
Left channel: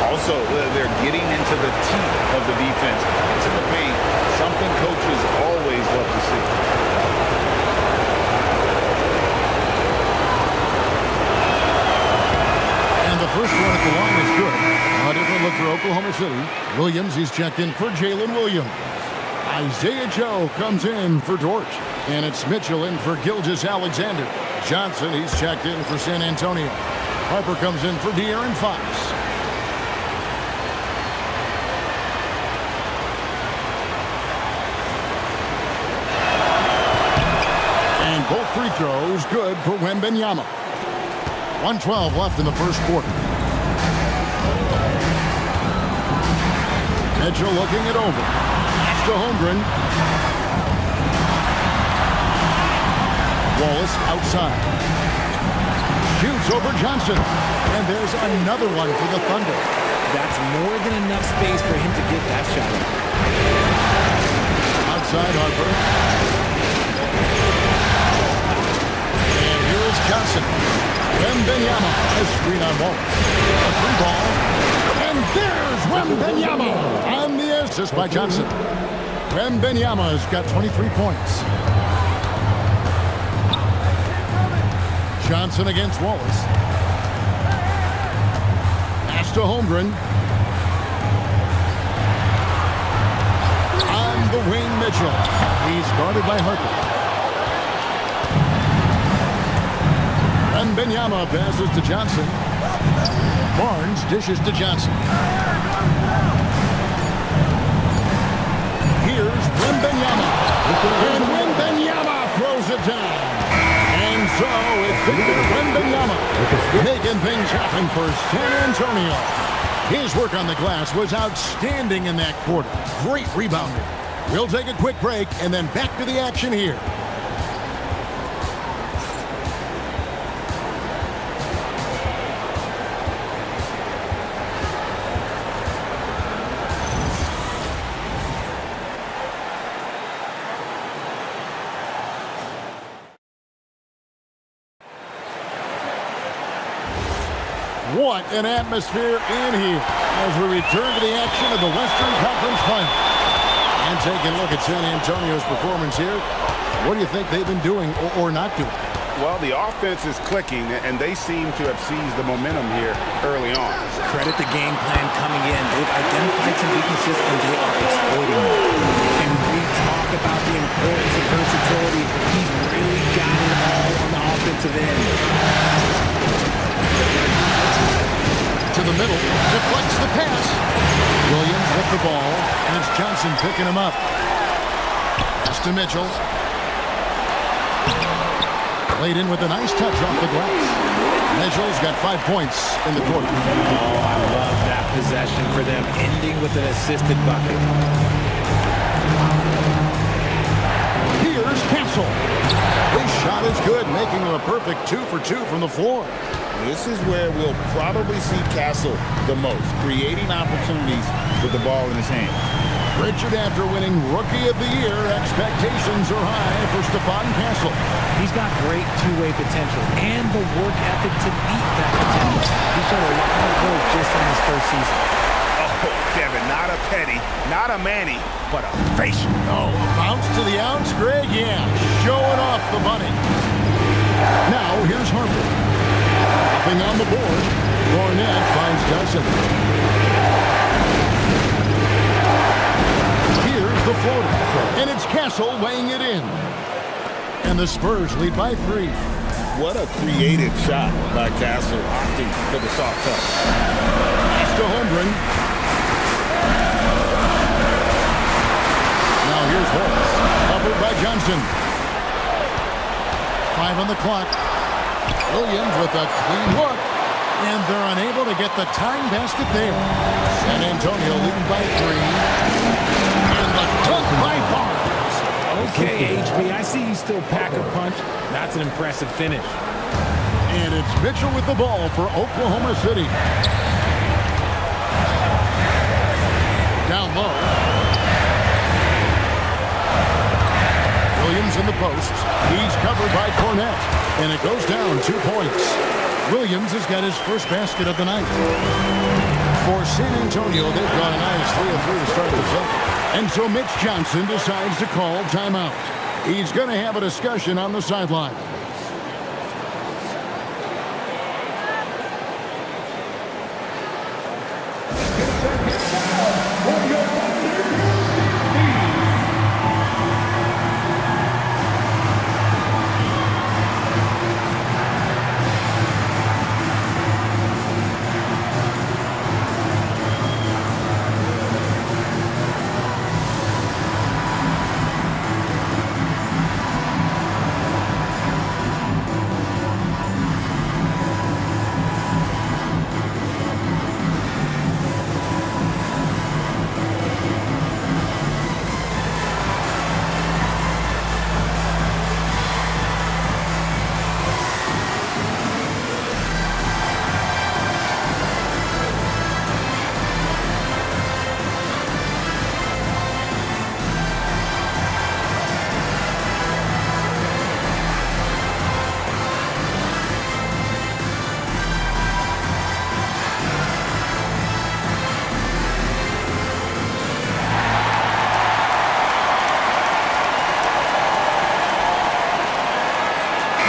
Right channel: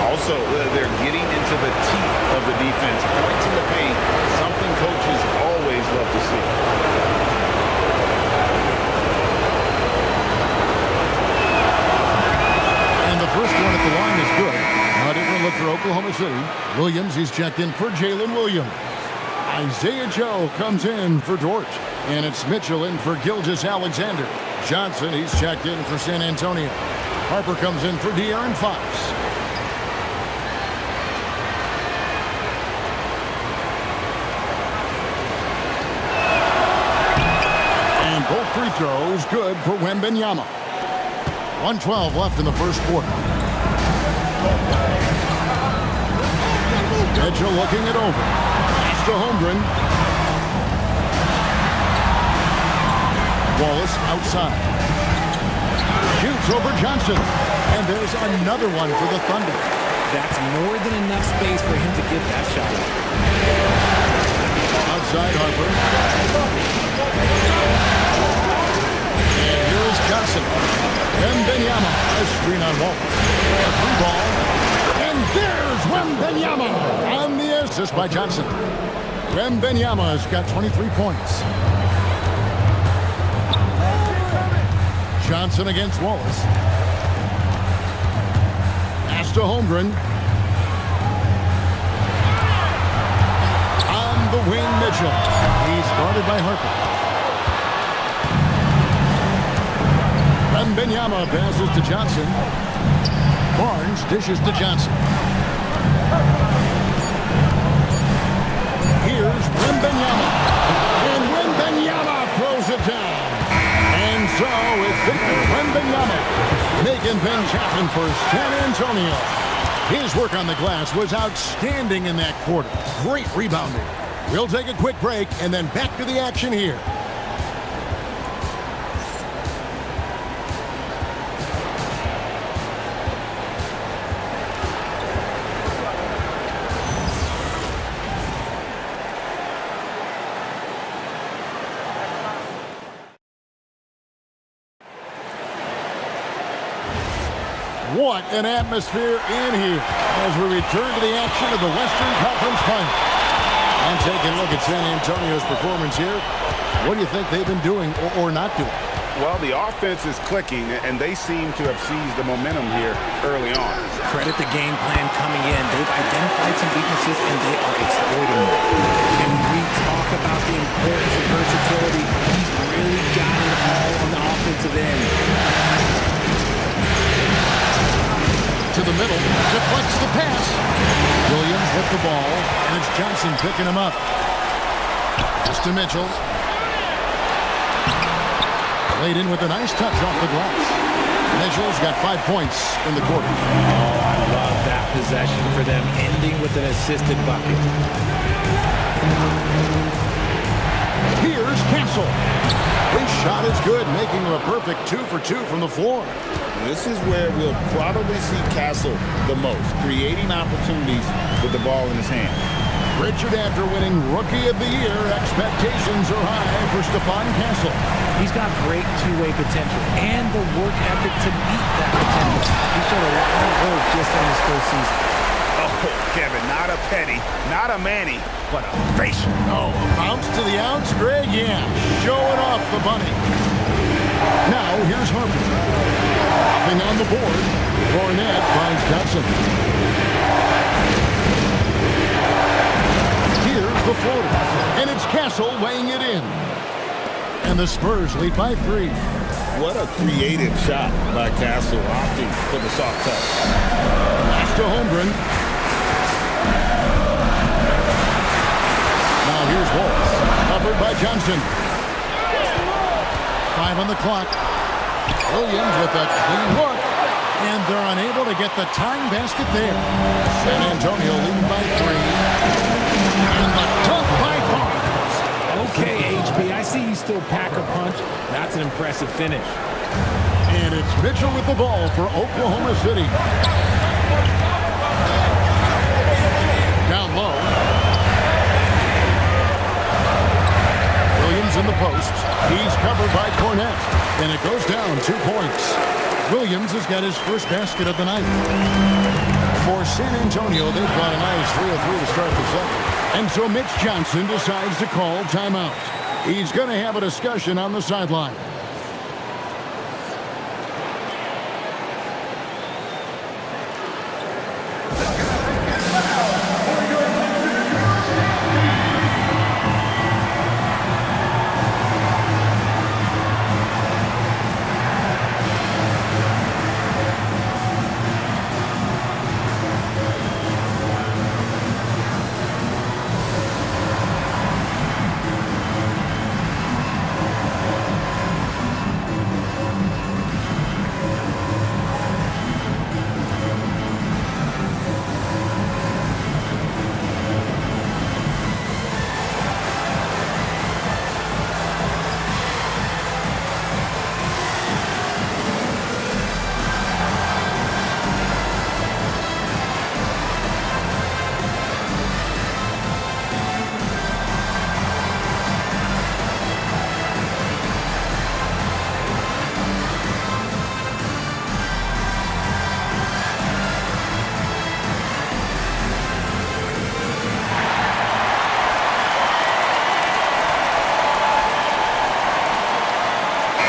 Also, they're getting into the teeth of the defense. Points in the paint, something coaches always love to see. And the first one at the line is good. A different look for Oklahoma City. Williams, he's checked in for Jalen Williams. Isaiah Joe comes in for Dort. And it's Mitchell in for Gilgeous-Alexander. Johnson, he's checked in for San Antonio. Harper comes in for De'Aaron Fox. And both free throws good for Wembanyama. 1:12 left in the first quarter. Mitchell looking it over. Pass to Holmgren. Wallace outside. Shoots over Johnson. And there's another one for the Thunder. That's more than enough space for him to get that shot up. Outside Harper. And here is Johnson. Wembanyama. A screen on Wallace. A 3-ball. And there's Wembanyama on the assist by Johnson. Wembanyama's got 23 points. Johnson against Wallace. Pass to Holmgren. On the wing, Mitchell. He's guarded by Harper. Wembanyama passes to Johnson. Barnes dishes to Johnson. Here's Wembanyama. And Wembanyama throws it down. And so it's Victor Wembanyama making things happen for San Antonio. His work on the glass was outstanding in that quarter. Great rebounding. We'll take a quick break and then back to the action here. What an atmosphere in here as we return to the action of the Western Conference Final. And taking a look at San Antonio's performance here, what do you think they've been doing or not doing? Well, the offense is clicking, and they seem to have seized the momentum here early on. Credit the game plan coming in. They've identified some weaknesses, and they are exploiting them. And we talk about the importance of versatility. He's really got it all on the offensive end. To the middle, deflects the pass. Williams with the ball, and it's Johnson picking him up. Pass to Mitchell. Played in with a nice touch off the glass. Mitchell's got 5 points in the quarter. Oh, I love that possession for them, ending with an assisted bucket. Here's Castle. His shot is good, making him a perfect 2 for 2 from the floor. This is where we'll probably see Castle the most, creating opportunities with the ball in his hand. Richard, after winning Rookie of the Year, expectations are high for Stephon Castle. He's got great two-way potential and the work ethic to meet that potential. He showed a lot of growth just in his first season. Oh, Kevin, not a Petty, not a Manny, but a facial. Oh, a bounce to the ounce, Greg? Yeah, showing off the bunny. Now, here's Harper. Nothing on the board. Cornette finds Johnson. Here's the floater. And it's Castle weighing it in. And the Spurs lead by 3. What a creative shot by Castle, opting for the soft touch. Pass to Holmgren. Now here's Wallace. Covered by Johnson. 5 on the clock. Williams with a clean look. And they're unable to get the tying basket there. San Antonio leading by 3. And the dunk by Barnes. Okay, HB, I see you still pack a punch. That's an impressive finish. And it's Mitchell with the ball for Oklahoma City. Down low. Williams in the post. He's covered by Cornette. And it goes down 2 points. Williams has got his first basket of the night. For San Antonio, they've got a nice 3 of 3 to start the second. And so Mitch Johnson decides to call timeout. He's going to have a discussion on the sideline.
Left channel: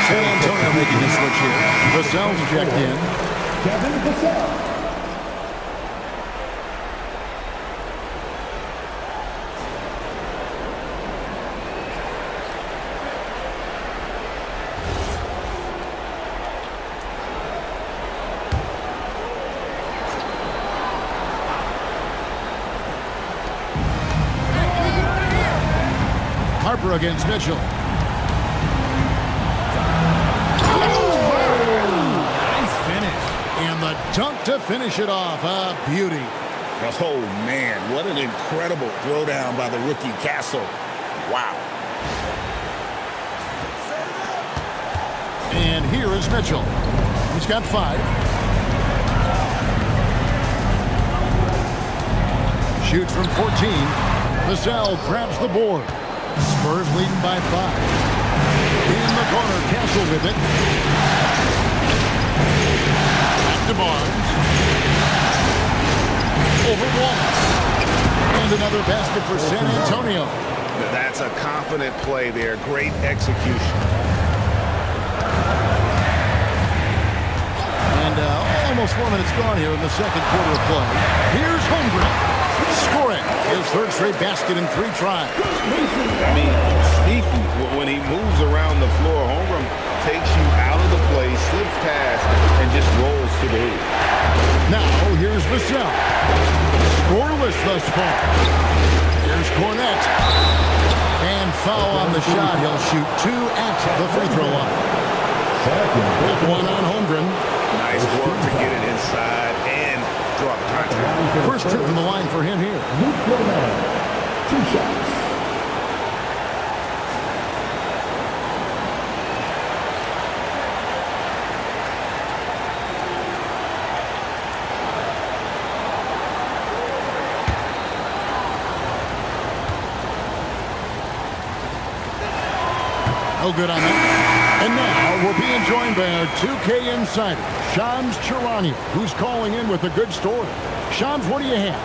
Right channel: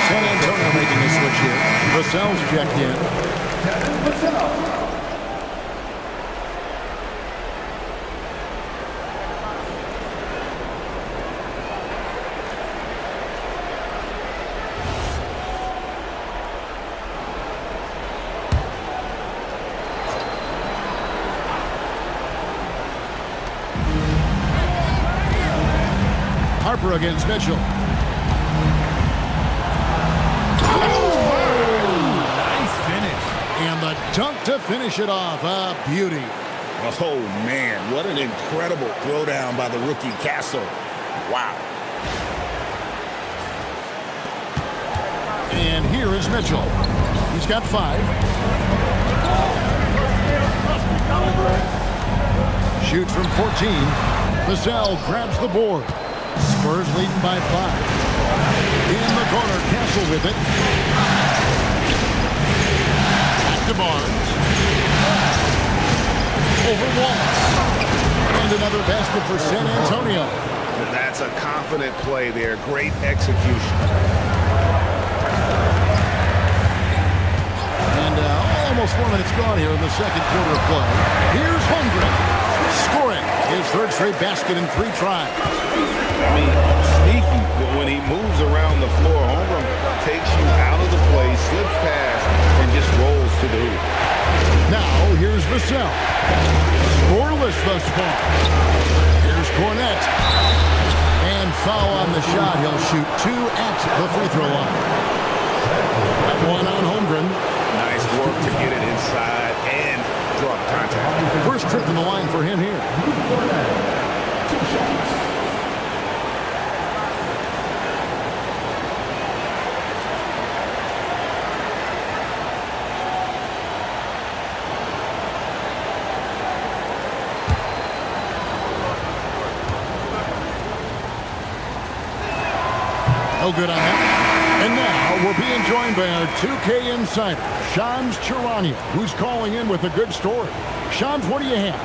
San Antonio making a switch here. Vassell's checked in. Kevin Vassell. Harper against Mitchell. And the dunk to finish it off. A beauty. Oh, man. What an incredible throwdown by the rookie Castle. Wow. And here is Mitchell. He's got 5. Shoots from 14. Vassell grabs the board. Spurs leading by 5. In the corner, Castle with it. To Barnes. Over Wallace. And another basket for San Antonio. That's a confident play there. Great execution. And almost 4 minutes gone here in the second quarter of play. Here's Holmgren. Scoring his third straight basket in 3 tries. I mean, sneaky. When he moves around the floor, Holmgren takes you out of the play, slips past, and just rolls to the hoop. Now, here's Vassell. Scoreless thus far. Here's Cornette. And foul on the shot. He'll shoot 2 at the free throw line. That one on Holmgren. Nice work to get it inside and draw the contact. First trip to the line for him here. 2 shots. No good on that. And now we're being joined by our 2K insider, Shams Charania, who's calling in with a good story. Shams, what do you have?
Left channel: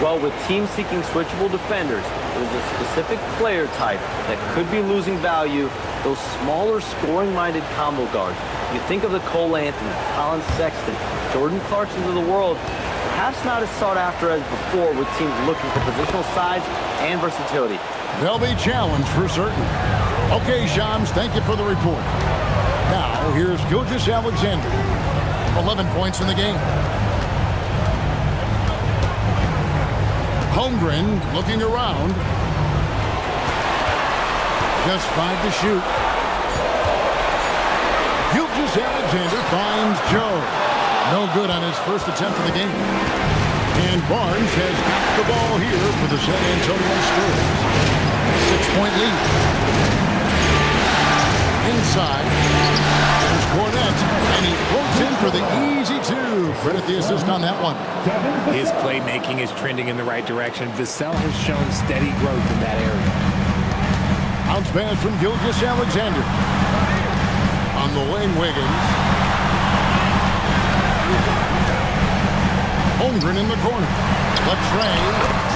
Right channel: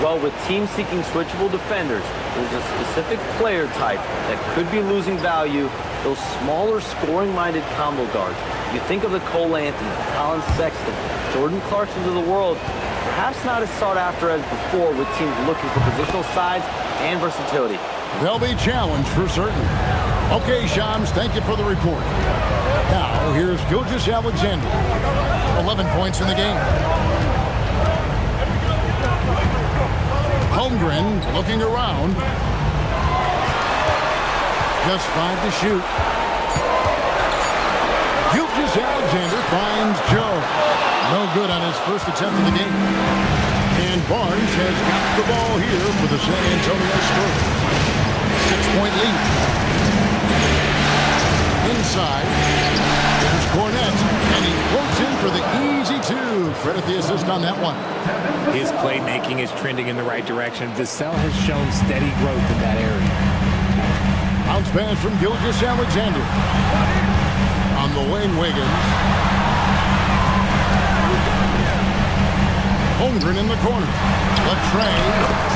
Well, with teams seeking switchable defenders, there's a specific player type that could be losing value, those smaller scoring-minded combo guards. You think of the Cole Anthony, Colin Sexton, Jordan Clarksons of the world, perhaps not as sought after as before with teams looking for positional size and versatility. They'll be challenged for certain. Okay, Shams, thank you for the report. Now, here's Gilgeous Alexander. 11 points in the game. Holmgren looking around. Just 5 to shoot. Gilgeous Alexander finds Joe. No good on his first attempt of the game. And Barnes has got the ball here for the San Antonio Spurs. 6-point lead. Inside. There's Cornette, and he floats in for the easy two. Credit the assist on that one. His playmaking is trending in the right direction. Vassell has shown steady growth in that area. Bounce pass from Gilgeous-Alexander. On the wing, Wiggins. Holmgren in the corner. Latre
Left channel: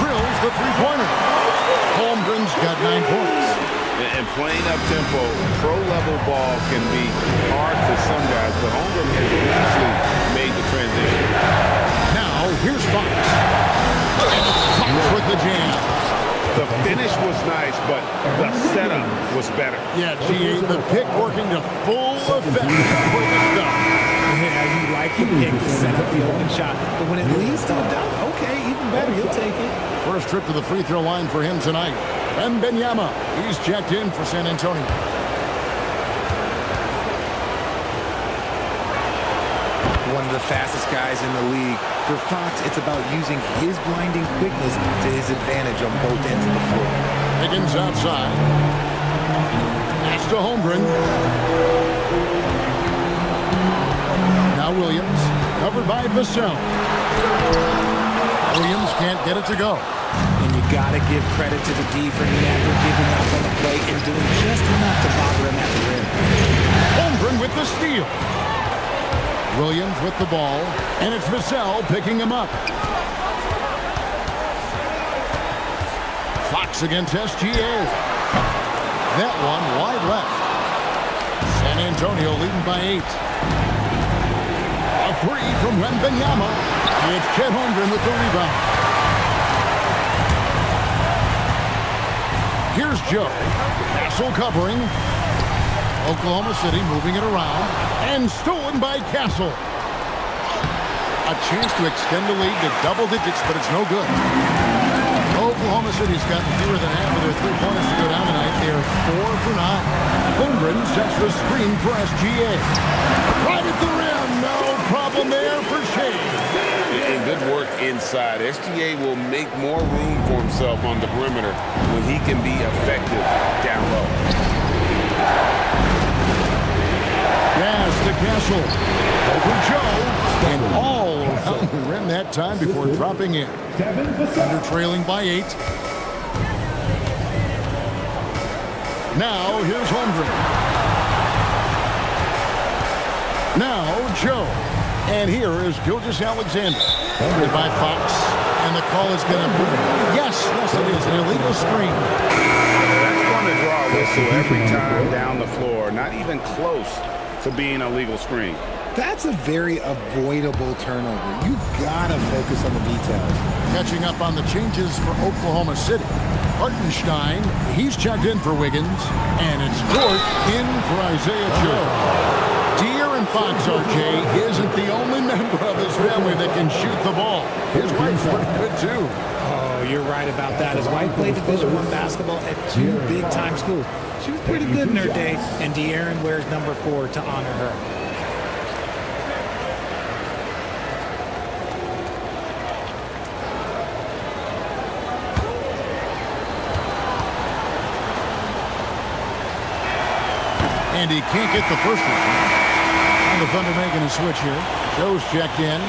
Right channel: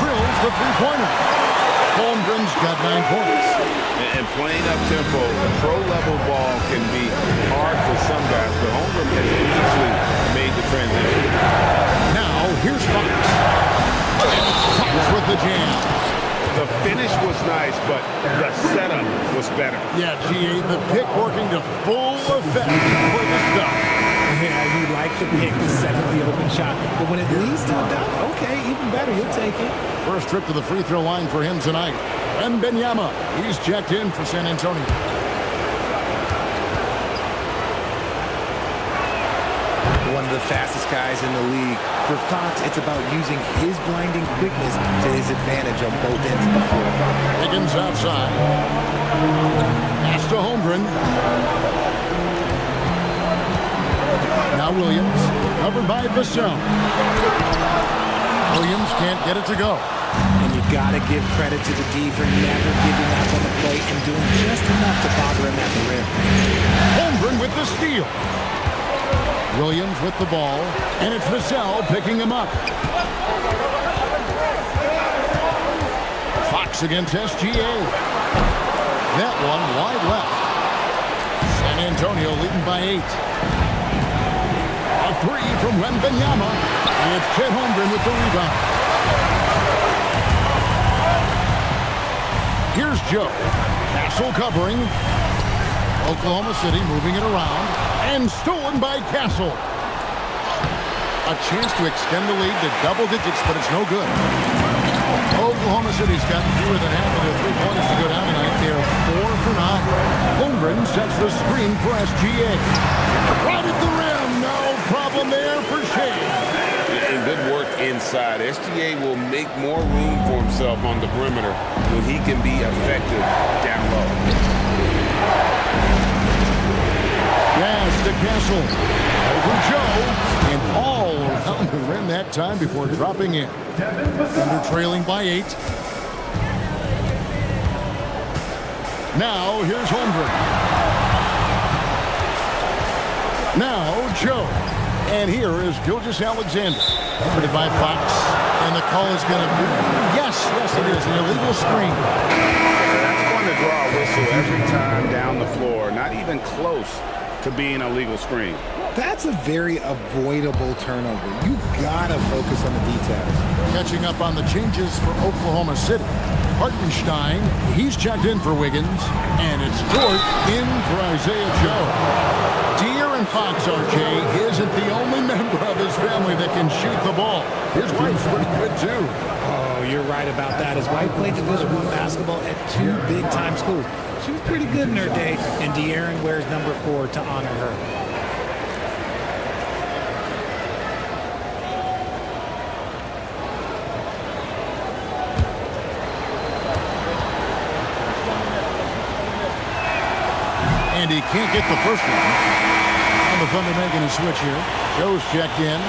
drills the three-pointer. Holmgren's got 9 points. And playing up-tempo, pro-level ball can be hard for some guys, but Holmgren has easily made the transition. Now, here's Fox. And Fox with the jam. The finish was nice, but the setup was better. Yeah, G8, the pick working to full effect for the stuff. Yeah, you like the pick to set up the open shot, but when it leads to a dunk, okay, even better, you'll take it. First trip to the free throw line for him tonight. Wembanyama, he's checked in for San Antonio. One of the fastest guys in the league. For Fox, it's about using his blinding quickness to his advantage on both ends of the floor. Wiggins outside. Pass to Holmgren. Now Williams, covered by Vassell. Williams can't get it to go. And you got to give credit to the D for never giving up on the plate and doing just enough to bother him at the rim. Holmgren with the steal. Williams with the ball, and it's Vassell picking him up. Fox against SGA. That one wide left. San Antonio leading by 8. A three from Wembanyama. It's Chet Holmgren with the rebound. Here's Joe. Castle covering. Oklahoma City moving it around. And stolen by Castle. A chance to extend the lead to double digits, but it's no good. Oklahoma City's gotten fewer than half of their three-pointers to go down tonight. They're 4 for 9. Holmgren sets the screen for SGA. Right at the rim. No problem there for Shea. And good work inside. SGA will make more room for himself on the perimeter when he can be effective down low. Pass to Castle. Over Joe. And all around the rim that time before dropping in. Thunder trailing by 8. Now here's Holmgren. Now Joe. And here is Gilgeous-Alexander. Guarded by Fox. And the call is going to be, yes, it is, an illegal screen. That's going to draw a whistle every time down the floor. Not even close to being a legal screen. That's a very avoidable turnover. You gotta focus on the details. Catching up on the changes for Oklahoma City. Hartenstein, he's checked in for Wiggins. And it's Dort in for Isaiah Joe. De'Aaron Fox, RJ, isn't the only member of his family that can shoot the ball. His wife's pretty good, too. Oh, you're right about that. His wife played Division I basketball at 2 big-time schools. She was pretty good in her day, and De'Aaron wears number 4 to honor her. And he can't get the first one. And the Thunder making a switch here. Joe's checked in.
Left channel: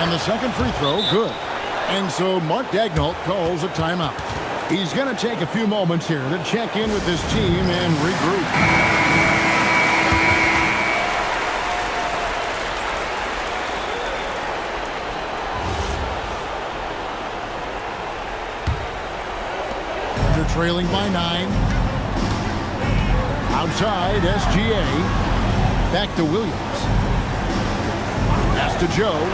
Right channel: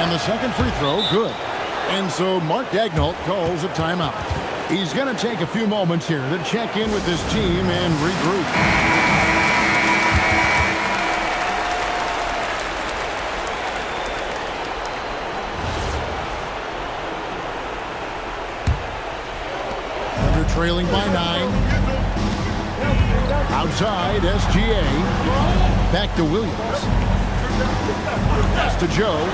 And the second free throw, good. And so Mark Daigneault calls a timeout. He's going to take a few moments here to check in with his team and regroup. Trailing by 9. Outside, SGA. Back to Williams. Pass to Joe.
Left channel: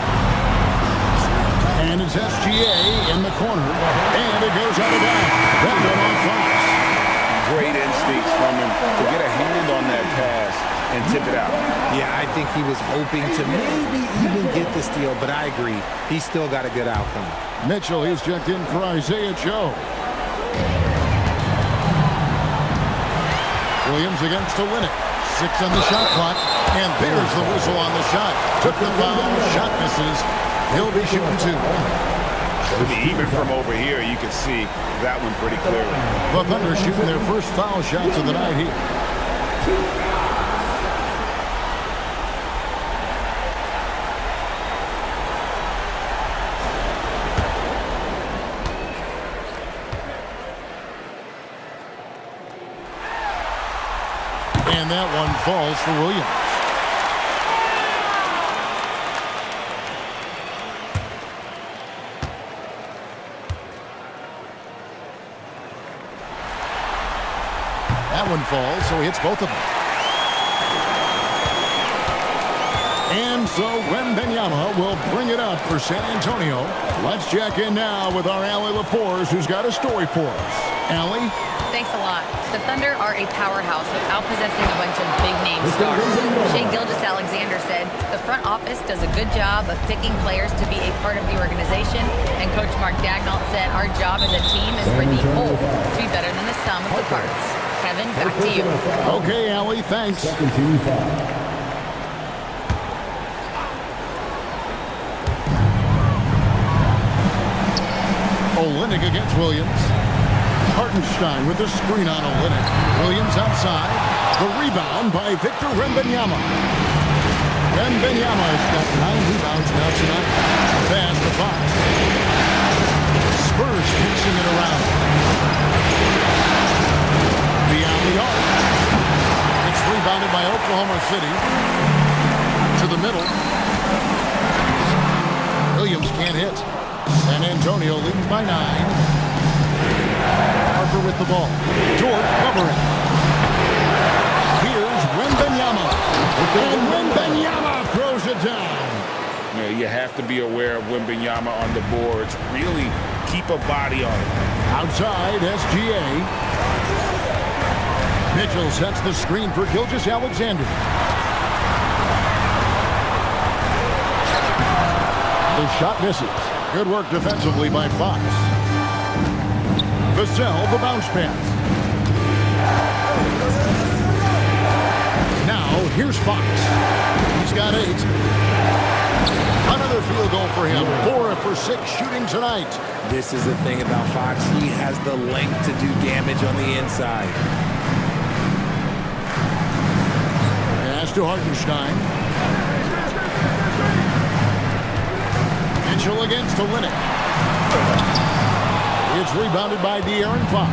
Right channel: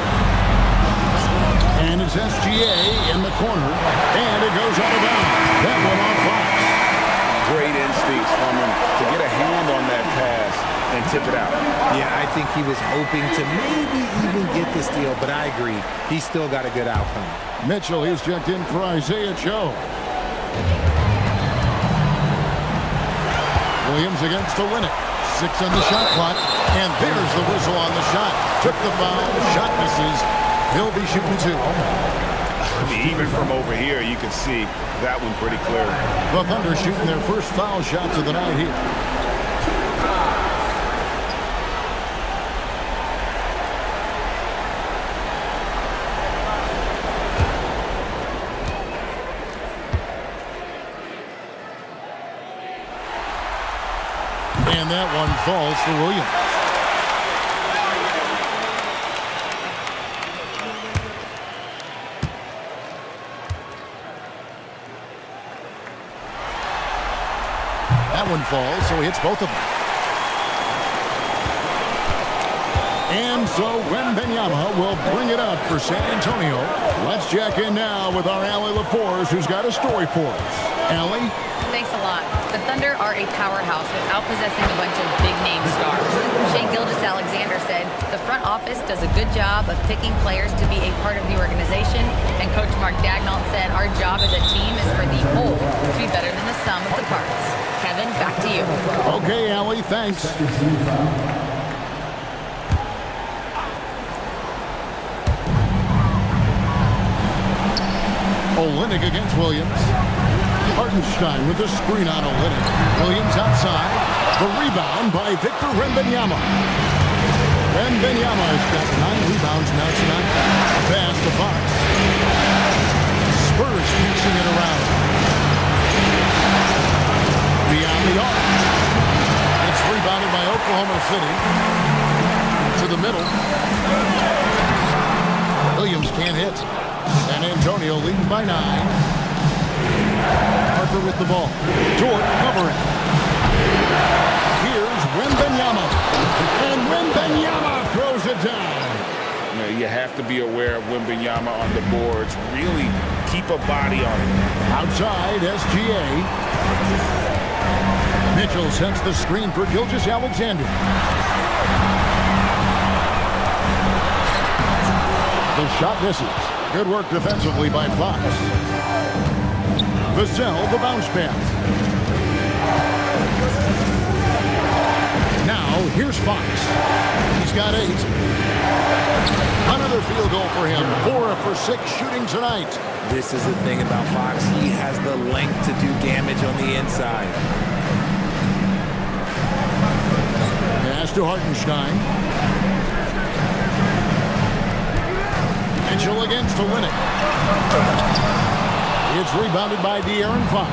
And it's SGA in the corner. And it goes out of bounds. That one off Fox. great instincts from him to get a hand on that pass and tip it out. Yeah, I think he was hoping to maybe even get the steal, but I agree. He still got a good outcome. Mitchell, he's checked in for Isaiah Joe. Williams against Olynyk. 6 on the shot clock, and there's the whistle on the shot. Took the foul, shot misses. He'll be shooting 2. I mean, even from over here, you can see that one pretty clearly. The Thunder shooting their first foul shots of the night here. And that one falls for Williams. That one falls, so he hits both of them. And so Wembanyama will bring it up for San Antonio. Let's check in now with our Allie LaForce, who's got a story for us. Allie? Thanks a lot. The Thunder are a powerhouse without possessing a bunch of big-name stars. Shai Gilgeous-Alexander said, the front office does a good job of picking players to be a part of the organization, and Coach Mark Daigneault said, our job as a team is for the whole to be better than the sum of the parts. Kevin, back to you. Okay, Allie, thanks. Olynyk against Williams. Hartenstein with the screen on Olynyk. Williams outside. The rebound by Victor Wembanyama. Wembanyama has got 9 rebounds now tonight. A pass to Fox. Spurs pitching it around. Beyond the arc. It's rebounded by Oklahoma City. To the middle. Williams can't hit. San Antonio leading by 9. Harper with the ball. Dort covering. Here's Wembanyama. And Wembanyama throws it down. You know, you have to be aware of Wembanyama on the boards. Really keep a body on it. Outside, SGA. Mitchell sets the screen for Gilgeous-Alexander. The shot misses. Good work defensively by Fox. Vassell, the bounce pass. Now, here's Fox. He's got 8. Another field goal for him. 4 for 6 shooting tonight. This is the thing about Fox. He has the length to do damage on the inside. Pass to Hartenstein. Mitchell against Olynyk. It's rebounded by De'Aaron Fox.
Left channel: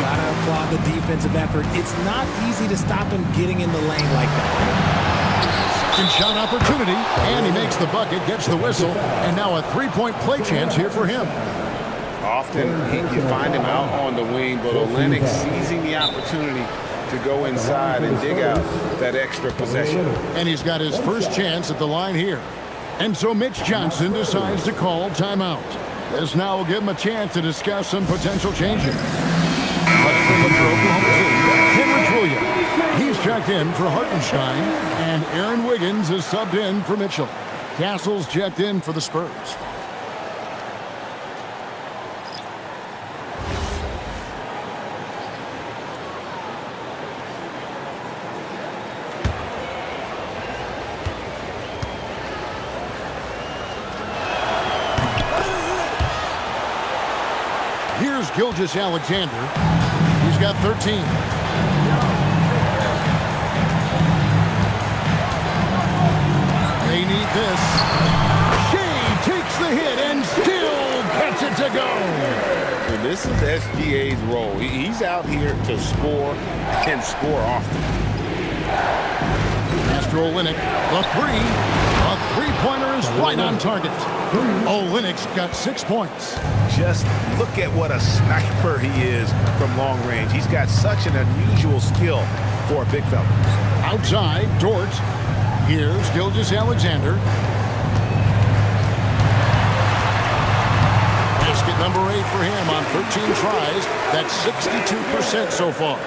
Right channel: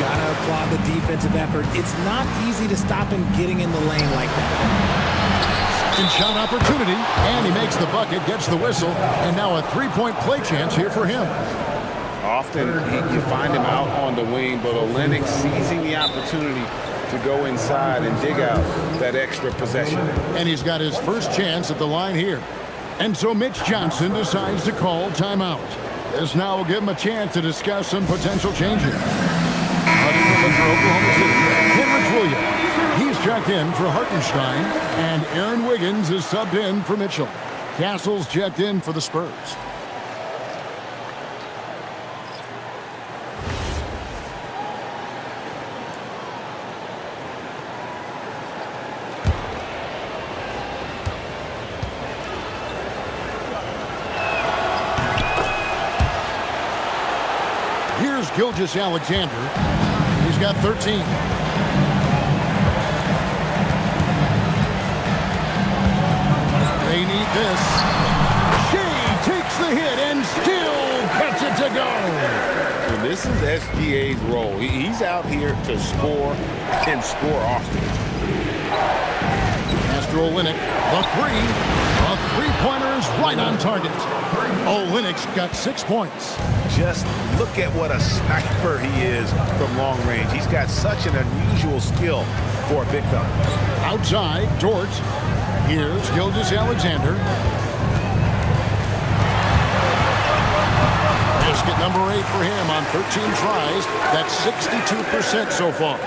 Gotta applaud the defensive effort. It's not easy to stop him getting in the lane like that. Second shot opportunity, and he makes the bucket, gets the whistle, and now a 3-point play chance here for him. Often you find him out on the wing, but Olynyk seizing the opportunity to go inside and dig out that extra possession. And he's got his first chance at the line here. And so Mitch Johnson decides to call timeout. This now will give him a chance to discuss some potential changes. Hunting for Oklahoma City, Kenrich Williams. He's checked in for Hartenstein, and Aaron Wiggins is subbed in for Mitchell. Castle's checked in for the Spurs. Here's Gilgeous-Alexander. He's got 13. They need this. Shai takes the hit and still gets it to go. And this is SGA's role. He's out here to score and score often. Master Olynyk, the 3. A 3-pointer is right on target. Olynyk's got 6 points. Just look at what a sniper he is from long range. He's got such an unusual skill for a big fella. Outside, Dort. Here's Gilgeous-Alexander. Pass Basket number 8 for him on 13 tries. That's 62% so far.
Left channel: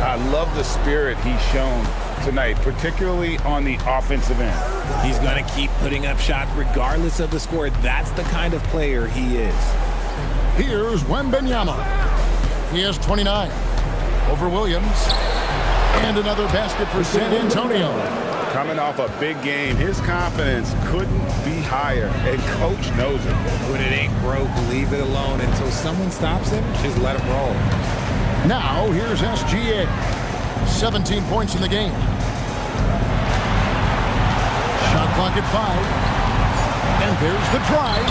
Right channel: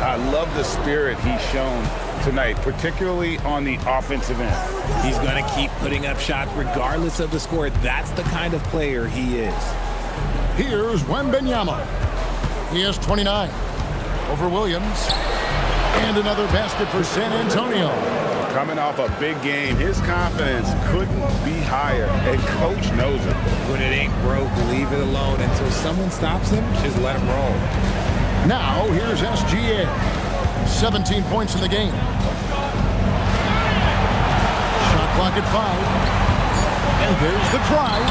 I love the spirit he's shown tonight, particularly on the offensive end. He's going to keep putting up shots regardless of the score. That's the kind of player he is. Here's Wembanyama. He has 29 over Williams. And another basket for San Antonio. Coming off a big game, his confidence couldn't be higher, and coach knows it. When it ain't broke, leave it alone. Until someone stops him, just let him roll. Now, here's SGA. 17 points in the game. Shot clock at 5. And there's the drive.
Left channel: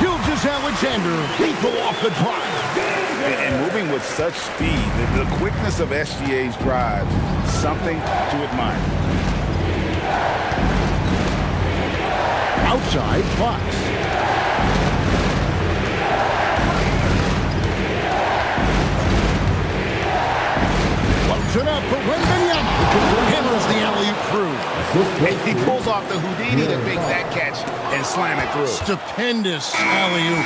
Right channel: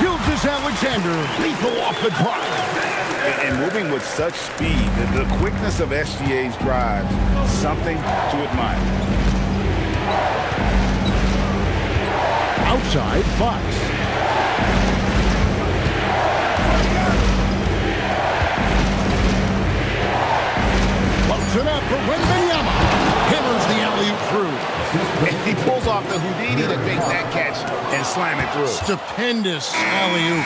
Gilgeous-Alexander, lethal off the drive. And moving with such speed, the quickness of SGA's drives, something to admire. Outside, Fox. Floats it up for Wembanyama. Hammers the alley-oop through. And he pulls off the Houdini to make that catch and slam it through. Stupendous alley-oop.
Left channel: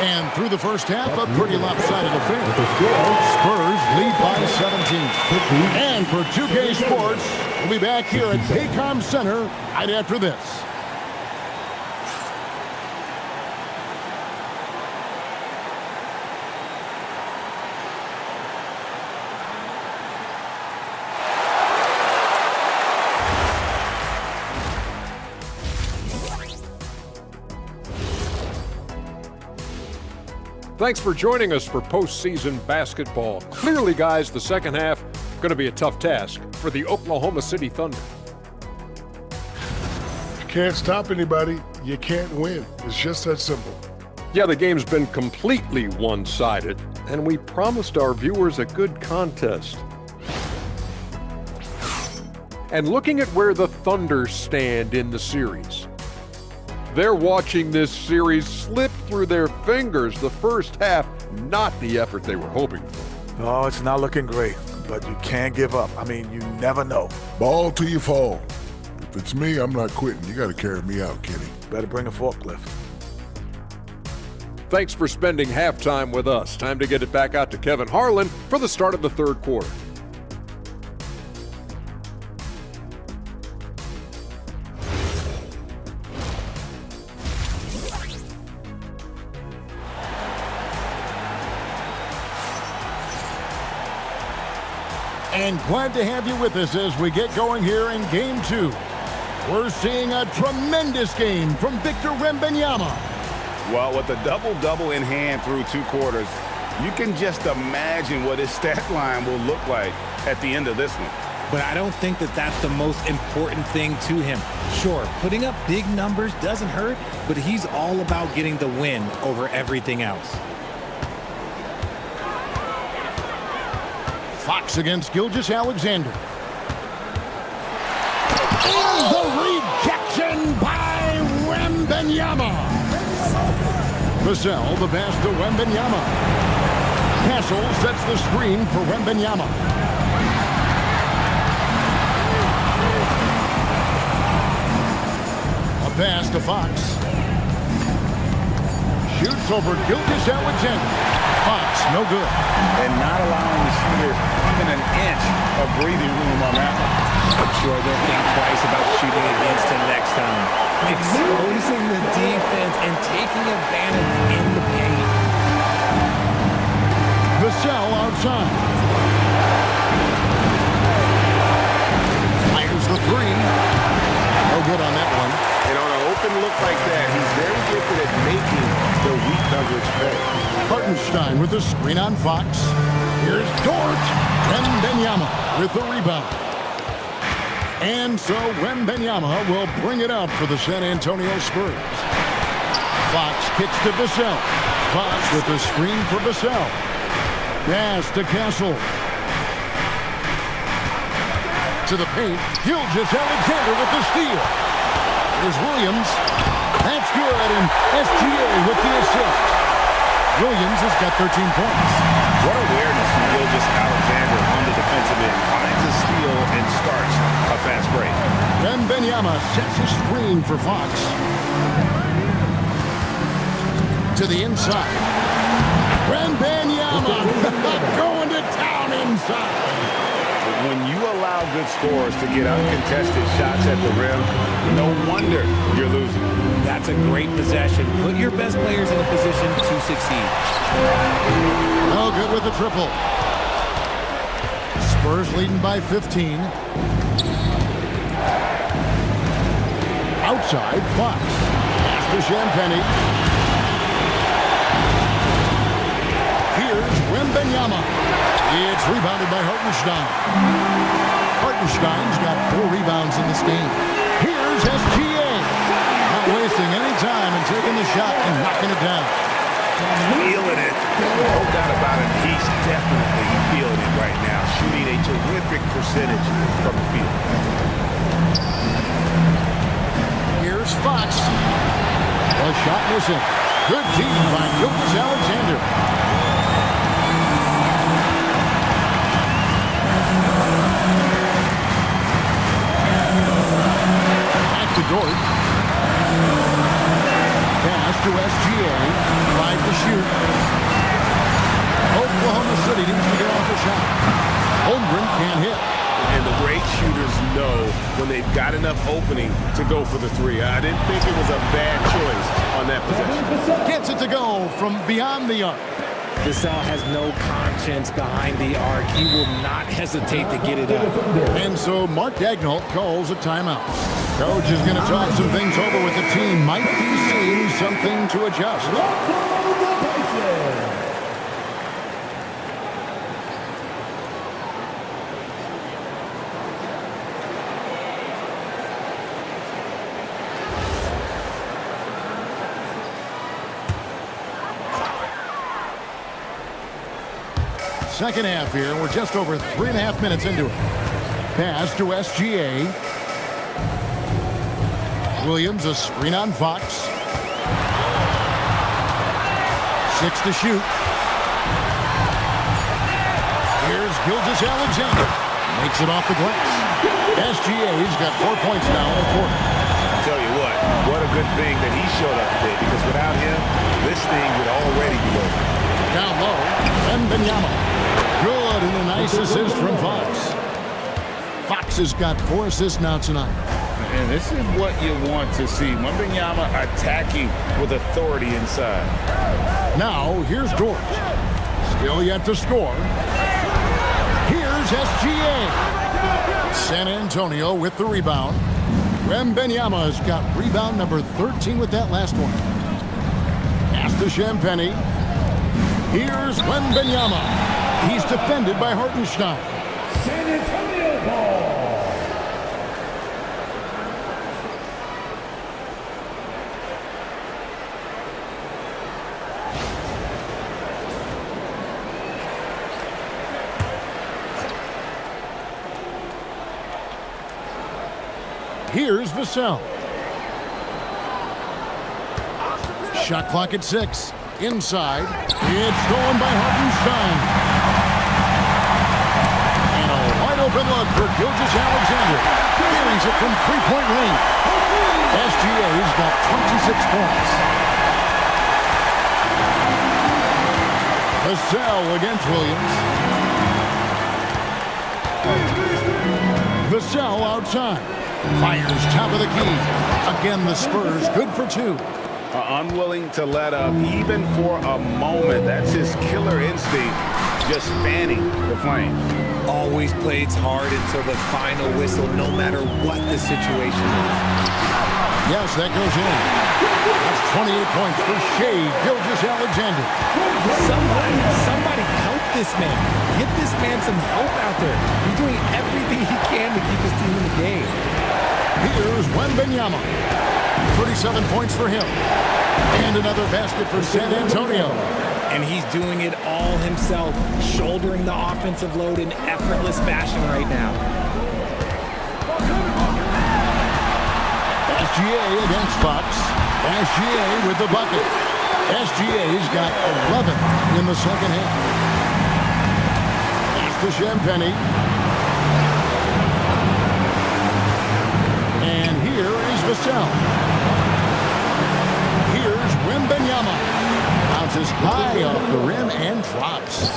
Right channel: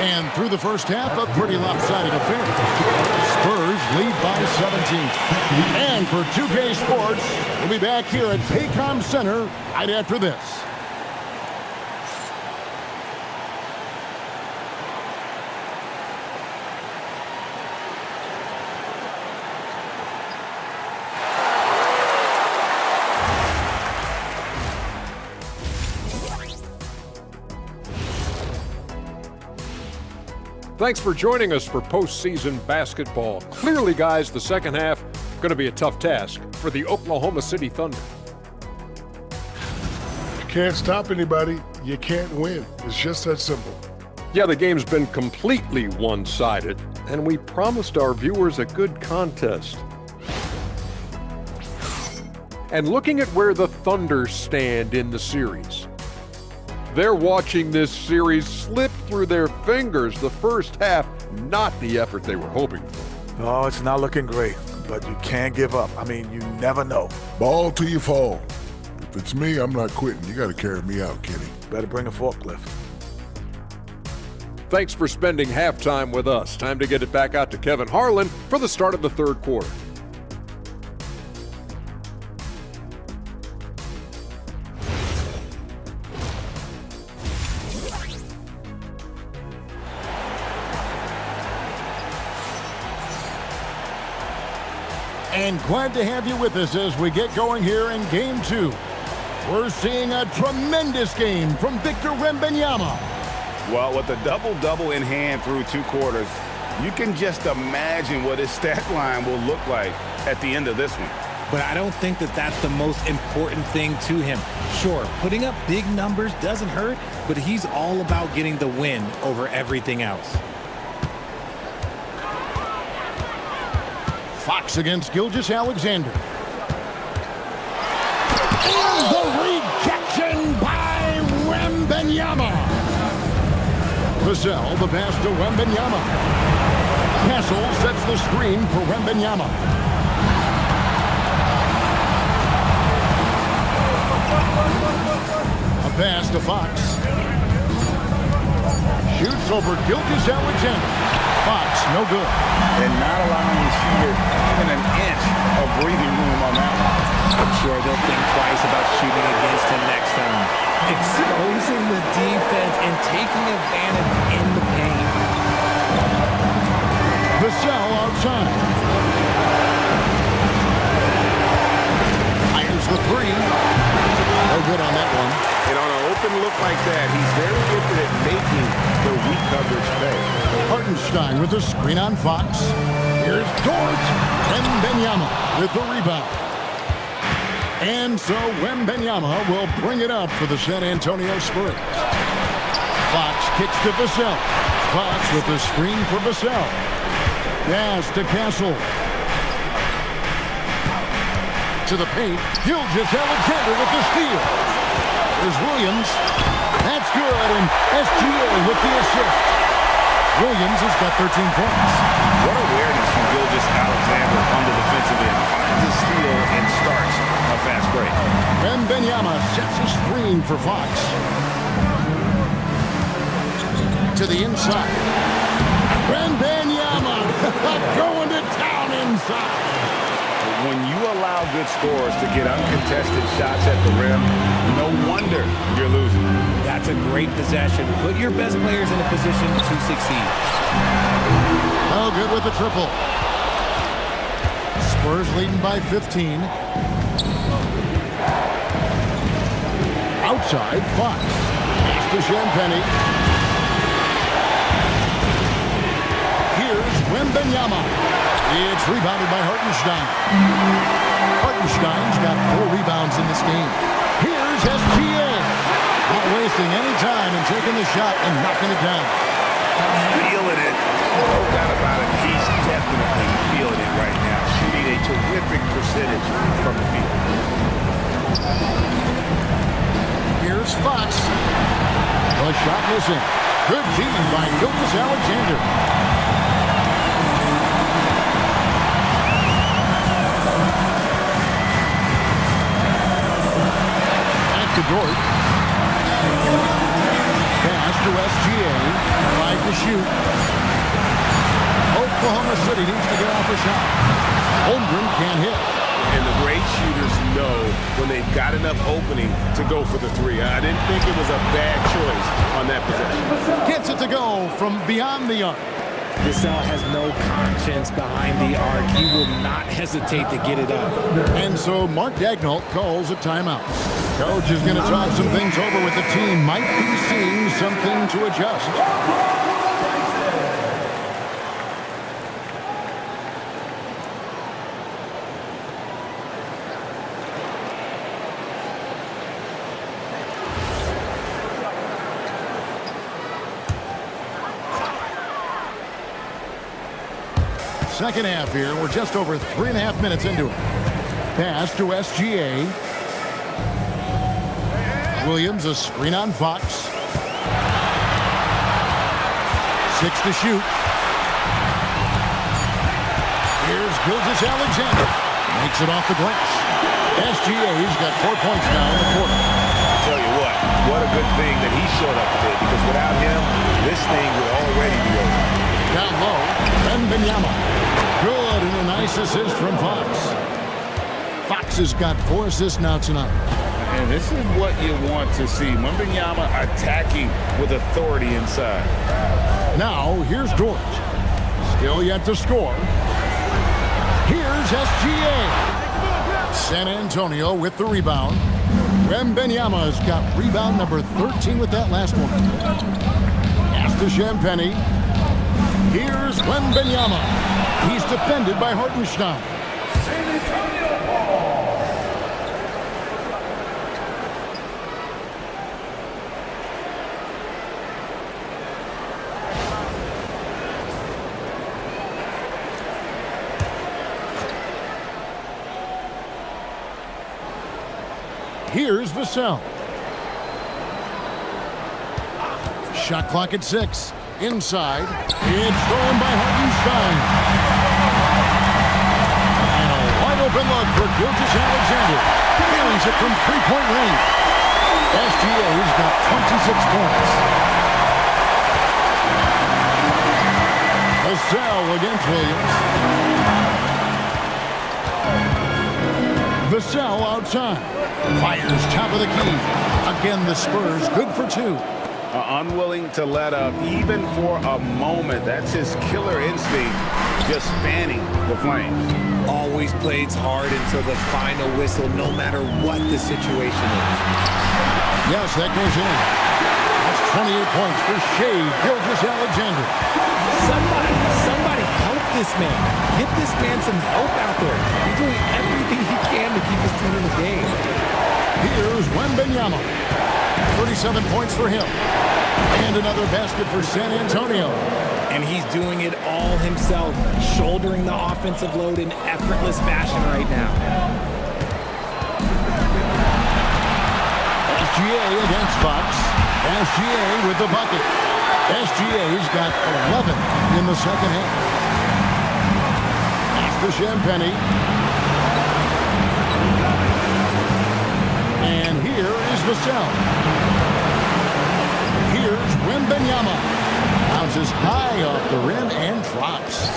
And through the first half, a pretty lopsided affair. Spurs lead by 17. And for 2K Sports, we'll be back here at Paycom Center right after this. Thanks for joining us for postseason basketball. Clearly, guys, the second half going to be a tough task for the Oklahoma City Thunder. You can't stop anybody. You can't win. It's just that simple. Yeah, the game's been completely one-sided, and we promised our viewers a good contest. And looking at where the Thunder stand in the series, they're watching this series slip through their fingers. The first half, not the effort they were hoping for. Oh, it's not looking great, but you can't give up. I mean, you never know. Ball till you fall. If it's me, I'm not quitting. You got to carry me out, Kenny. Better bring a forklift. Thanks for spending halftime with us. Time to get it back out to Kevin Harlan for the start of the third quarter. And glad to have you with us as we get going here in Game 2. We're seeing a tremendous game from Victor Wembanyama. Well, with a double-double in hand through 2 quarters, you can just imagine what his stat line will look like at the end of this one. But I don't think that that's the most important thing to him. Sure, putting up big numbers doesn't hurt, but he's all about getting the win over everything else. Fox against Gilgeous-Alexander. And the rejection by Wembanyama. Vassell, the pass to Wembanyama. Castle sets the screen for Wembanyama. A pass to Fox. Shoots over Gilgeous-Alexander. Fox, no good. And not allowing the shooter even an inch of breathing room on that one. I'm sure they'll think twice about shooting against him next time. Exposing the defense and taking advantage in the paint. Vassell outside. Fires the 3. No good on that one. And on an open look like that, he's very gifted at making the weak coverage pay. Hartenstein with the screen on Fox. Here's Dort. Wembanyama with the rebound. And so Wembanyama will bring it up for the San Antonio Spurs. Fox kicks to Vassell. Fox with the screen for Vassell. Pass to Castle. To the paint. Gilgeous-Alexander with the steal. Here's Williams. That's good, and SGA with the assist. Williams has got 13 points. What awareness from Gilgeous-Alexander on the defensive end. Finds a steal and starts a fast break. Wembanyama sets a screen for Fox. to the inside. Wembanyama going to town inside. When you allow good scorers to get uncontested shots at the rim, no wonder you're losing. That's a great possession. Put your best players in a position to succeed. Oh, good with the triple. Spurs leading by 15. Outside, Fox. Pass to Champagny. Here's Wembanyama. It's rebounded by Hartenstein. Hartenstein's got 4 rebounds in this game. Here's SGA. Not wasting any time and taking the shot and knocking it down. Feeling it. No doubt about it. He's definitely feeling it right now. Shooting a terrific percentage from the field. Here's Fox. The shot missing. Good team by Gilgeous-Alexander. To Dort. Pass to SGA. 5 to shoot. Oklahoma City needs to get off a shot. Holmgren can't hit. And the great shooters know when they've got enough opening to go for the three. I didn't think it was a bad choice on that possession. Gets it to go from beyond the arc. Vassell has no conscience behind the arc. He will not hesitate to get it up. And so Mark Daigneault calls a timeout. Coach is going to talk some things over with the team. Might be seeing something to adjust. Second half here. We're just over 3.5 minutes into it. Pass to SGA. Williams, a screen on Fox. 6 to shoot. Here's Gilgeous-Alexander. Makes it off the glass. SGA's got 4 points now in the quarter. I tell you what a good thing that he showed up today, because without him, this thing would already be over. Down low, Wembanyama. Good, and a nice assist from Fox. Fox has got 4 assists now tonight. And this is what you want to see. Wembanyama attacking with authority inside. Now, here's Dort. Still yet to score. Here's SGA. San Antonio with the rebound. Wembanyama's got rebound number 13 with that last one. Pass to Champagny. Here's Wembanyama. He's defended by Hartenstein. Here's Vassell. Shot clock at 6. Inside. It's stolen by Hartenstein. And a wide open look for Gilgeous-Alexander. Buries it from 3-point range. SGA's got 26 points. Vassell against Williams. Vassell outside. Fires top of the key. Again, the Spurs good for 2. Unwilling to let up even for a moment. That's his killer instinct, just fanning the flames. Always plays hard until the final whistle, no matter what the situation is. Yes, that goes in. That's 28 points for Shai Gilgeous-Alexander. Somebody help this man. Get this man some help out there. He's doing everything he can to keep his team in the game. Here's Wembanyama. 37 points for him. And another basket for San Antonio. And he's doing it all himself, shouldering the offensive load in effortless fashion right now. SGA against Fox. SGA with the bucket. SGA's got 11 in the second half. Pass to Champagny. And here is Vassell. Here's Wembanyama. Bounces high off the rim and drops.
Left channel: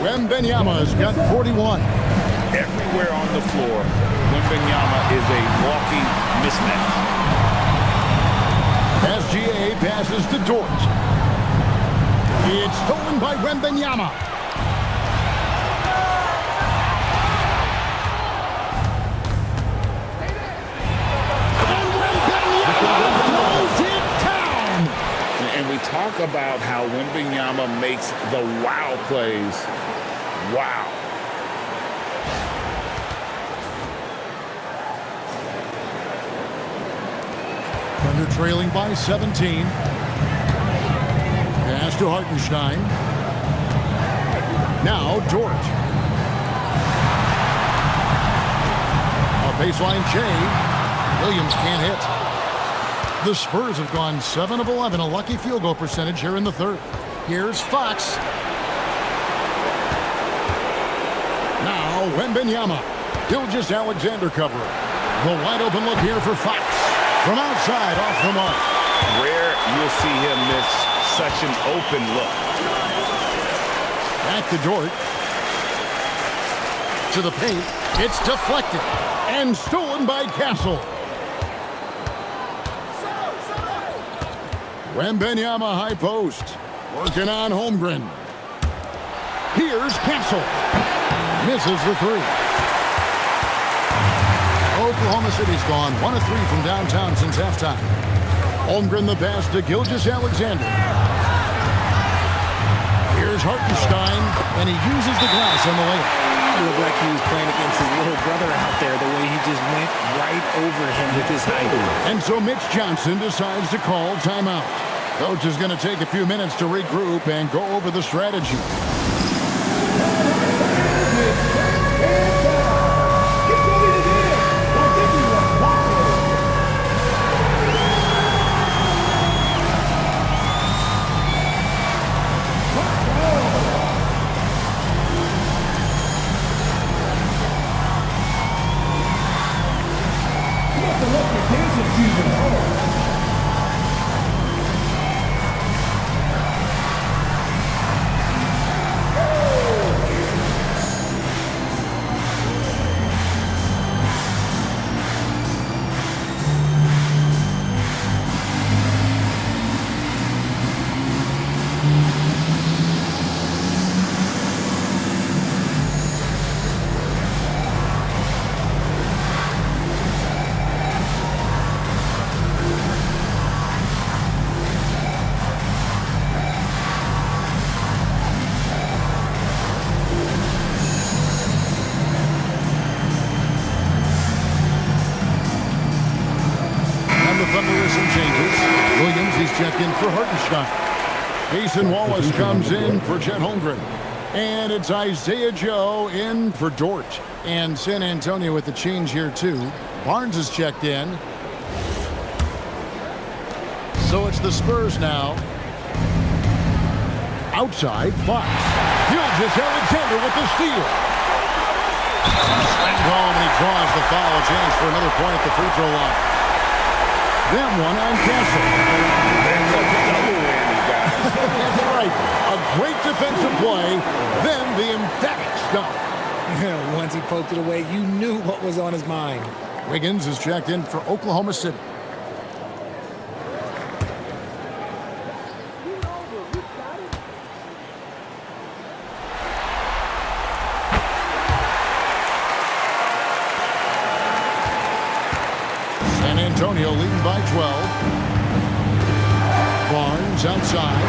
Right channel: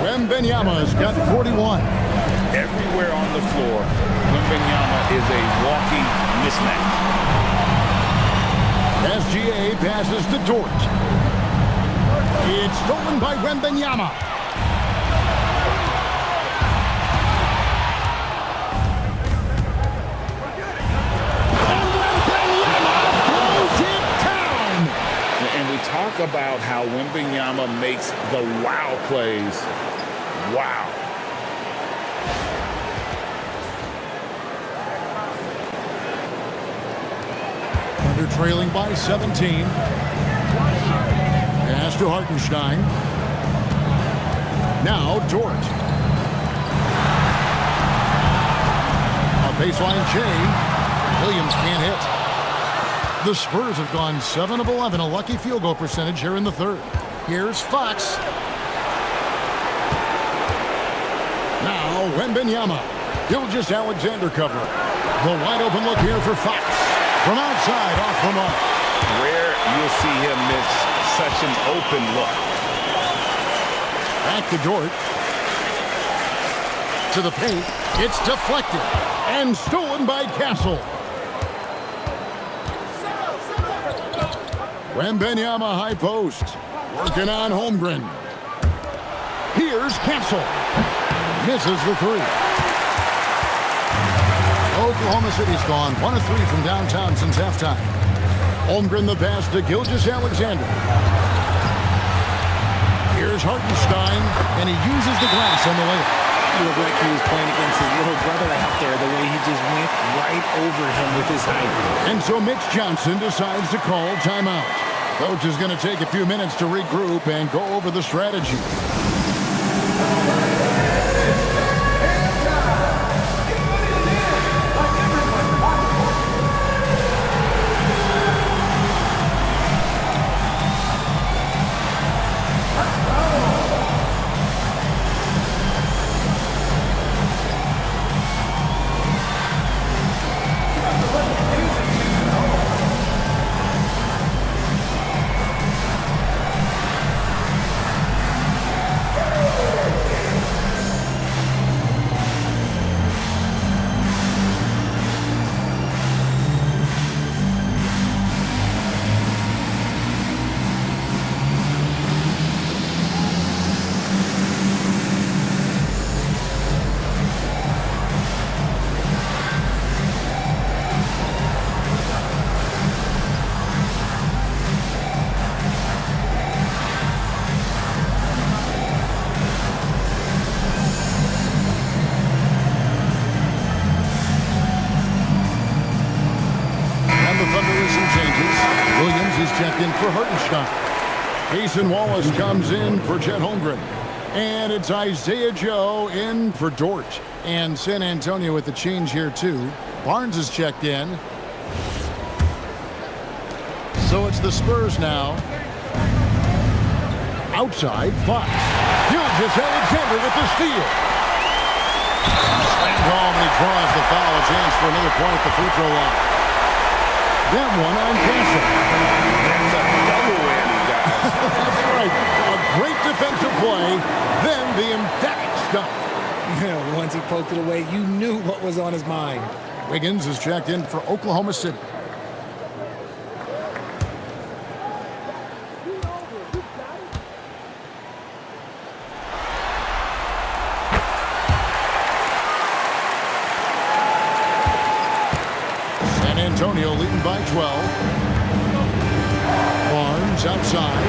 Wembanyama's got 41. Everywhere on the floor, Wembanyama is a walking mismatch. SGA passes to Dort. It's stolen by Wembanyama. And Wembanyama throws it down. And we talk about how Wembanyama makes the wow plays. Wow. Thunder trailing by 17. Pass to Hartenstein. Now Dort. A baseline Jay. Williams can't hit. The Spurs have gone 7 of 11, a lucky field goal percentage here in the third. Here's Fox. Now Wembanyama. Gilgeous-Alexander covering. The wide open look here for Fox. From outside, off the mark. Rare you'll see him miss such an open look. Back to Dort. To the paint. It's deflected. And stolen by Castle. Wembanyama high post. Working on Holmgren. Here's Castle. Misses the three. Oklahoma City's gone 1 of 3 from downtown since halftime. Holmgren the pass to Gilgeous-Alexander. Here's Hartenstein, and he uses the glass on the layup. It looked like he was playing against his little brother out there, the way he just went right over him with his height. And so Mitch Johnson decides to call timeout. Coach is going to take a few minutes to regroup and go over the strategy. The Thunder with some changes. Williams, he's checked in for Hartenstein. Cason Wallace comes in for Chet Holmgren. And it's Isaiah Joe in for Dort. And San Antonio with the change here, too. Barnes is checked in. So it's the Spurs now. Outside, Fox. Gilgeous-Alexander with the steal. Slammed home, and he draws the foul. A chance for another point at the free throw line. That one on Castle. That's a double whammy, guys. That's right. A great defensive play, then the emphatic stuff. Once he poked it away, you knew what was on his mind. Wiggins is checked in for Oklahoma City. San Antonio leading by 12. Barnes outside.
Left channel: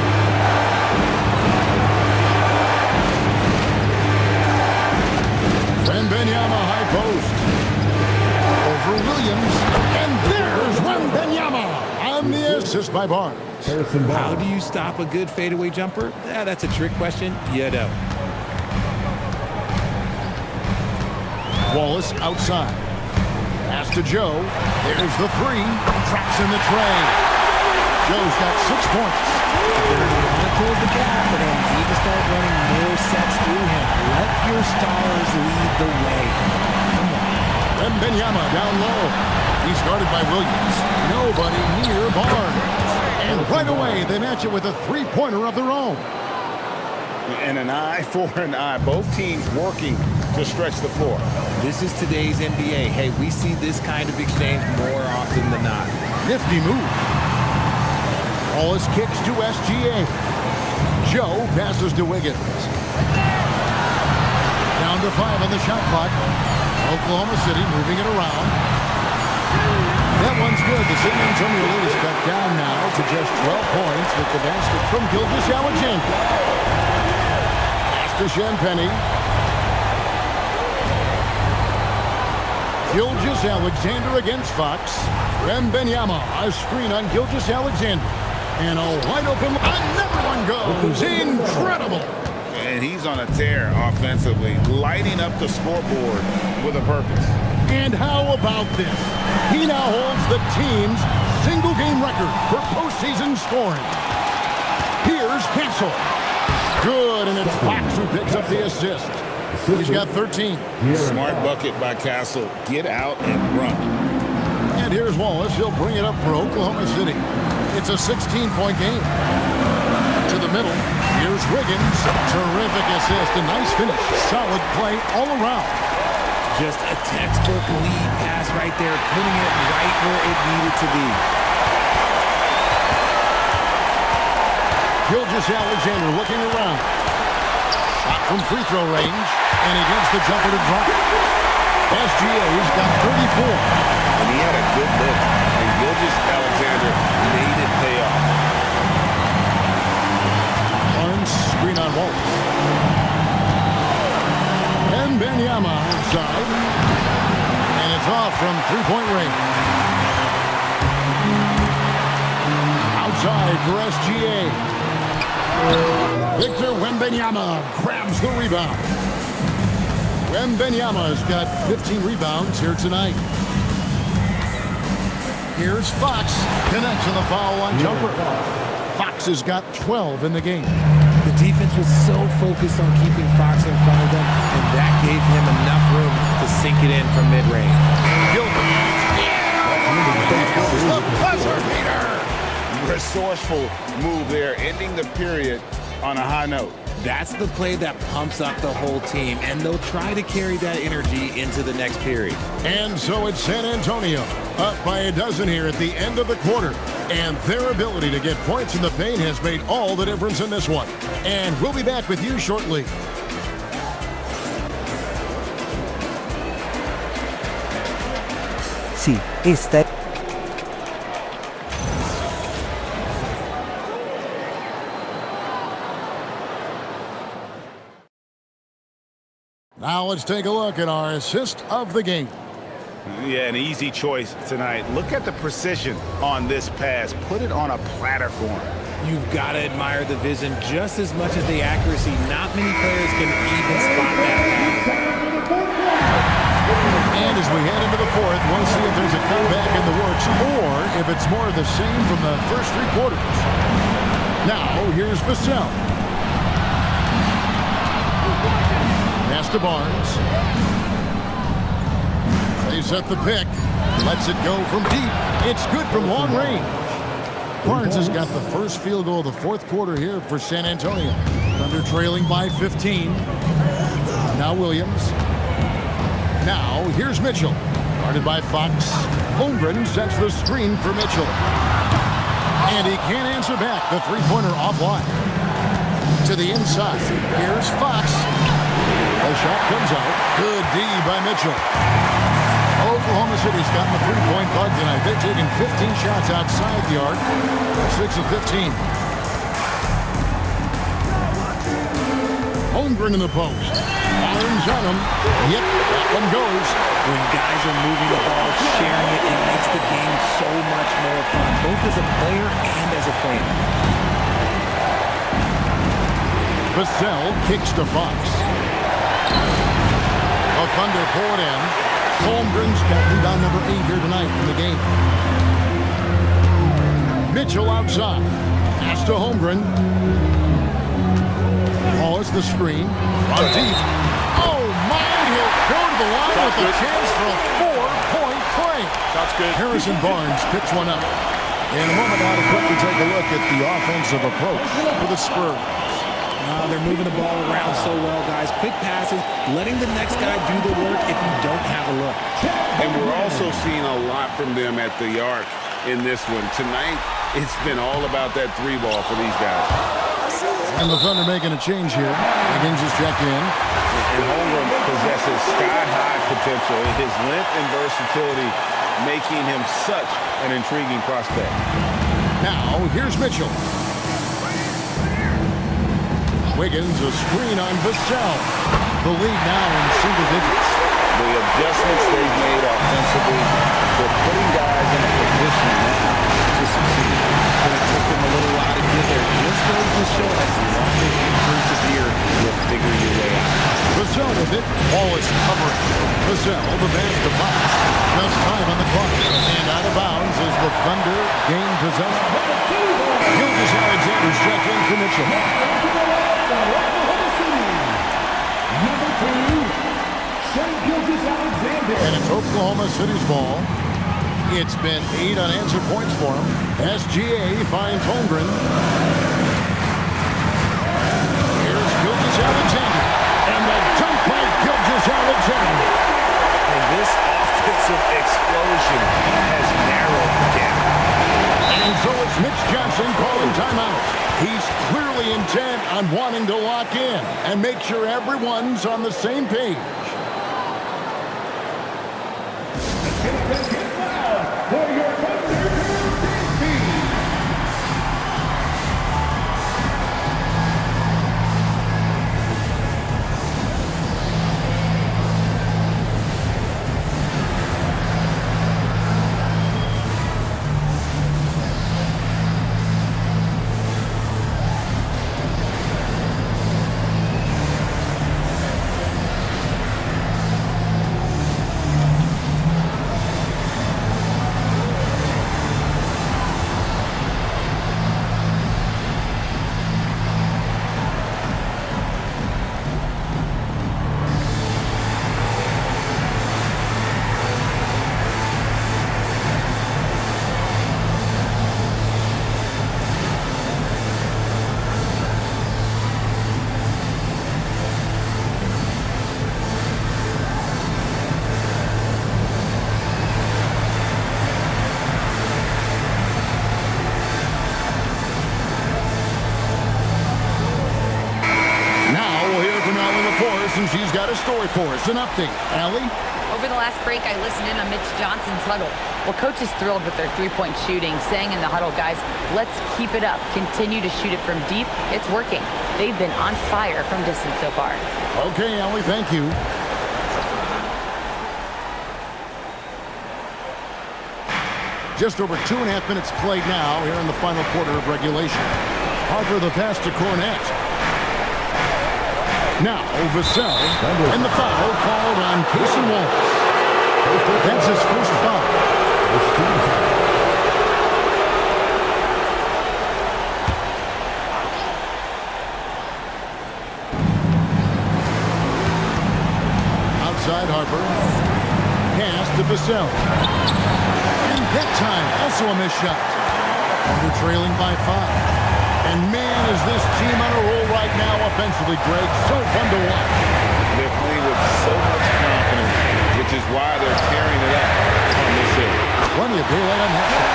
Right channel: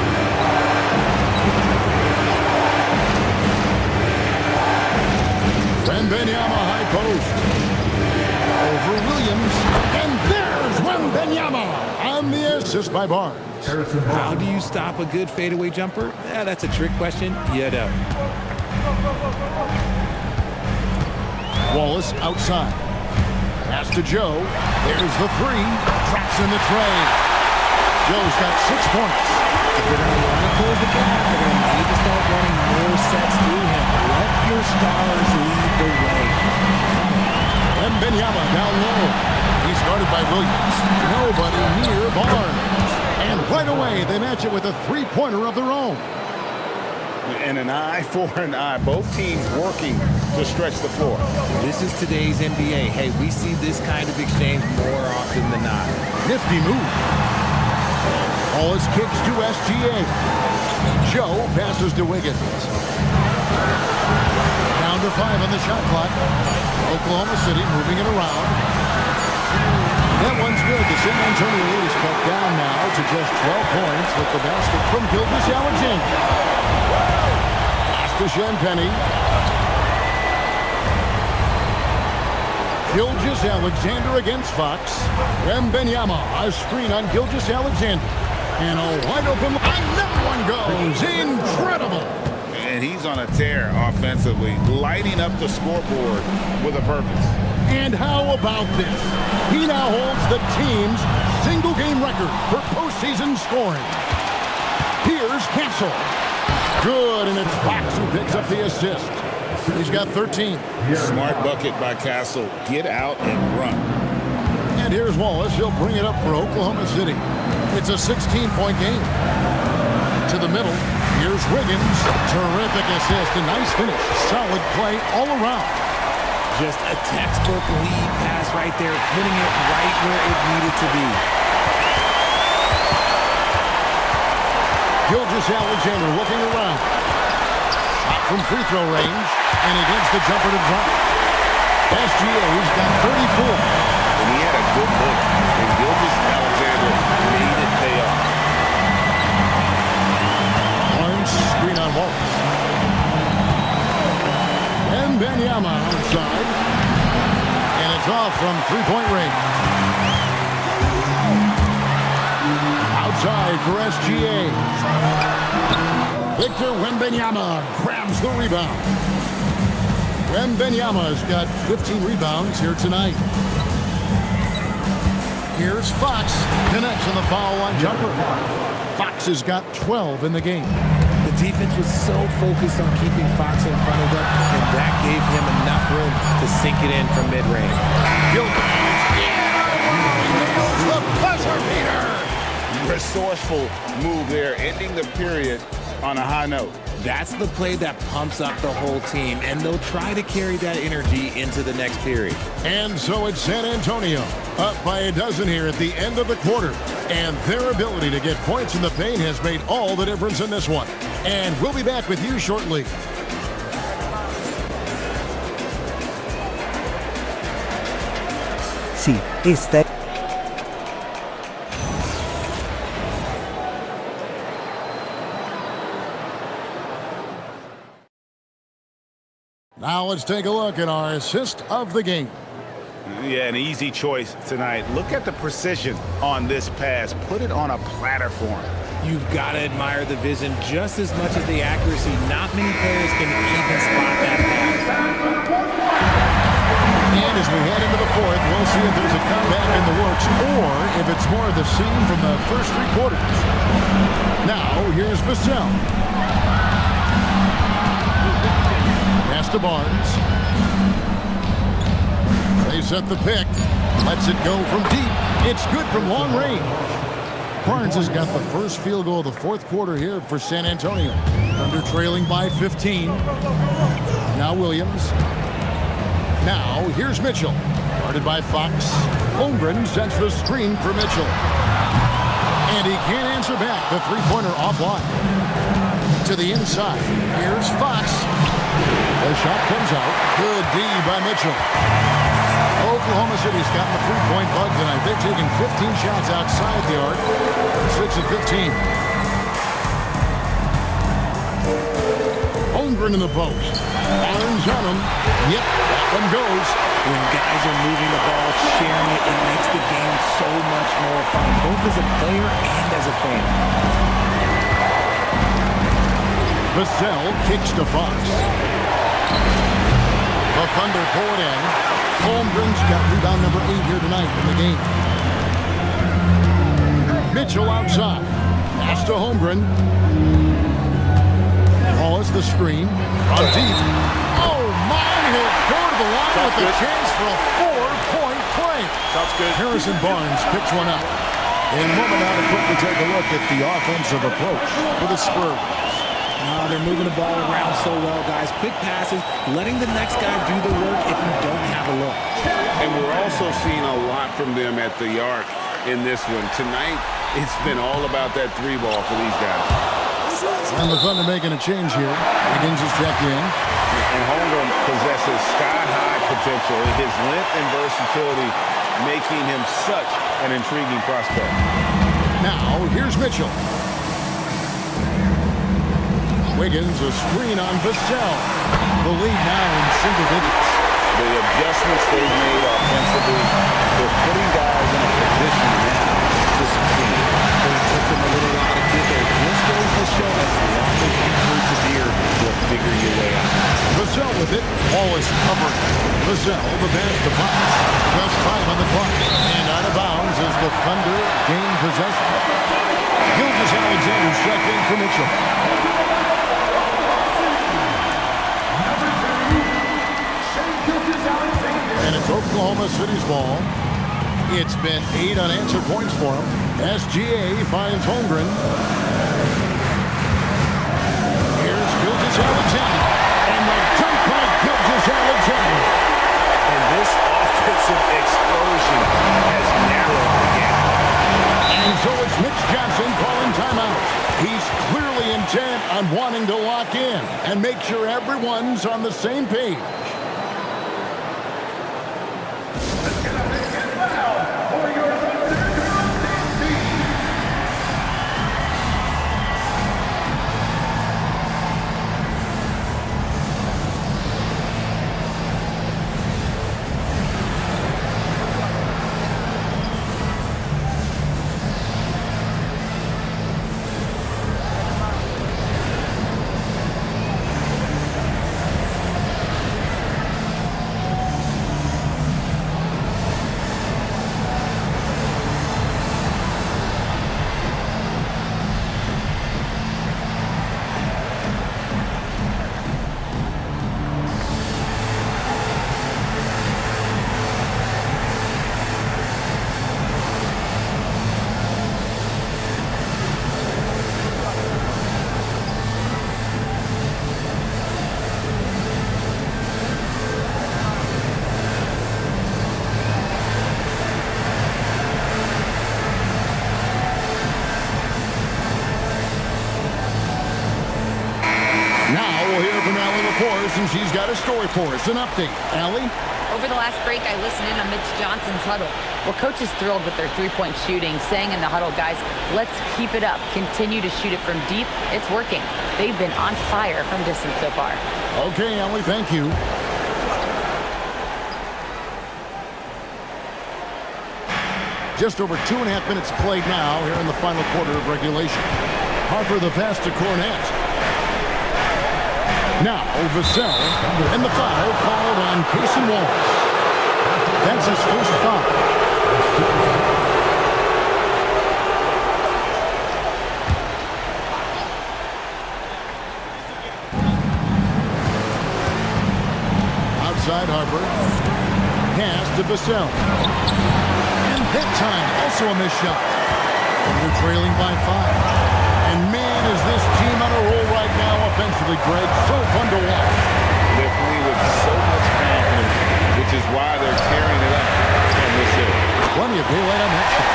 Wembanyama high post. Over Williams. And there's Wembanyama on the assist by Barnes. How do you stop a good fadeaway jumper? That's a trick question. You don't. Wallace outside. Pass to Joe. There's the three. Drops in the tray. Joe's got 6 points. If they're going to want to close the gap, they're going to need to start running more sets through him. Let your stars lead the way. Come on. Wembanyama down low. He's guarded by Williams. Nobody near Barnes. And right away, they match it with a three-pointer of their own. And an eye for an eye. Both teams working to stretch the floor. This is today's NBA. Hey, we see this kind of exchange more often than not. Nifty move. Wallace kicks to SGA. Joe passes to Wiggins. Down to 5 on the shot clock. Oklahoma City moving it around. That one's good. The San Antonio lead is cut down now to just 12 points with the basket from Gilgeous-Alexander. Pass to Champagny. Gilgeous-Alexander against Fox. Wembanyama, a screen on Gilgeous-Alexander. And a wide open, another one goes. Incredible. And he's on a tear offensively, lighting up the scoreboard with a purpose. And how about this? He now holds the team's single-game record for postseason scoring. Here's Castle. Good, and it's Fox who picks up the assist. He's got 13. Smart bucket by Castle. Get out and run. And here's Wallace. He'll bring it up for Oklahoma City. It's a 16-point game. To the middle. Here's Wiggins. Terrific assist. A nice finish. Solid play all around. Just a textbook lead pass right there, putting it right where it needed to be. Gilgeous-Alexander looking around. Shot from free throw range. And he gets the jumper to drop. SGA's got 34. And he had a good look. And Gilgeous-Alexander made it pay off. Barnes screen on Wallace. Wembanyama outside. And it's off from three-point range. Outside for SGA. Victor Wembanyama grabs the rebound. Wembanyama's got 15 rebounds here tonight. Here's Fox. Connects on the foul line jumper. Fox has got 12 in the game. The defense was so focused on keeping Fox in front of them, and that gave him enough room to sink it in from mid-range. Gilgeous. He nails the buzzer beater. Resourceful move there, ending the period on a high note. That's the play that pumps up the whole team, and they'll try to carry that energy into the next period. And so it's San Antonio, up by a dozen here at the end of the quarter. And their ability to get points in the paint has made all the difference in this one. And we'll be back with you shortly. Sí, esta. Now let's take a look at our assist of the game. Yeah, an easy choice tonight. Look at the precision on this pass. Put it on a platter form. You've got to admire the vision just as much as the accuracy. Not many players can even spot that pass. And as we head into the fourth, we'll see if there's a comeback in the works or if it's more of the same from the first three quarters. Now, here's Vassell. Pass to Barnes. They set the pick. Lets it go from deep. It's good from long range. Barnes has got the first field goal of the fourth quarter here for San Antonio. Thunder trailing by 15. Now Williams. Now here's Mitchell. Guarded by Fox. Holmgren sets the screen for Mitchell. And he can't answer back. The three-pointer offline. To the inside. Here's Fox. The shot comes out. Good D by Mitchell. Oklahoma City's gotten the three-point bug tonight. They've taken 15 shots outside the arc. 6 of 15. Holmgren in the post. Barnes on him. Yep, that one goes. When guys are moving the ball, sharing it, it makes the game so much more fun, both as a player and as a fan. Vassell kicks to Fox. The Thunder pull it in. Holmgren's got rebound number 8 here tonight in the game. Mitchell outside. Pass to Holmgren. Wallace the screen. From deep. Oh my, he'll go to the line with a chance for a 4-point play. Sounds good. Harrison Barnes picks one up. In a moment now to quickly take a look at the offensive approach for the Spurs. They're moving the ball around so well, guys. Quick passes, letting the next guy do the work if you don't have a look. And we're also seeing a lot from them at the arc in this one. Tonight, it's been all about that three ball for these guys. And the Thunder making a change here. Wiggins is checked in. And Holmgren possesses sky-high potential. His length and versatility making him such an intriguing prospect. Now, here's Mitchell. Wiggins, a screen on Vassell. The lead now in single digits. The adjustments they've made offensively, they're putting guys in a position now to succeed. But it took them a little while to get there. Just goes to show as long as you persevere, you'll figure your way out. Vassell with it. Wallace covering. Vassell, the pass to Fox. Just 5 on the clock. And out of bounds as the Thunder gain possession. Gilgeous-Alexander's checked in for Mitchell. And it's Oklahoma City's ball. It's been 8 unanswered points for him. SGA finds Holmgren. Here's Gilgeous-Alexander. And the dunk by Gilgeous-Alexander. And this offensive explosion has narrowed the gap. And so it's Mitch Johnson calling timeout. He's clearly intent on wanting to lock in and make sure everyone's on the same page. Now we'll hear from Allie LaForce, and she's got a story for us. An update. Allie? Over the last break, I listened in on Mitch Johnson's huddle. Well, coach is thrilled with their three-point shooting, saying in the huddle, guys, let's keep it up. Continue to shoot it from deep. It's working. They've been on fire from distance so far. Okay, Allie, thank you. Just over 2.5 minutes played now here in the final quarter of regulation. Harper the pass to Cornette. Now Vassell, and the foul called on Cason Wallace. That's his first foul. Outside Harper. Pass to Vassell. And that time, also a missed shot. Thunder trailing by 5. And man, is this team on a roll right now offensively, Greg. So fun to watch. They're playing with so much confidence, which is why they're tearing it up on this hill. Plenty of daylight on that shot.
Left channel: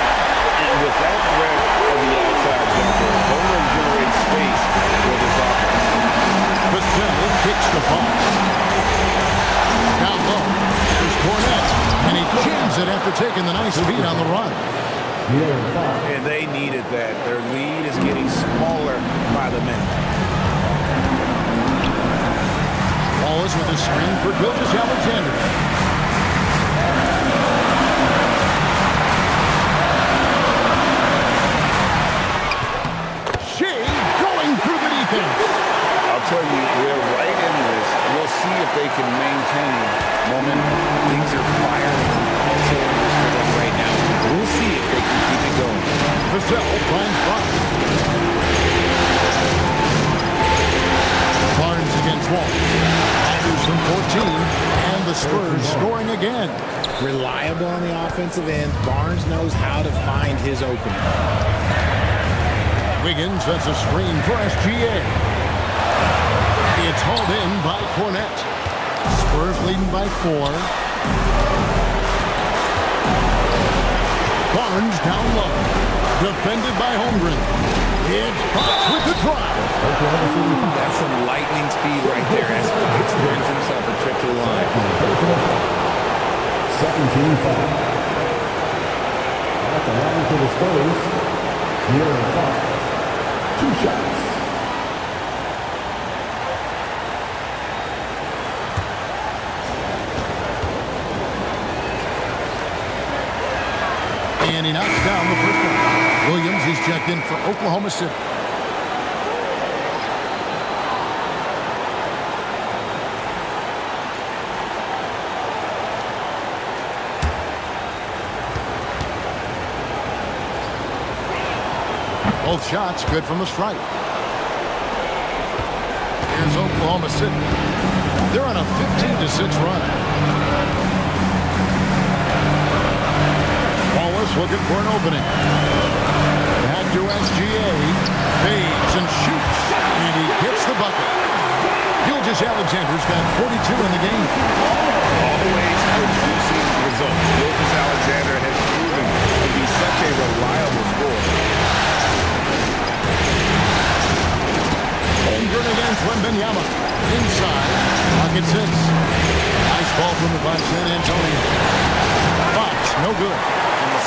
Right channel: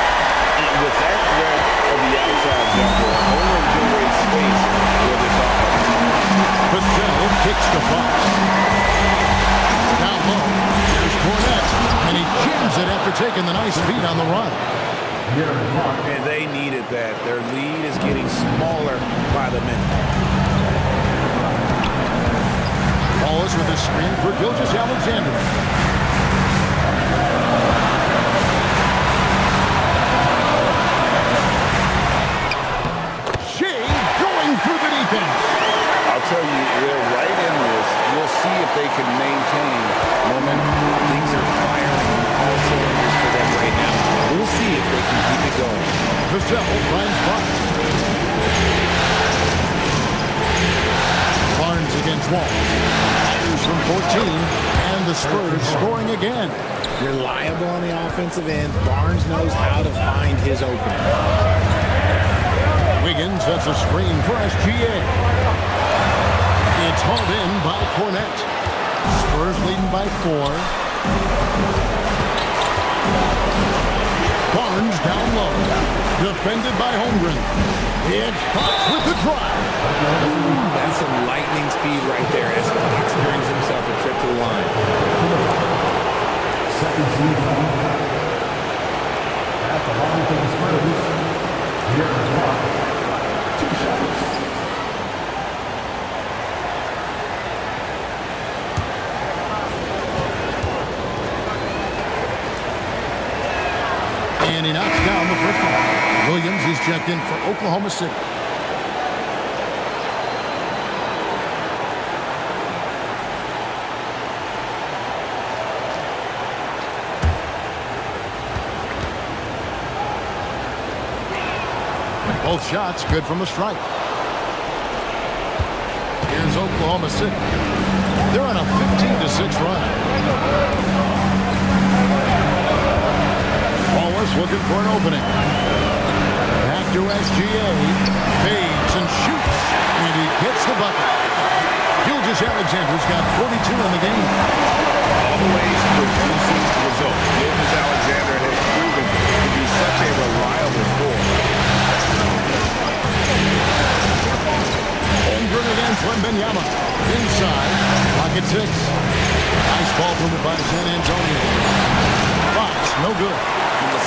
And with that threat of the outside jumper, Holmgren generates space for this offense. Vassell kicks to Fox. Down low, here's Cornette. And he jams it after taking the nice feed on the run. And they needed that. Their lead is getting smaller by the minute. Wallace with a screen for Gilgeous-Alexander. Shea going through the defense. I'll tell you, they're right in this. We'll see if they can maintain momentum. Things are firing on all cylinders for them right now. We'll see if they can keep it going. Vassell finds Fox. Barnes against Wallace. Fires from 14, and the Spurs scoring again. Reliable on the offensive end. Barnes knows how to find his opening. Wiggins sets a screen for SGA. It's hauled in by Cornette. Spurs leading by 4. Barnes down low. Defended by Holmgren. It's Fox with the drive. That's some lightning speed right there as Fox brings himself a trip to the line. Second team foul. At the line for the Spurs. Here in 5. 2 shots. And he knocks down the first one. Williams is checked in for Oklahoma City. Both shots good from the stripe. Here's Oklahoma City. They're on a 15-6 run. Wallace looking for an opening. Back to SGA. Fades and shoots. And he gets the bucket. Gilgeous-Alexander's got 42 in the game. Always producing results. Gilgeous-Alexander has proven to be such a reliable scorer. Holmgren against Wembanyama. Inside. Pocket 6. Nice ball movement by San Antonio. Fox, no good.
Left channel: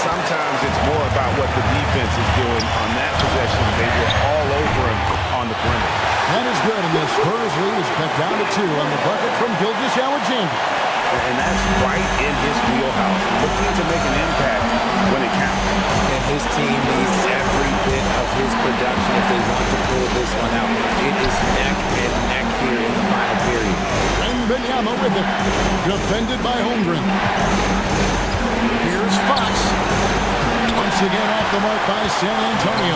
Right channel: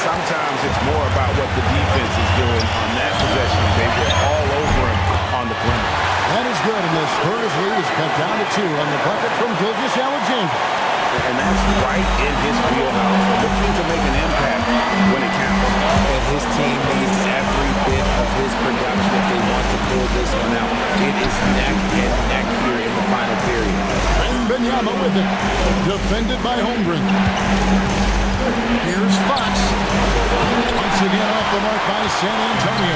Sometimes it's more about what the defense is doing on that possession. They were all over him on the perimeter. That is good, and the Spurs lead is cut down to 2 on the bucket from Gilgeous-Alexander. And that's right in his wheelhouse, looking to make an impact when it counts. And his team needs every bit of his production if they want to pull this one out. It is neck and neck here in the final period. Wembanyama with it. Defended by Holmgren. Here's Fox. Once again off the mark by San Antonio.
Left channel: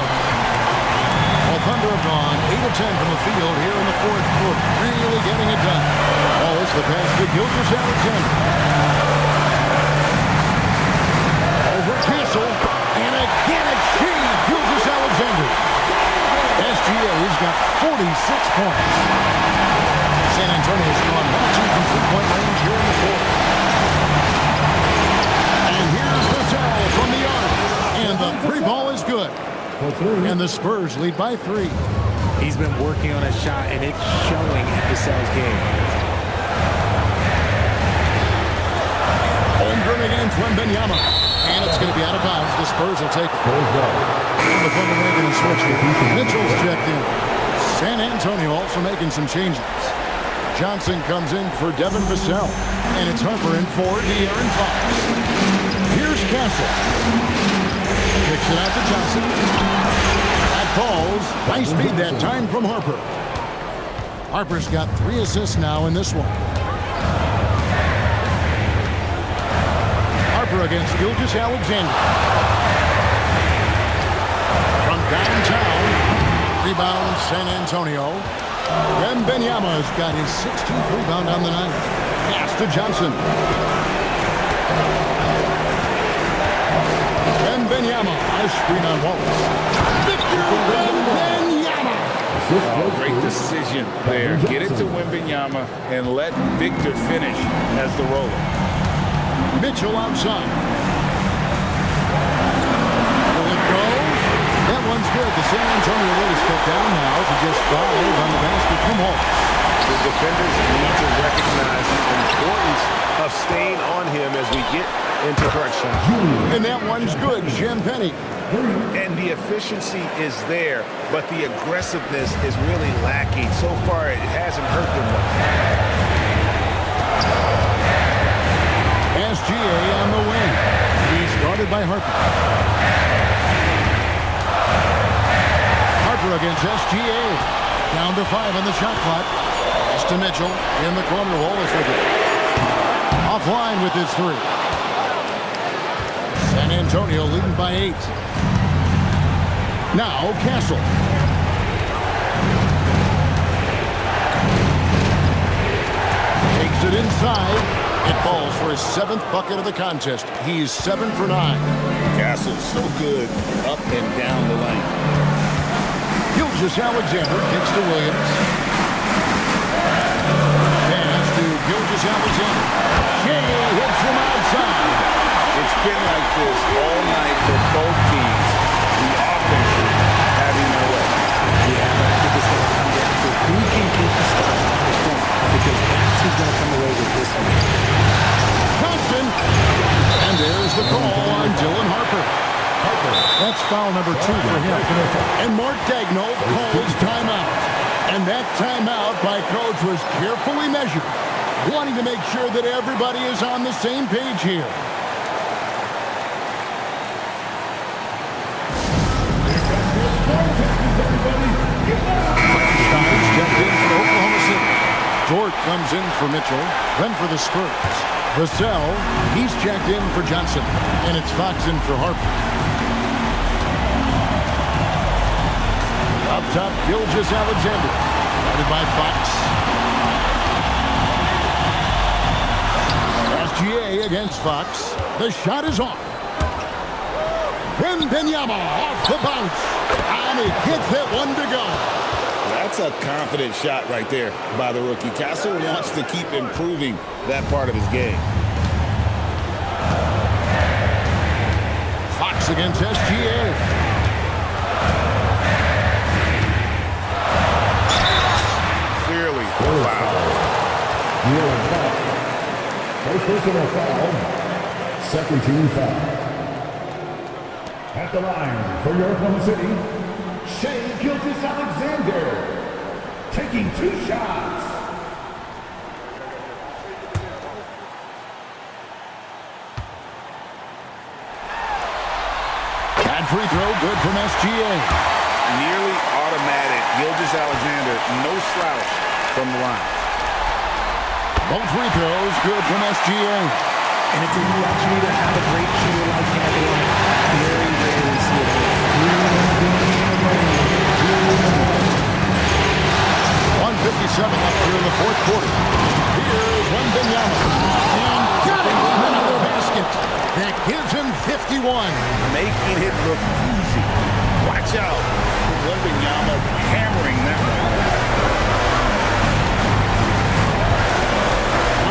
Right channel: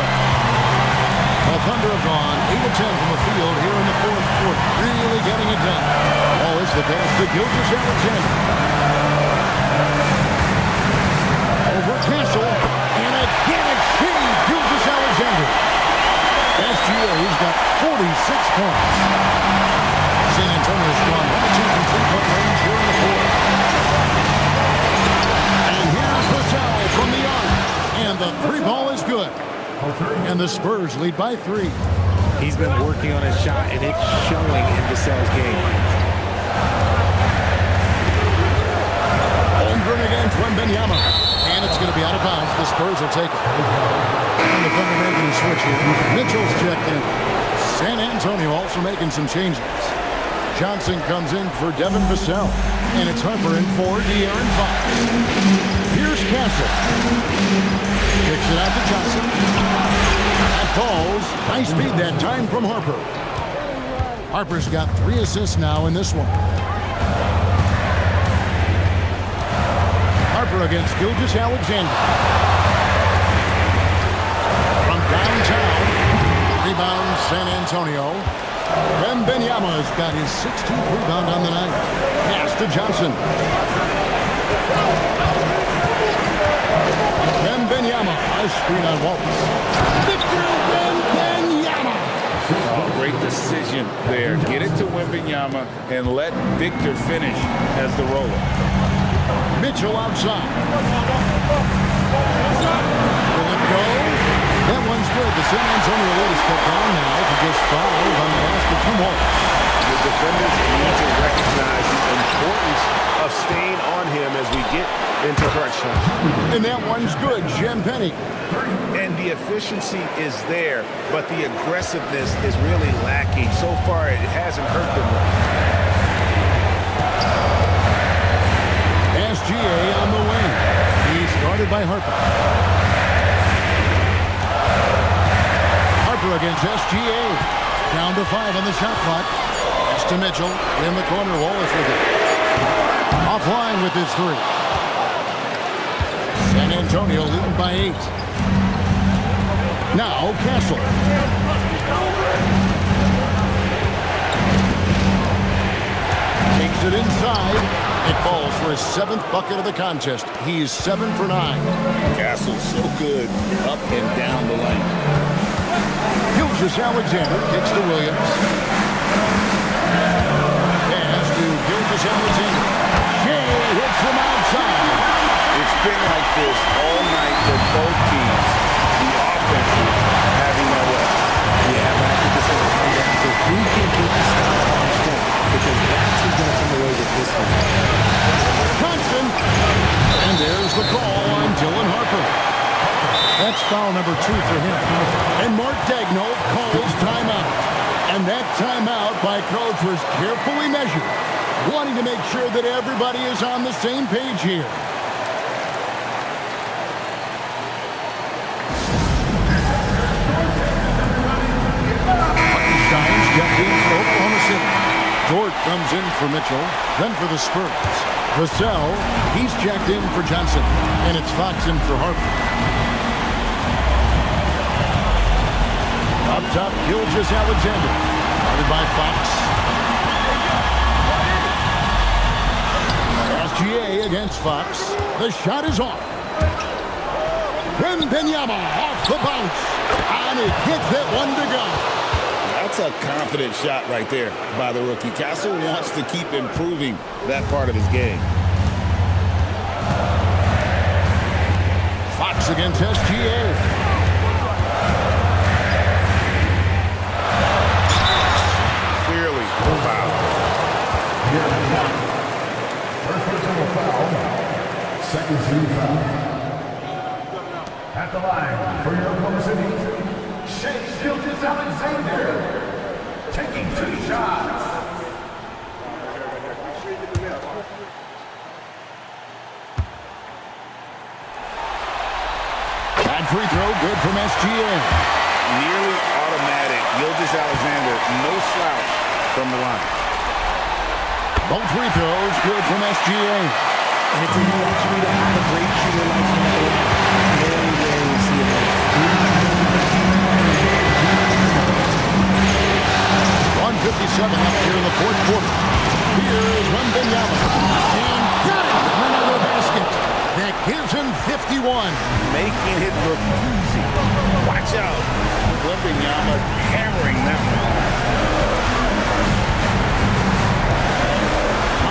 The Thunder have gone 8 of 10 from the field here in the fourth quarter. Really getting it done. Wallace the pass to Gilgeous-Alexander. Over Castle. And again it's she, Gilgeous-Alexander. SGA's got 46 points. San Antonio's gone 1 of 2 from three-point range here in the fourth. And here's the foul from the arc. And the 3-ball is good. And the Spurs lead by 3. He's been working on his shot, and it's showing in Vassell's game. Holmgren against Wembanyama. And it's going to be out of bounds. The Spurs will take it. And the Thunder making a switch here. Mitchell's checked in. San Antonio also making some changes. Johnson comes in for Devin Vassell. And it's Harper in for De'Aaron Fox. Here's Castle. Kicks it out to Johnson. That falls. Nice feed that time from Harper. Harper's got 3 assists now in this one. Harper against Gilgeous-Alexander. From downtown. Rebound San Antonio. Wembanyama's got his 16th rebound on the night. Pass to Johnson. Wembanyama, a screen on Wallace. Victor Wembanyama. Oh, great decision there. Get it to Wembanyama and let Victor finish as the roller. Mitchell outside. Will it go? That one's good. The San Antonio lead is cut down now to just 5 on the basket from Wallace. The defenders need to recognize the importance of staying on him as we get into crunch time. And that one's good, Jim Penny. And the efficiency is there, but the aggressiveness is really lacking. So far, it hasn't hurt them though. SGA on the wing. He's guarded by Harper. Harper against SGA. Down to 5 on the shot clock. Pass to Mitchell. In the corner, Wallace with it. Offline with his 3. San Antonio leading by 8. Now Castle. Takes it inside. It falls for his 7th bucket of the contest. He's 7 for 9. Castle's so good up and down the lane. Gilgeous-Alexander kicks to Williams. Pass to Gilgeous-Alexander. Shea hits from outside. It's been like this all night for both teams. The offenses having their way. Yeah, but I think it's going to come down to who can get the stops down the stretch, because that's who's going to come away with this one. Constant. And there's the call on Dylan Harper. That's foul number 2 for him. And Mark Daigneault calls timeout. And that timeout by coach was carefully measured, wanting to make sure that everybody is on the same page here. Hartenstein's checked in for Oklahoma City. Dort comes in for Mitchell, then for the Spurs. Vassell, he's checked in for Johnson, and it's Fox in for Harper. Up top, Gilgeous-Alexander, guarded by Fox. SGA against Fox. The shot is off. Wembanyama off the bounce, and he gets that one to go. That's a confident shot right there by the rookie. Castle wants to keep improving that part of his game. Fox against SGA. Clearly a foul. First personal foul. Second team foul. At the line for your Oklahoma City, Shea Gilgeous-Alexander, taking 2 shots. That free throw good from SGA. Nearly automatic. Gilgeous-Alexander, no slouch from the line. Both free throws good from SGA. And it's a luxury to have a great shooter like him at the line. Very rarely see it miss. 1:57 left here in the 4th quarter. Here's Wembanyama. And got it! Another basket. That gives him 51. Making it look easy. Watch out. Wembanyama hammering that one home.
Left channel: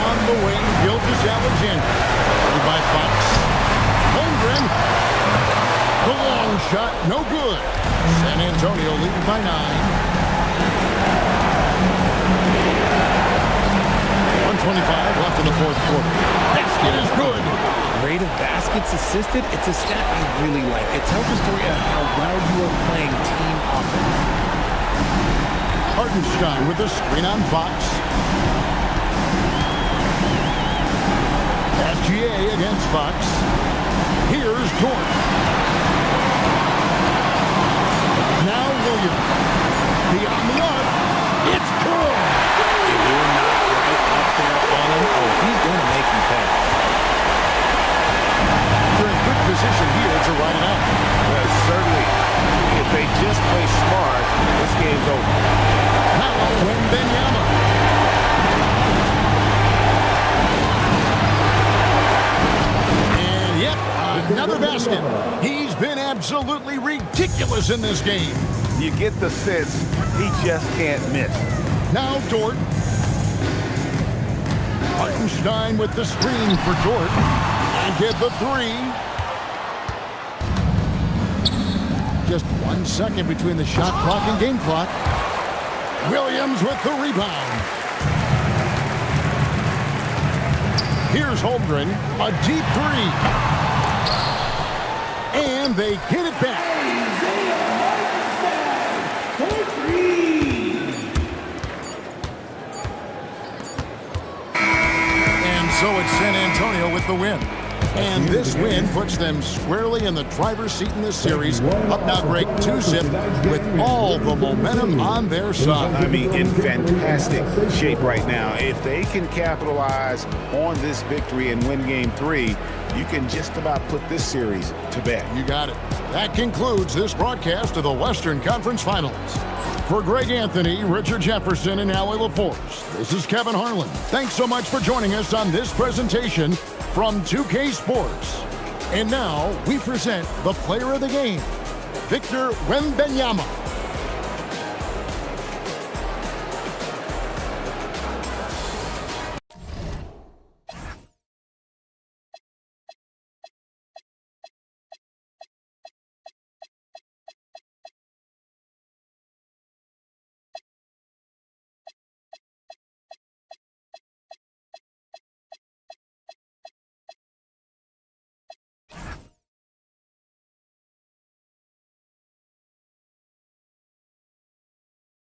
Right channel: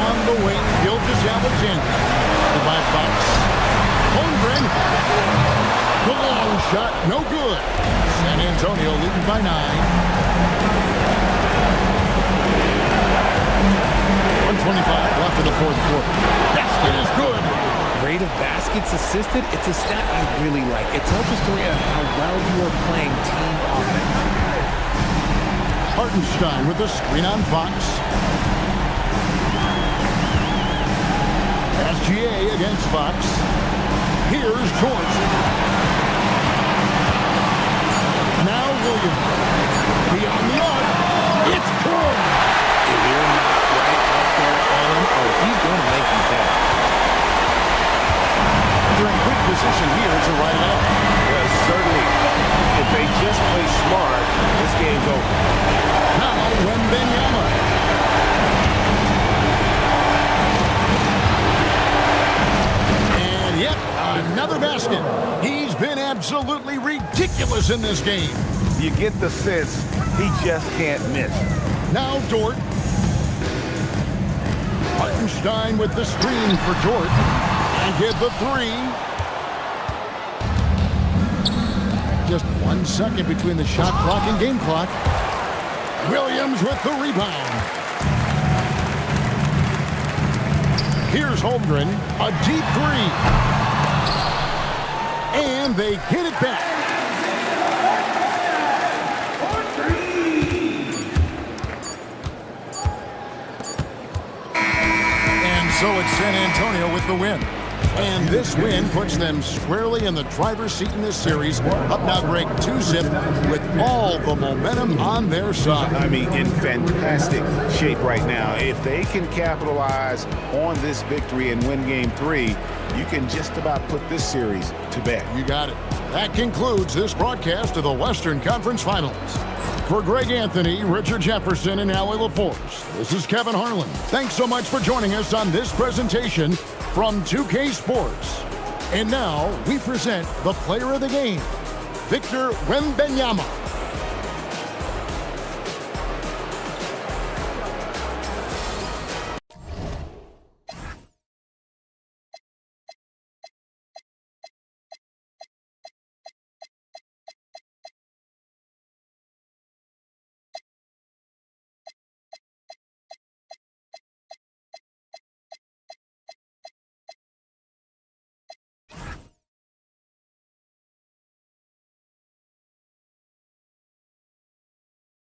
On the wing, Gilgeous-Alexander. Guarded by Fox. Holmgren. The long shot, no good. San Antonio leading by 9. 1:25 left in the 4th quarter. Basket is good. Rate of baskets assisted, it's a stat I really like. It tells the story of how well you are playing team offense. Hartenstein with the screen on Fox. SGA against Fox. Here's Dort. Now Williams. Beyond the arc. It's good. If you're not right up there on him, oh, he's going to make you pay. They're in good position here to ride it out. Certainly. If they just play smart, this game's over. Now Wembanyama. And yep, another basket. He's been absolutely ridiculous in this game. You get the sense he just can't miss. Now Dort. Hartenstein with the screen for Dort. And get the 3. Just 1 second between the shot clock and game clock. Williams with the rebound. Here's Holmgren, a deep 3. And they get it back. And so it's San Antonio with the win. And this win puts them squarely in the driver's seat in this series. Up now, Greg, 2-zip with all the momentum on their side. I mean, in fantastic shape right now. If they can capitalize on this victory and win Game 3, you can just about put this series to bed. You got it. That concludes this broadcast of the Western Conference Finals. For Greg Anthony, Richard Jefferson, and Allie LaForce, this is Kevin Harlan. Thanks so much for joining us on this presentation from 2K Sports. And now we present the player of the game, Victor Wembanyama.